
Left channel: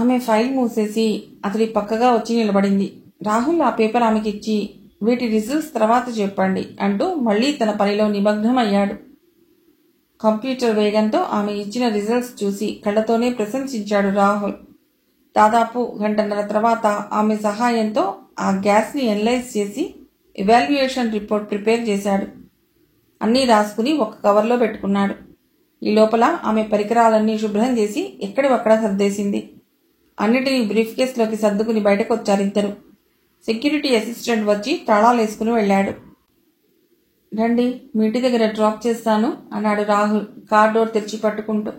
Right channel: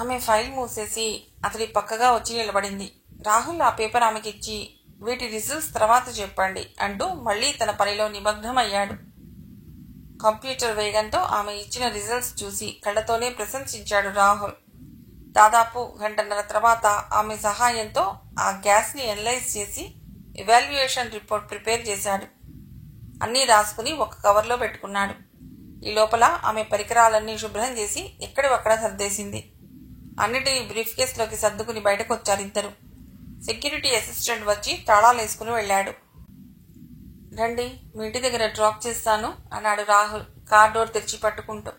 ఆమె ఫైల్ మూసేసి అతడి పక్కగా వచ్చి నిలబడింది. రాహుల్ ఆ పేపర్ ఆమెకిచ్చి వీటి రిజల్ట్స్ తర్వాత చెప్పండి అంటూ మళ్లీ తన పనిలో నిమగ్నమయ్యాడు. కంప్యూటర్ వేగంతో ఆమె ఇచ్చిన రిజల్ట్స్ చూసి కళ్లతోనే ప్రశంసించాడు రాహుల్. దాదాపు గంటన్నర తర్వాత ఆమె సహాయంతో ఆ గ్యాస్ ని అనలైజ్ చేసి ఎవాల్యుయేషన్ రిపోర్ట్ ప్రిపేర్ చేశాడు. అన్నీ రాసుకుని ఒక కవర్లో పెట్టుకున్నాడు. ఈ లోపల ఆమె పరికరాలన్నీ శుభ్రం చేసి ఎక్కడివక్కడ సర్దేసింది. అన్నిటినీ బ్రీఫ్ కేసులోకి సర్దుకుని బయటకొచ్చారిద్దరు. సెక్యూరిటీ అసిస్టెంట్ వచ్చి తాళాలేసుకుని వెళ్లాడు. రండి, మీ ఇంటి దగ్గర డ్రాప్ చేస్తాను అన్నాడు రాహుల్ కార్ డోర్ తెరిచి పట్టుకుంటూ.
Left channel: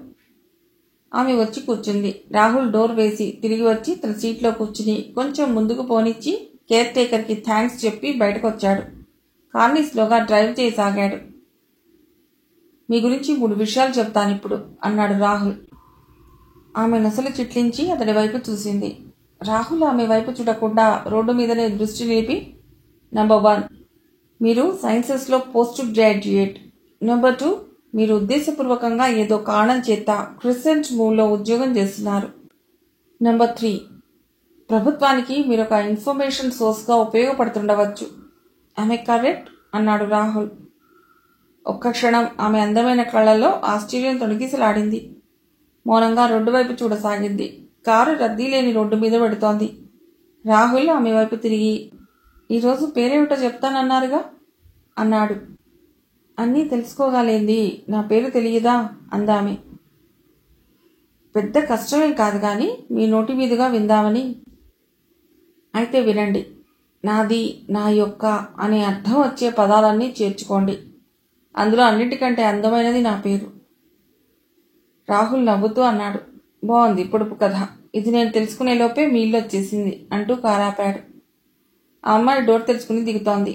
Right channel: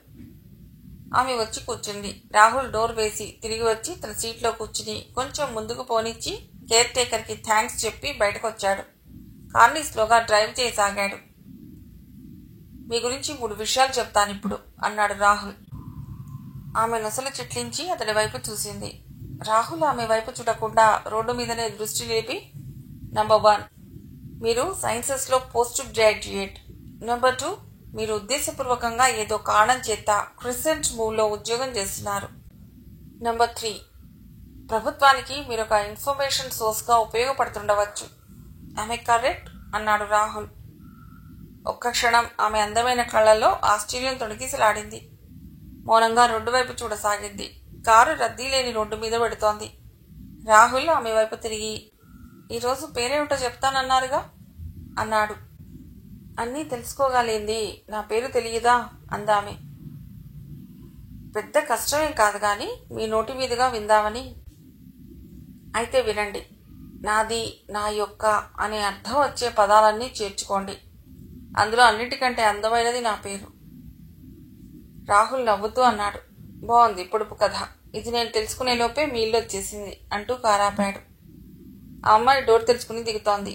ఆమె వచ్చి కూర్చుంది. రాహుల్ డోర్ వేసి తిరిగి వచ్చి తన సీట్లో కూర్చుని కొంచెం ముందుకు పోనిచ్చి కేర్ టేకర్ కి థ్యాంక్స్ చెప్పి బయటకొచ్చాడు. కార్ని స్లోగా డ్రైవ్ చేయసాగాడు. మీ గురించి 3 విషయాలు చెప్తానిప్పుడు అన్నాడు రాహుల్. ఆమె నొసలు చిట్లించి అతడి వైపు చూసింది. రాహుల్ ఆమె వైపు చూడకుండా రోడ్డు మీదనే దృష్టి నిలిపి, నంబర్ 1, మీరు సైన్సెస్ లో పోస్ట్ గ్రాడ్యుయేట్. నంబర్ 2, మీరు ఉద్దేశపూర్వకంగా ఏదో కారణం చేత క్రిసెంట్ మూవ్ లో ఉద్యోగం చేస్తున్నారు. నెంబర్ 3, ప్రభుత్వానికి మీరొక ఇన్ఫర్మేషన్ సోర్స్గా ఉపయోగపడుతుండవచ్చు. ఆమె కరెక్ట్ అన్నాడు రాహుల్. ఒక్క క్షణం ఆమె అందమైన కళ్ళలో ఆశ్చర్యం తొణికిసలాడింది. మౌనంగా రోడ్డు వైపు చూడసాగింది. కారు రద్దీ లేని రోడ్డు మీద పెడుతోంది. రాహుల్ ఆమె వైపు తిరిగి, ఈరోజు పేరేమిటో చెప్తానన్నారుగా అన్నాడు. అన్నీ తెలుసుకోగలేంది, నా పేరు తెలియదా అందామె. పెద్ద కష్టమేం కాదు గాని మీ నోటి మీదుగా విందామని. అయితే వినండి. నాది, నా యొక్క అనే అర్థం వచ్చే పదాలన్నీ చేర్చుకోండి. అందులో అన్నిటికంటే అందమైనది నా పేరు. రాహుల్ నవ్వుతూ అన్నాడు. బాగుంది పొడుపు కథ. ఇది నేను తెలుసుకునే లోపే మీ ఇల్లు వచ్చేసింది అంటూ కారాపాడు. ఆ అమ్మాయి డోర్ తెరుచుకుని దిగుతోంది.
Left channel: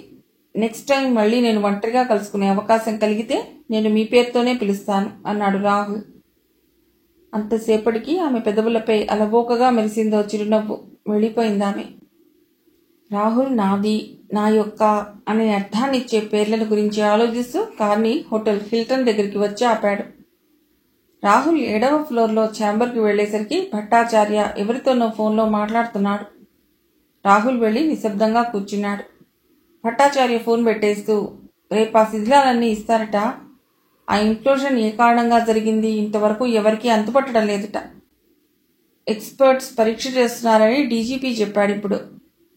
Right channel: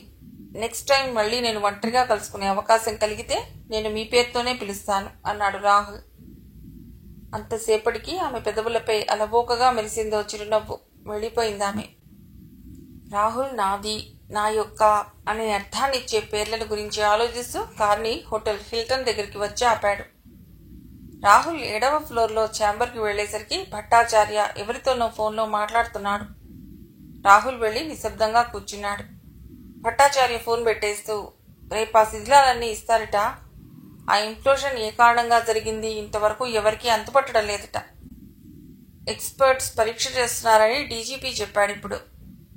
నెక్స్ట్ టైం మళ్ళీ నేను ఒంటరిగా కలుసుకునే అవకాశం కలిగితే నేను మీ పేరుతోనే పిలుస్తాను అన్నాడు రాహుల్. అంతసేపటికి ఆమె పెదవులపై అలవోకగా మెరిసిందో చిరునవ్వు. వెళ్ళిపోయిందామె. రాహుల్ నాది, నా యొక్క అనే అర్థాన్నిచ్చే పేర్లను గురించి ఆలోచిస్తూ కార్ని హోటల్ హిల్టన్ దగ్గరికి వచ్చి ఆపాడు. రాహుల్ 7వ ఫ్లోర్లో ఛాంబర్కి వెళ్లేసరికి భట్టాచార్య ఎవరితోనో ఫోన్లో మాట్లాడుతున్నాడు. రాహుల్ వెళ్లి నిశ్శబ్దంగా కూర్చున్నాడు. భట్టాచార్య ఫోన్ పెట్టేస్తూ, రేపు ఆ శిథిలాలన్నీ ఇస్తారట. ఆ ఇంప్లోజన్ ఏ కారణంగా జరిగింది ఇంతవరకు ఎవరికీ అంతుపట్టడం లేదట. ఎక్స్పర్ట్స్ పరీక్ష చేస్తున్నారని డీజీపీ చెప్పాడు ఇప్పుడు.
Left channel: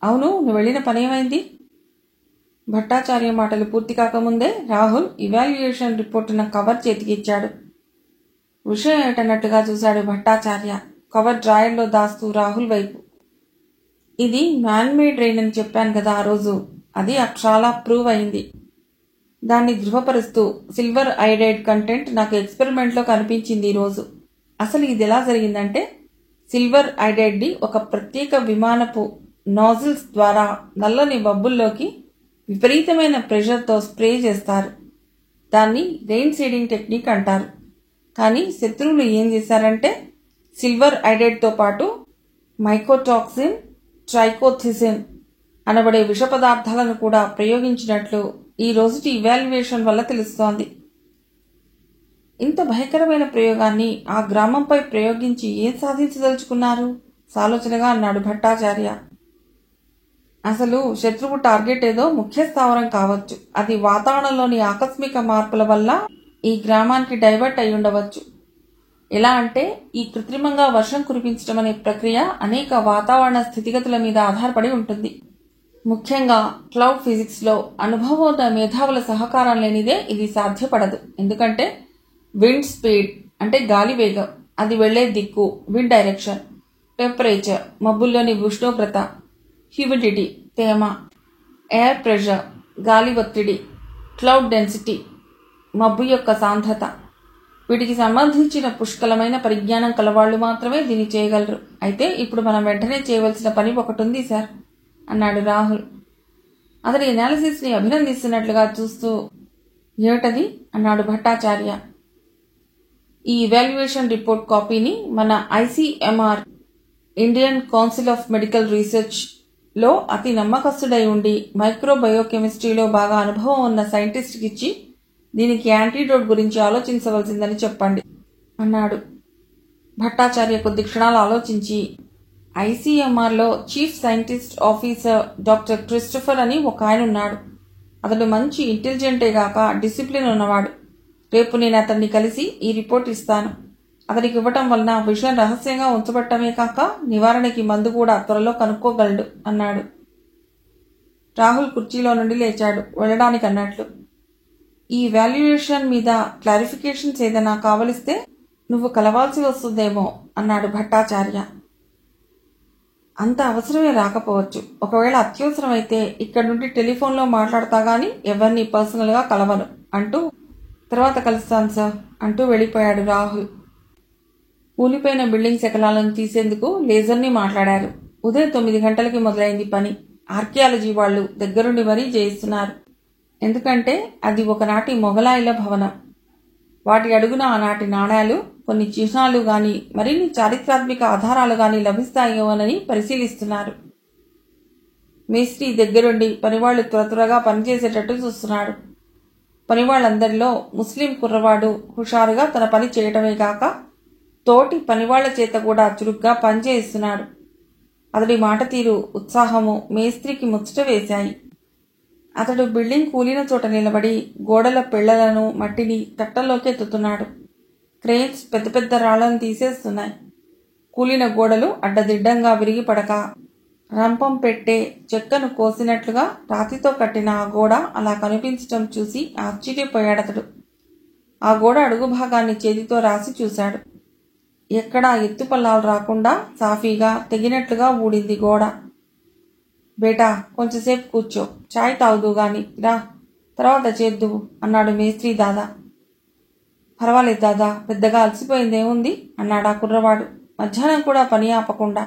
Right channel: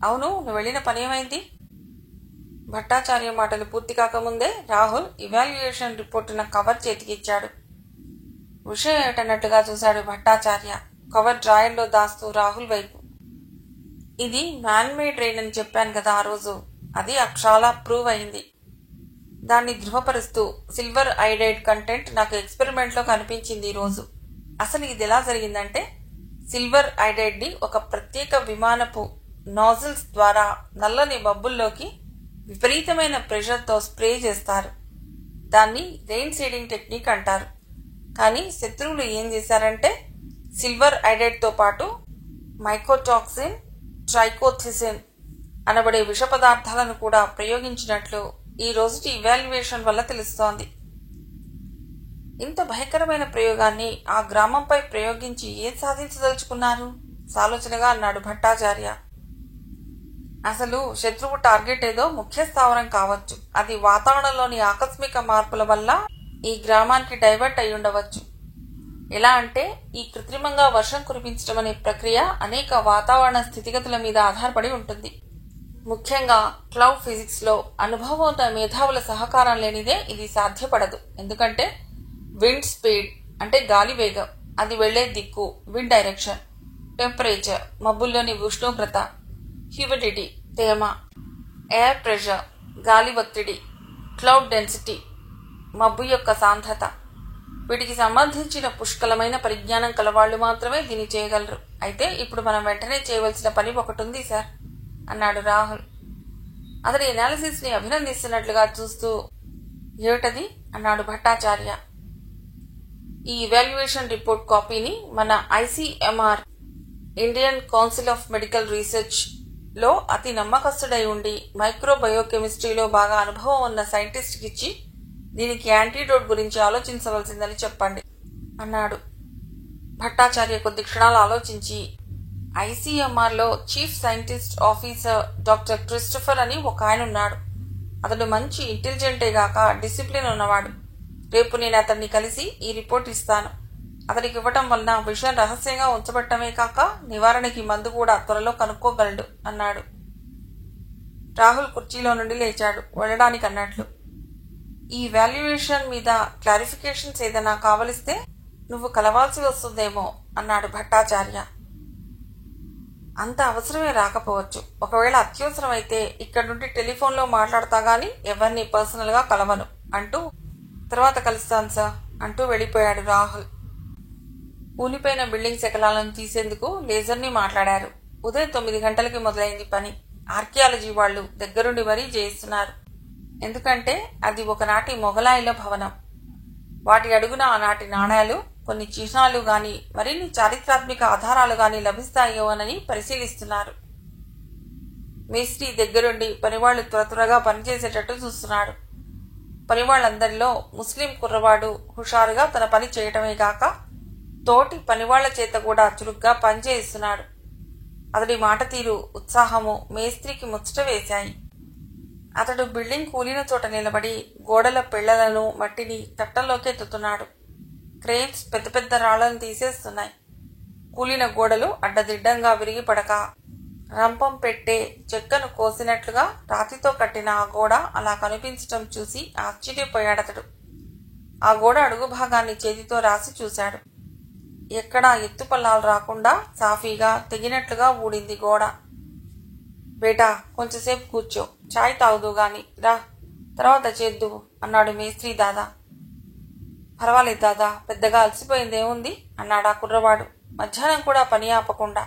అవును, నువ్వు వెళ్లిన పనేమైంది? భట్టాచార్య మాటలు పూర్తి కాకముందే రాహుల్ ఇవాల్యుయేషన్ రిపోర్టున కవర్ చేతికిచ్చాడు. విషయం ఏటన్నట్టుగా చూశాడు భట్టాచార్య, కవర్ డ్రాయర్లో దాస్తూ రాహుల్ వైపు. ఇది మ్యాన్మేడ్ రెయిన్ అని చెప్పాను కదా ఆ రోజు, అది అక్షరాలా ప్రూవ్ అయింది. దాన్ని ధృవపరుస్తూ సిల్వర్ ఐడైడ్ కంటెంట్ నాకు ఎక్స్పెరిమెంట్లో కనిపించింది ఈరోజు. అసలు ఇది ఎలా జరిగిందంటే, సిల్వర్ ఐడైడ్ ని ఒక ప్రత్యేక విమానపు నాజిల్స్ ద్వారా నల్లని బబ్బుల్లోకి విపరీతమైన ప్రెషర్తో స్ప్రే చేస్తారు. దాన్ని రెయిన్ సీడింగ్ టెక్నిక్ అంటారు. కానీ శత్రువులు ఏం చేశారంటే, సిల్వర్ ఐడైడ్తో పాటు మైకోటాక్సిన్, ట్రైకోథిసిన్ అనబడే విష పదార్థాలను కూడా ప్రయోగించినట్లు ఈ రోజుటి ఇవాల్యుయేషన్ వల్ల తెలుస్తోంది. ఇంత భయంకరమైన ప్రయోగాన్ని ఆ గ్రామంపై ప్రయోగించి ఏం సాధించదలుచుకున్నారు? సాలోచనగా అన్నాడు భట్టాచార్య. అసలు శత్రువు టార్గెట్ ఏదో ముఖ్య స్థావరం కావచ్చు. అది వాతావరణంలోని ఆకస్మిక మార్పుల వల్ల ఈ గ్రామానికి డైవర్ట్ అయి ఉండవచ్చు. ఎలా అంటే, ఈ కృత్రిమంగా వర్షం కురిపించడం అనే ప్రక్రియ అనేక వాతావరణ స్థితిగతుల మీద ఆధారపడి ఉంటుంది. ముఖ్యంగా క్లౌడ్ ఫిజిక్స్ లో అనుభవోద మేధావుల సహకారం లేనిదే ఇది సాధ్యపడదు. ఎందుకంటే విండ్ స్పీడ్ అంటే గాలి వేగం, అది వెళ్లే దిక్కు విండ్ డైరెక్షన్, టెంపరేచర్ మబ్బుల్లోని ఉష్ణోగ్రత, హ్యూమిడిటీ తేమ, ఎయిర్ ప్రెషర్ గాలి ఒత్తిడి, క్లౌడ్ డెన్సిటీ మబ్బు యొక్క సాంద్రత, వీటికి సంబంధించిన పుష్కలమైన పరిజ్ఞానం కలవాళ్లు మాత్రమే దీన్ని చేయగలరు. అయితే ఇప్పుడు మనం వెంటనే చేయవలసిన పని ఒకటి ఉంది సార్ అన్నాడు రాహుల్. అతడి ఎనాలిసిస్ ని అభినందిస్తున్నట్లుగా చూస్తూ, ఏమిటది అన్నాడు భట్టాచార్య. ఈ ఇవాల్యుయేషన్ రిపోర్ట్ కాపీని మన ICMR Indian council of medical research లో అతి నమ్మకస్తుడై ఉండి మైక్రోబయోకెమిస్ట్రీలో బాగా అనుభవం ఉన్న సైంటిస్ట్కి ఇచ్చి దీనికి యాంటీడోట్ గురించి ఆలోచించవలసిందని చెప్పండి అన్నాడు. భట్టాచార్య కొద్ది క్షణాలు ఆలోచించి, ICMR లో chief scientist officer doctor Christopher అని ఒక ఆయన ఉన్నాడు. అతడు మంచి ఇంటెలిజెంటే గాక డిసిప్లిన్ ఉన్నవాడు. రేపు నేను అతన్ని కలిసి ఈ రిపోర్ట్ ఇస్తాను. అతనికి ఇవ్వటం వలన విషయం రహస్యంగా ఉంచబట్టమే కాక నివారణకి మందు కూడా త్వరలో కనుక్కోగలడు అన్నాడు. రాహుల్ కుర్చీలో నుండి లేచాడు, వెళ్ళడానికి అన్నట్లు. ఈ వాల్యుయేషన్ మీద క్లారిఫికేషన్స్ ఏదైనా కావలిస్తే నువ్వు కలవాల్సి వస్తుందేమో అన్నాడు భట్టాచార్య. అంత అవసరమే రాకపోవచ్చు. ఒకవేళ అత్యవసరమైతే ఇక్కడి నుండి టెలిఫోన్లో మాట్లాడతా గాని ఎవరిని పర్సనల్ గా కలవను అంటూ, తర్వాత కలుస్తాను సార్ అంటూ వెళ్లిపోయాడు రాహుల్. కూలిపోయిన బిల్డింగ్ శకలాలను తీసేందుకు లేజర్ని మాట్లాడారు. ఉదయం 9 గంటలకి మొదలైంది పని. ఆర్కియాలజీ వాళ్లు దగ్గరుండి మరీ చేయిస్తున్నారు. ఎందుకంటే అది ఒకనాటి మొఘలాయుల భవనం. వాటి అడుగున ఆనాటి నాణాలు, కొన్ని చిహ్నాలు గాని మరిన్ని చారిత్రాత్మక ఆధారాలు గాని లభిస్తాయోనని పరిశీలిస్తున్నారు. మేస్త్రి దగ్గరుండి పనివాళ్లు త్వరగా పనిచేసేటట్టు చూస్తున్నాడు. పనివాళ్లందరిలో ముస్లిం కుర్రవాడు హుషారుగా తన పని చేయటమే కాక తోటి పనివాళ్ల చేత కూడా చురుగ్గా పనిచేయిస్తున్నాడు. అతడి మాట తీరు, ఉత్సాహము మేస్త్రికి ముచ్చట వేశాయి. అతడు బిల్డింగ్ కూలిన చోట నిలబడి గోడల పెళ్లలను మట్టిని తట్టలోకి ఎత్తుతున్నాడు. క్రెయిన్స్ పెద్ద పెద్ద రాళ్లను తీసేస్తున్నాయి. కూలిన గోడలు అడ్డదిడ్డంగా విరిగిపడక రంపం పెట్టే చెక్కను కోసినట్లుగా రాతితో కట్టిన ఆ గోడ అలా కనిపించటం చూసి ఆశ్చర్యపోయాడతడు. ఆ గోడ అడుగు భాగాన్ని చేతితో రాసి చూశాడు. ఎక్కడా ఎత్తుపల్లాలు రాకుండా సాఫీగా తెగినట్లుగా ఊడింది గోడ. బేటా, కొంచెంసేపు కూర్చో, చాయ్ తాగుదు గాని రా, తర్వాత చేద్దువు అన్నాడు మేస్త్రి దాదా. పర్వాలేదు దాదా, పెద్దగా అలసిపోయిందేముంది అన్నాడా కుర్రవాడు మధ్యాహ్నం కూడా పని ఆపకుండా.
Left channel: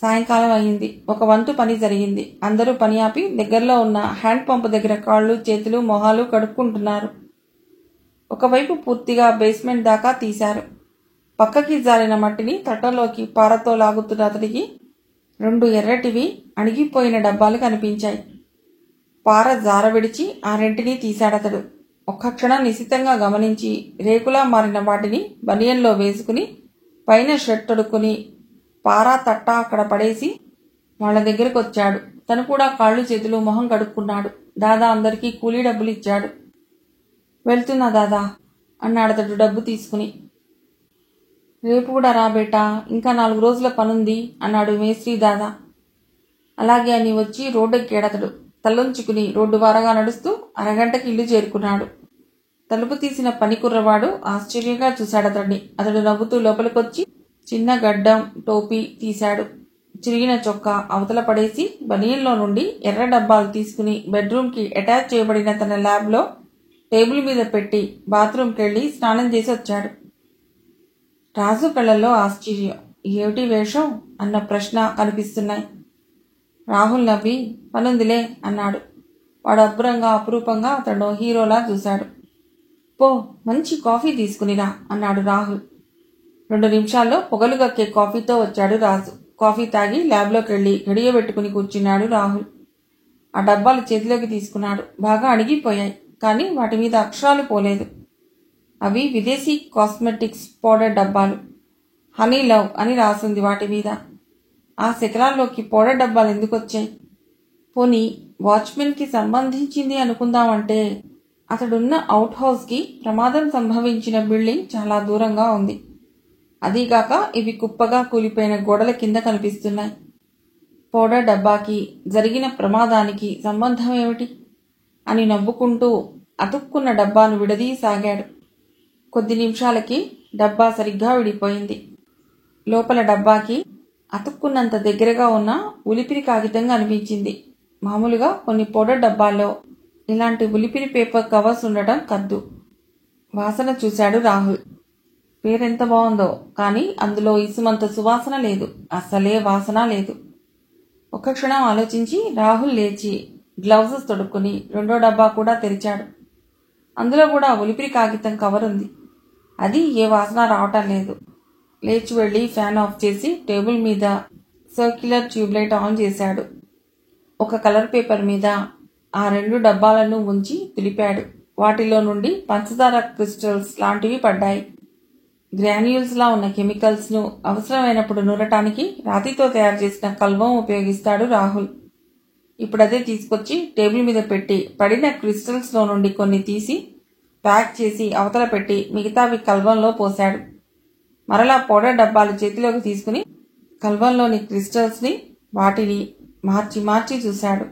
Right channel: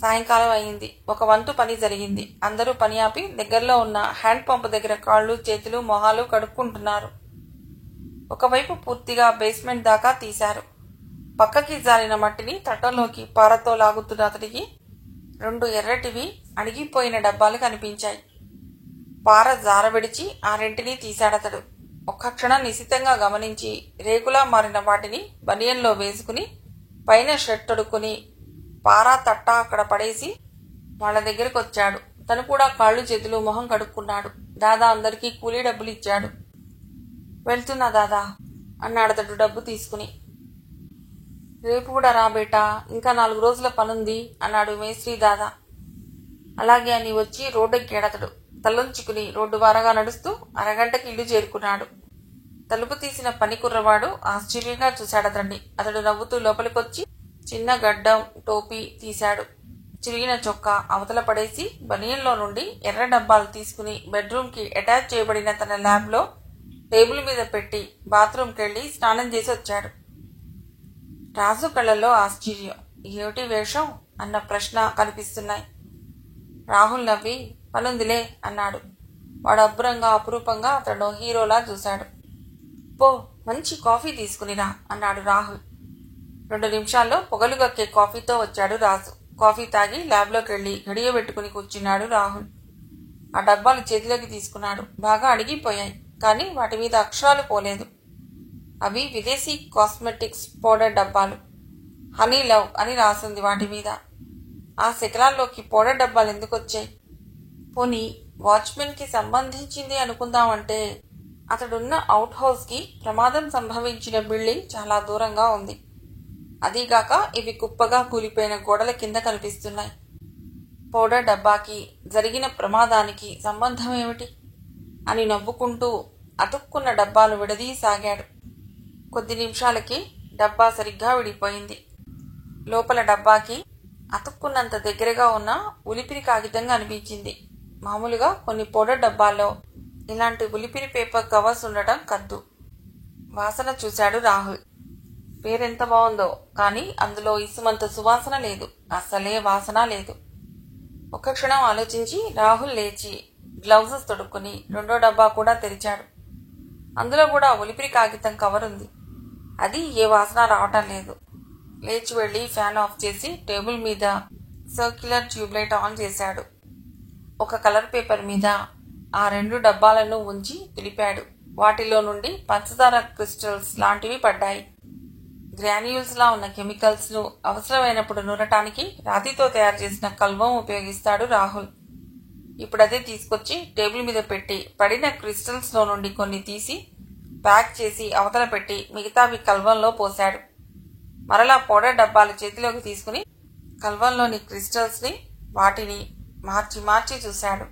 సాయంకాలం అయింది. ఒక వంతు పని జరిగింది. అందరూ పని ఆపి దగ్గరలో ఉన్న హ్యాండ్ పంప్ దగ్గర కాళ్ళు చేతులు మొహాలు కడుక్కుంటున్నారు. ఒకవైపు పూర్తిగా బేస్మెంట్ దాకా తీశారు. పక్కకి జారిన మట్టిని తట్టలోకి పారతో లాగుతున్న అతడికి 2 ఎర్రటివి అణిగిపోయిన డబ్బాలు కనిపించాయి. పార జారవిడిచి ఆ రెంటిని తీశాడతడు. ఒక్క క్షణం నిశితంగా గమనించి రేకులా మారిన వాటిని బనియన్లో వేసుకుని పైన షర్ట్ తొడుక్కుని పారా తట్ట అక్కడ పడేసి వాళ్ల దగ్గరకు వచ్చాడు. తను కూడా కాళ్ళు చేతులు మొహం కడుక్కున్నాడు. దాదా అందరికీ కూలీ డబ్బులు ఇచ్చాడు. వెళ్తున్నా దాదా అన్నాడతడు డబ్బు తీసుకుని. రేపు కూడా రా బేటా, ఇంకా 4 రోజుల పనుంది అన్నాడు మేస్త్రి దాదా. అలాగే అని వచ్చి రోడ్డెక్కాడతడు. తలొంచుకుని రోడ్డు వారగా నడుస్తూ అరగంటకి ఇల్లు చేరుకున్నాడు. తలుపు తీసిన పని కుర్రవాడు ఆశ్చర్యంగా చూశాడతడిని. అతడు నవ్వుతూ లోపలికొచ్చి చిన్న గడ్డం టోపీ తీశాడు. చిరిగిన చొక్కా అవతల పడేసి బనియన్లో నుండి ఎర్ర డబ్బాలు తీసుకుని బెడ్రూమ్కి అటాచ్ చేయబడిన తన ల్యాబ్లో టేబుల్ మీద పెట్టి బాత్రూంకెళ్లి స్నానం చేసి వచ్చాడు. రాజు కళ్ళల్లో ఆశ్చర్యం. ఏమిటి వేషం అన్న ప్రశ్న కనిపిస్తున్నాయి. రాహుల్ నవ్వి పనుందిలే అన్నాడు. వాడు అబ్బురంగా అపురూపంగా అతడు హీరోలా చూశాడు. పో, మంచి కాఫీ తీసుకునిరా అన్నాడు రాహుల్. 2 నిమిషాల్లో పొగలు గక్కే కాఫీతో వచ్చాడు రాజు. కాఫీ తాగి ల్యాబ్లోకెళ్లి గడియ పెట్టుకుని కూర్చున్నాడు రాహుల్. ఆ డబ్బాలు చేతిలోకి తీసుకున్నాడు. బాగా అణిగిపోయాయి, కానీ వాటి మీద అక్షరాలు పోలేదు. అవి విదేశీ కాస్మెటిక్స్ పౌడర్ డబ్బాలు. హనీ లవ్ అని రాసింది వాటి మీద. ఆ శిఖరాల్లోకి పౌడర్ డబ్బాలు ఎందుకొచ్చాయి? పోనీ వాచ్మెన్కి సంబంధించింది అనుకుందామంటే అతడున్న అవుట్ హౌస్కి ప్రమాదం సంభవించిన బిల్డింగ్ చాలా దూరంగా ఉంది. అదీగాక ఇవి కుప్పగా కూలిపోయిన గోడల కింద కనిపిస్తున్నాయి. పౌడర్ డబ్బాకి జరిగిన ప్రమాదానికి సంబంధం ఏమిటి అని నవ్వుకుంటూ అతుక్కున్న డబ్బాను విడదీసాగాడు. కొద్ది నిమిషాలకి డబ్బా సరిగ్గా విడిపోయింది. లోపల డబ్బాకి అతుక్కున్నంత దగ్గరగా ఉన్న ఉలిపిరి కాగితం కనిపించింది. మామూలుగా కొన్ని పౌడర్ డబ్బాల్లో ఇలాంటి ఉలిపిరి పేపర్ కవర్స్ ఉండటం కద్దు. వాసన చూశాడు రాహుల్. పేరెంత బాగుందో, కానీ అందులో ఇసుమంత సువాసన లేదు. అస్సలే వాసన లేదు. ఒక్క క్షణం ఆలోచించి రాహుల్ లేచి గ్లౌజెస్ తొడుక్కుని 2వ డబ్బా కూడా తెరిచాడు. అందులో కూడా ఉలిపిరి కాగితం కవర్ ఉంది. అది ఏ వాసన రావటం లేదు. లేచి వెళ్లి ఫ్యాన్ ఆఫ్ చేసి టేబుల్ మీద సర్క్యులర్ ట్యూబ్లైట్ ఆన్ చేశాడు. ఒక కలర్ పేపర్ మీద ఆ 2 డబ్బాలను ఉంచి తులిపాడు. వాటిలో నుండి పంచదార క్రిస్టల్స్ లాంటివి పడ్డాయి. గ్రాన్యూల్స్ లా ఉన్న కెమికల్స్ ను అవసరమైనప్పుడు నూరటానికి రాతితో తయారు చేసిన కల్వం ఉపయోగిస్తాడు రాహుల్. ఇప్పుడదే తీసుకొచ్చి టేబుల్ మీద పెట్టి పడిన క్రిస్టల్స్ లో నుండి కొన్ని తీసి ప్యాక్ చేసి అవతల పెట్టి మిగతావి కల్వంలో పోశాడు. మరలా పౌడర్ డబ్బాలు చేతిలోకి తీసుకుని కల్వంలోని క్రిస్టల్స్ ని వాటిని మార్చి మార్చి చూశాడు.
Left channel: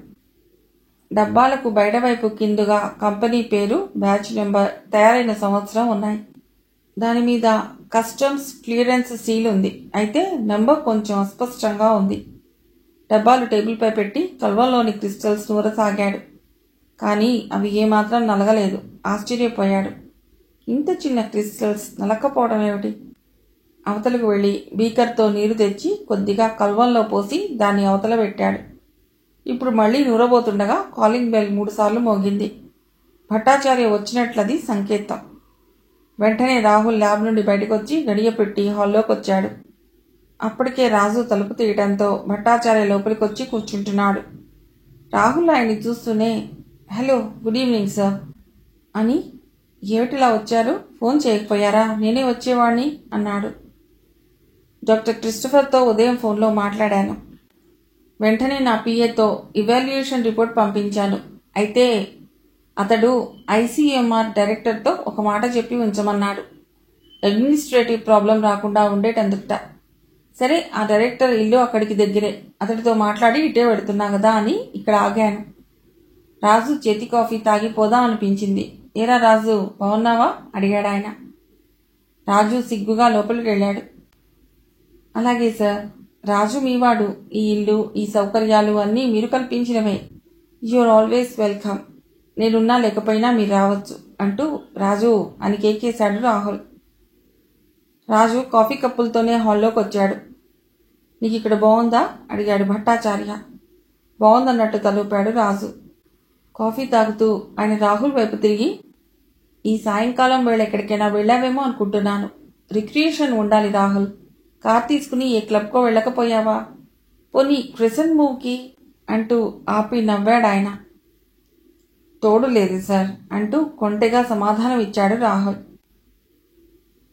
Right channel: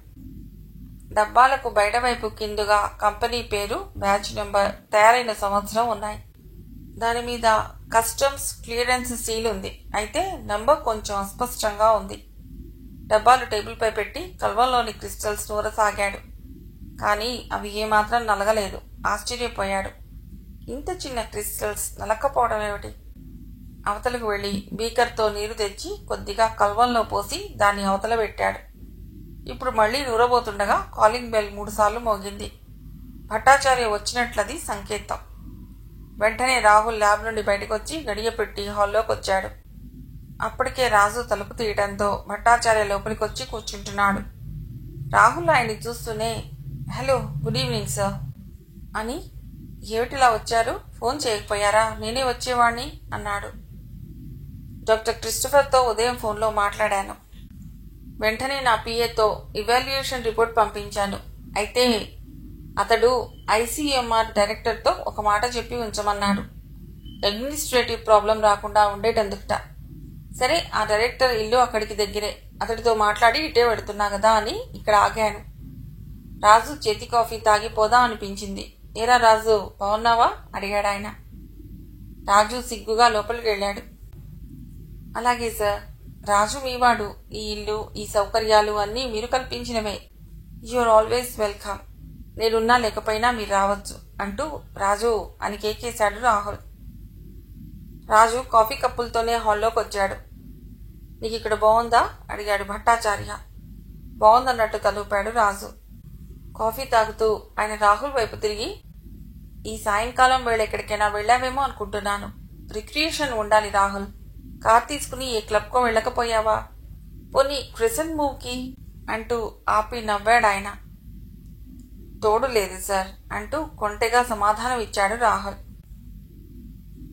డబ్బాలకు బయటవైపు కిందుగా కంపెనీ పేరు, బ్యాచ్ నెంబర్, తయారైన సంవత్సరం ఉన్నాయి. దానిమీద కస్టమ్స్ క్లియరెన్స్ సీల్ ఉంది. అయితే నంబర్ కొంచెం అస్పష్టంగా ఉంది. డబ్బాలు టేబుల్ పై పెట్టి కల్వంలోని క్రిస్టల్స్ నూరసాగాడు. కానీ అవి ఏమాత్రం నలగలేదు. ఆశ్చర్యపోయాడు. ఇంత చిన్న క్రిస్టల్స్ నలక్కపోవడం ఏమిటి? అవతలకు వెళ్లి బీకర్తో నీరు తెచ్చి కొద్దిగా కల్వంలో పోసి దాన్ని అవతల పెట్టాడు. ఇప్పుడు మళ్లీ నూరబోతుండగా కాలింగ్ బెల్ 3 సార్లు మోగింది. భట్టాచార్య వచ్చినట్లది సంకేతం. వెంటనే రాహుల్ ల్యాబ్ నుండి బయటకొచ్చి గడియ పెట్టి హాల్లోకి వచ్చాడు. అప్పటికే రాజు తలుపు తీయటంతో భట్టాచార్య లోపలికొచ్చి కూర్చుంటున్నాడు. రాహుల్ ఆయన్ని చూస్తూనే హలో, గుడ్ ఈవినింగ్ సార్ అని ఏమిటిలా వచ్చారు? ఫోన్ చేయకపోయారా? నేనే వచ్చేవాణ్ణి అన్నాడు. డాక్టర్ క్రిస్టఫర్తో ఉదయం ఫోన్లో మాట్లాడాను. వెంటనే నా పిఏతో ఇవాల్యుయేషన్ రిపోర్ట్ పంపించాను. అయితే అతడు ఐసీఎంఆర్ డైరెక్టర్తో ఒక మాట చెప్పి ఉంచమన్నాడు. అడ్మినిస్ట్రేటివ్ ప్రాబ్లం రాకుండా ఉండేటందుకుట. సరే, ఆ డైరెక్టర్ ఇల్లు అక్కడికి దగ్గరే. అతడితో మాట్లాడి ఇటే పెడుతున్నా కదా అని ఇక్కడ ఆగాను. రాజు చేతి కాఫీ తాగి పోదాం అనిపించింది. ఏరా రాజు, బాగున్నావా అడిగాడు ఆయన. రాజు సిగ్గుగా లోపలికి వెళ్ళాడు. అలాగే సార్. రాజు మీవాడు. ఈ ఇల్లు, ఈ సౌకర్యాలు అన్నీ మీరు కల్పించినవే. You're always welcome. నేనున్నా లేకపోయినా మీరు రావచ్చు అంటూ రాజు అని కేకేశాడు రాహుల్. రాజు కాఫీ కప్పులతోనే హాల్లోకి వచ్చాడు. నీకు ఇక్కడ బాగుందా అడిగాడు భట్టాచార్య. బాగుందన్నట్టు తలూపాడు రాజు. కాఫీ తాగుతూ ఆయన రాహుల్ వైపు తిరిగి, ఈ సాయంకాలం వేళ ఎక్కడికైనా వెళ్ళావేమో అనుకుంటున్నాను. రిక్రియేషన్ ఉండాలి రాహుల్. కార్ తీసుకుని ఏ క్లబ్కో వెళ్ళకపోయావా? పోనీ క్రిసెంట్ మూవ్కి అంటూ ఆపి నవ్వాడు ఆయన. తోడు లేదు సార్ అంటూ కొంటెగా సమాధానం ఇచ్చాడు రాహుల్.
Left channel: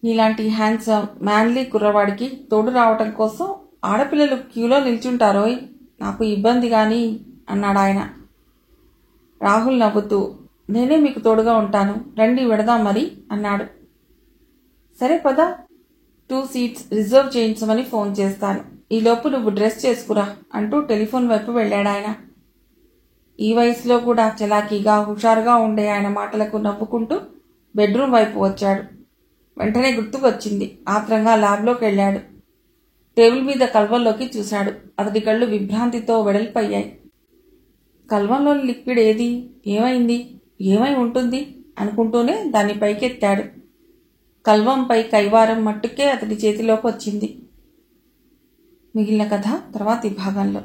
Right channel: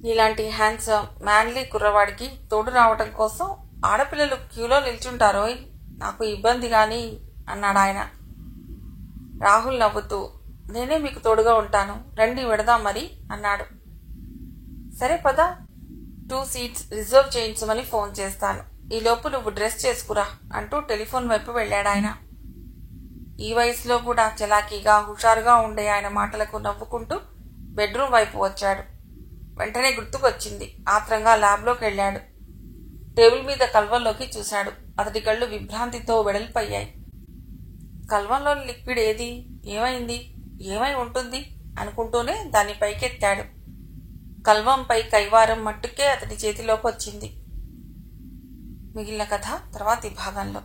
నీలాంటి హ్యాండ్సమ్ మ్యాన్లీ కుర్రవాడికి తోడు రావటం కోసం ఆడపిల్లలు క్యూలో నిల్చుంటారోయ్. నాకు ఇబ్బంది గాని అన్నాడు ఆయన. రాహుల్ నవ్వుతూ, నేనే మీకు తోడుగా ఉంటాను, రండి వెడదాం మరి అన్నాడు. సరే పద, 2 సీట్స్ రిజర్వ్ చేయించమని ఫోన్ చేస్తాను. ఈలోపు నువ్వు డ్రెస్ చేసుకురా అంటూ టెలిఫోన్ వైపు వెళ్ళాడాయన. ఈ వయసులో కూడా చలాకీగా హుషారుగా ఉండే ఆయన మాటలకు నవ్వుకుంటూ బెడ్రూమ్ వైపు వచ్చాడు. వెంటనే గుర్తుకొచ్చింది. ఆత్రంగా ల్యాబ్లోకి వెళ్ళాడు. టేబుల్ మీద కల్వంలోకి చూశాడు. అతడి కళ్ళు విభ్రాంతితో వెడల్పయ్యాయి. కల్వంలోని లిక్విడ్ ఏది? ఏమైంది? ఏమై ఉంటుంది అనుకుంటూనే దాన్ని పైకెత్తాడు. కల్వంపై కైవారం మట్టుకే అతడి చేతిలోకి వచ్చింది. మిగిలిన కథ తర్వాతి భాగంలో.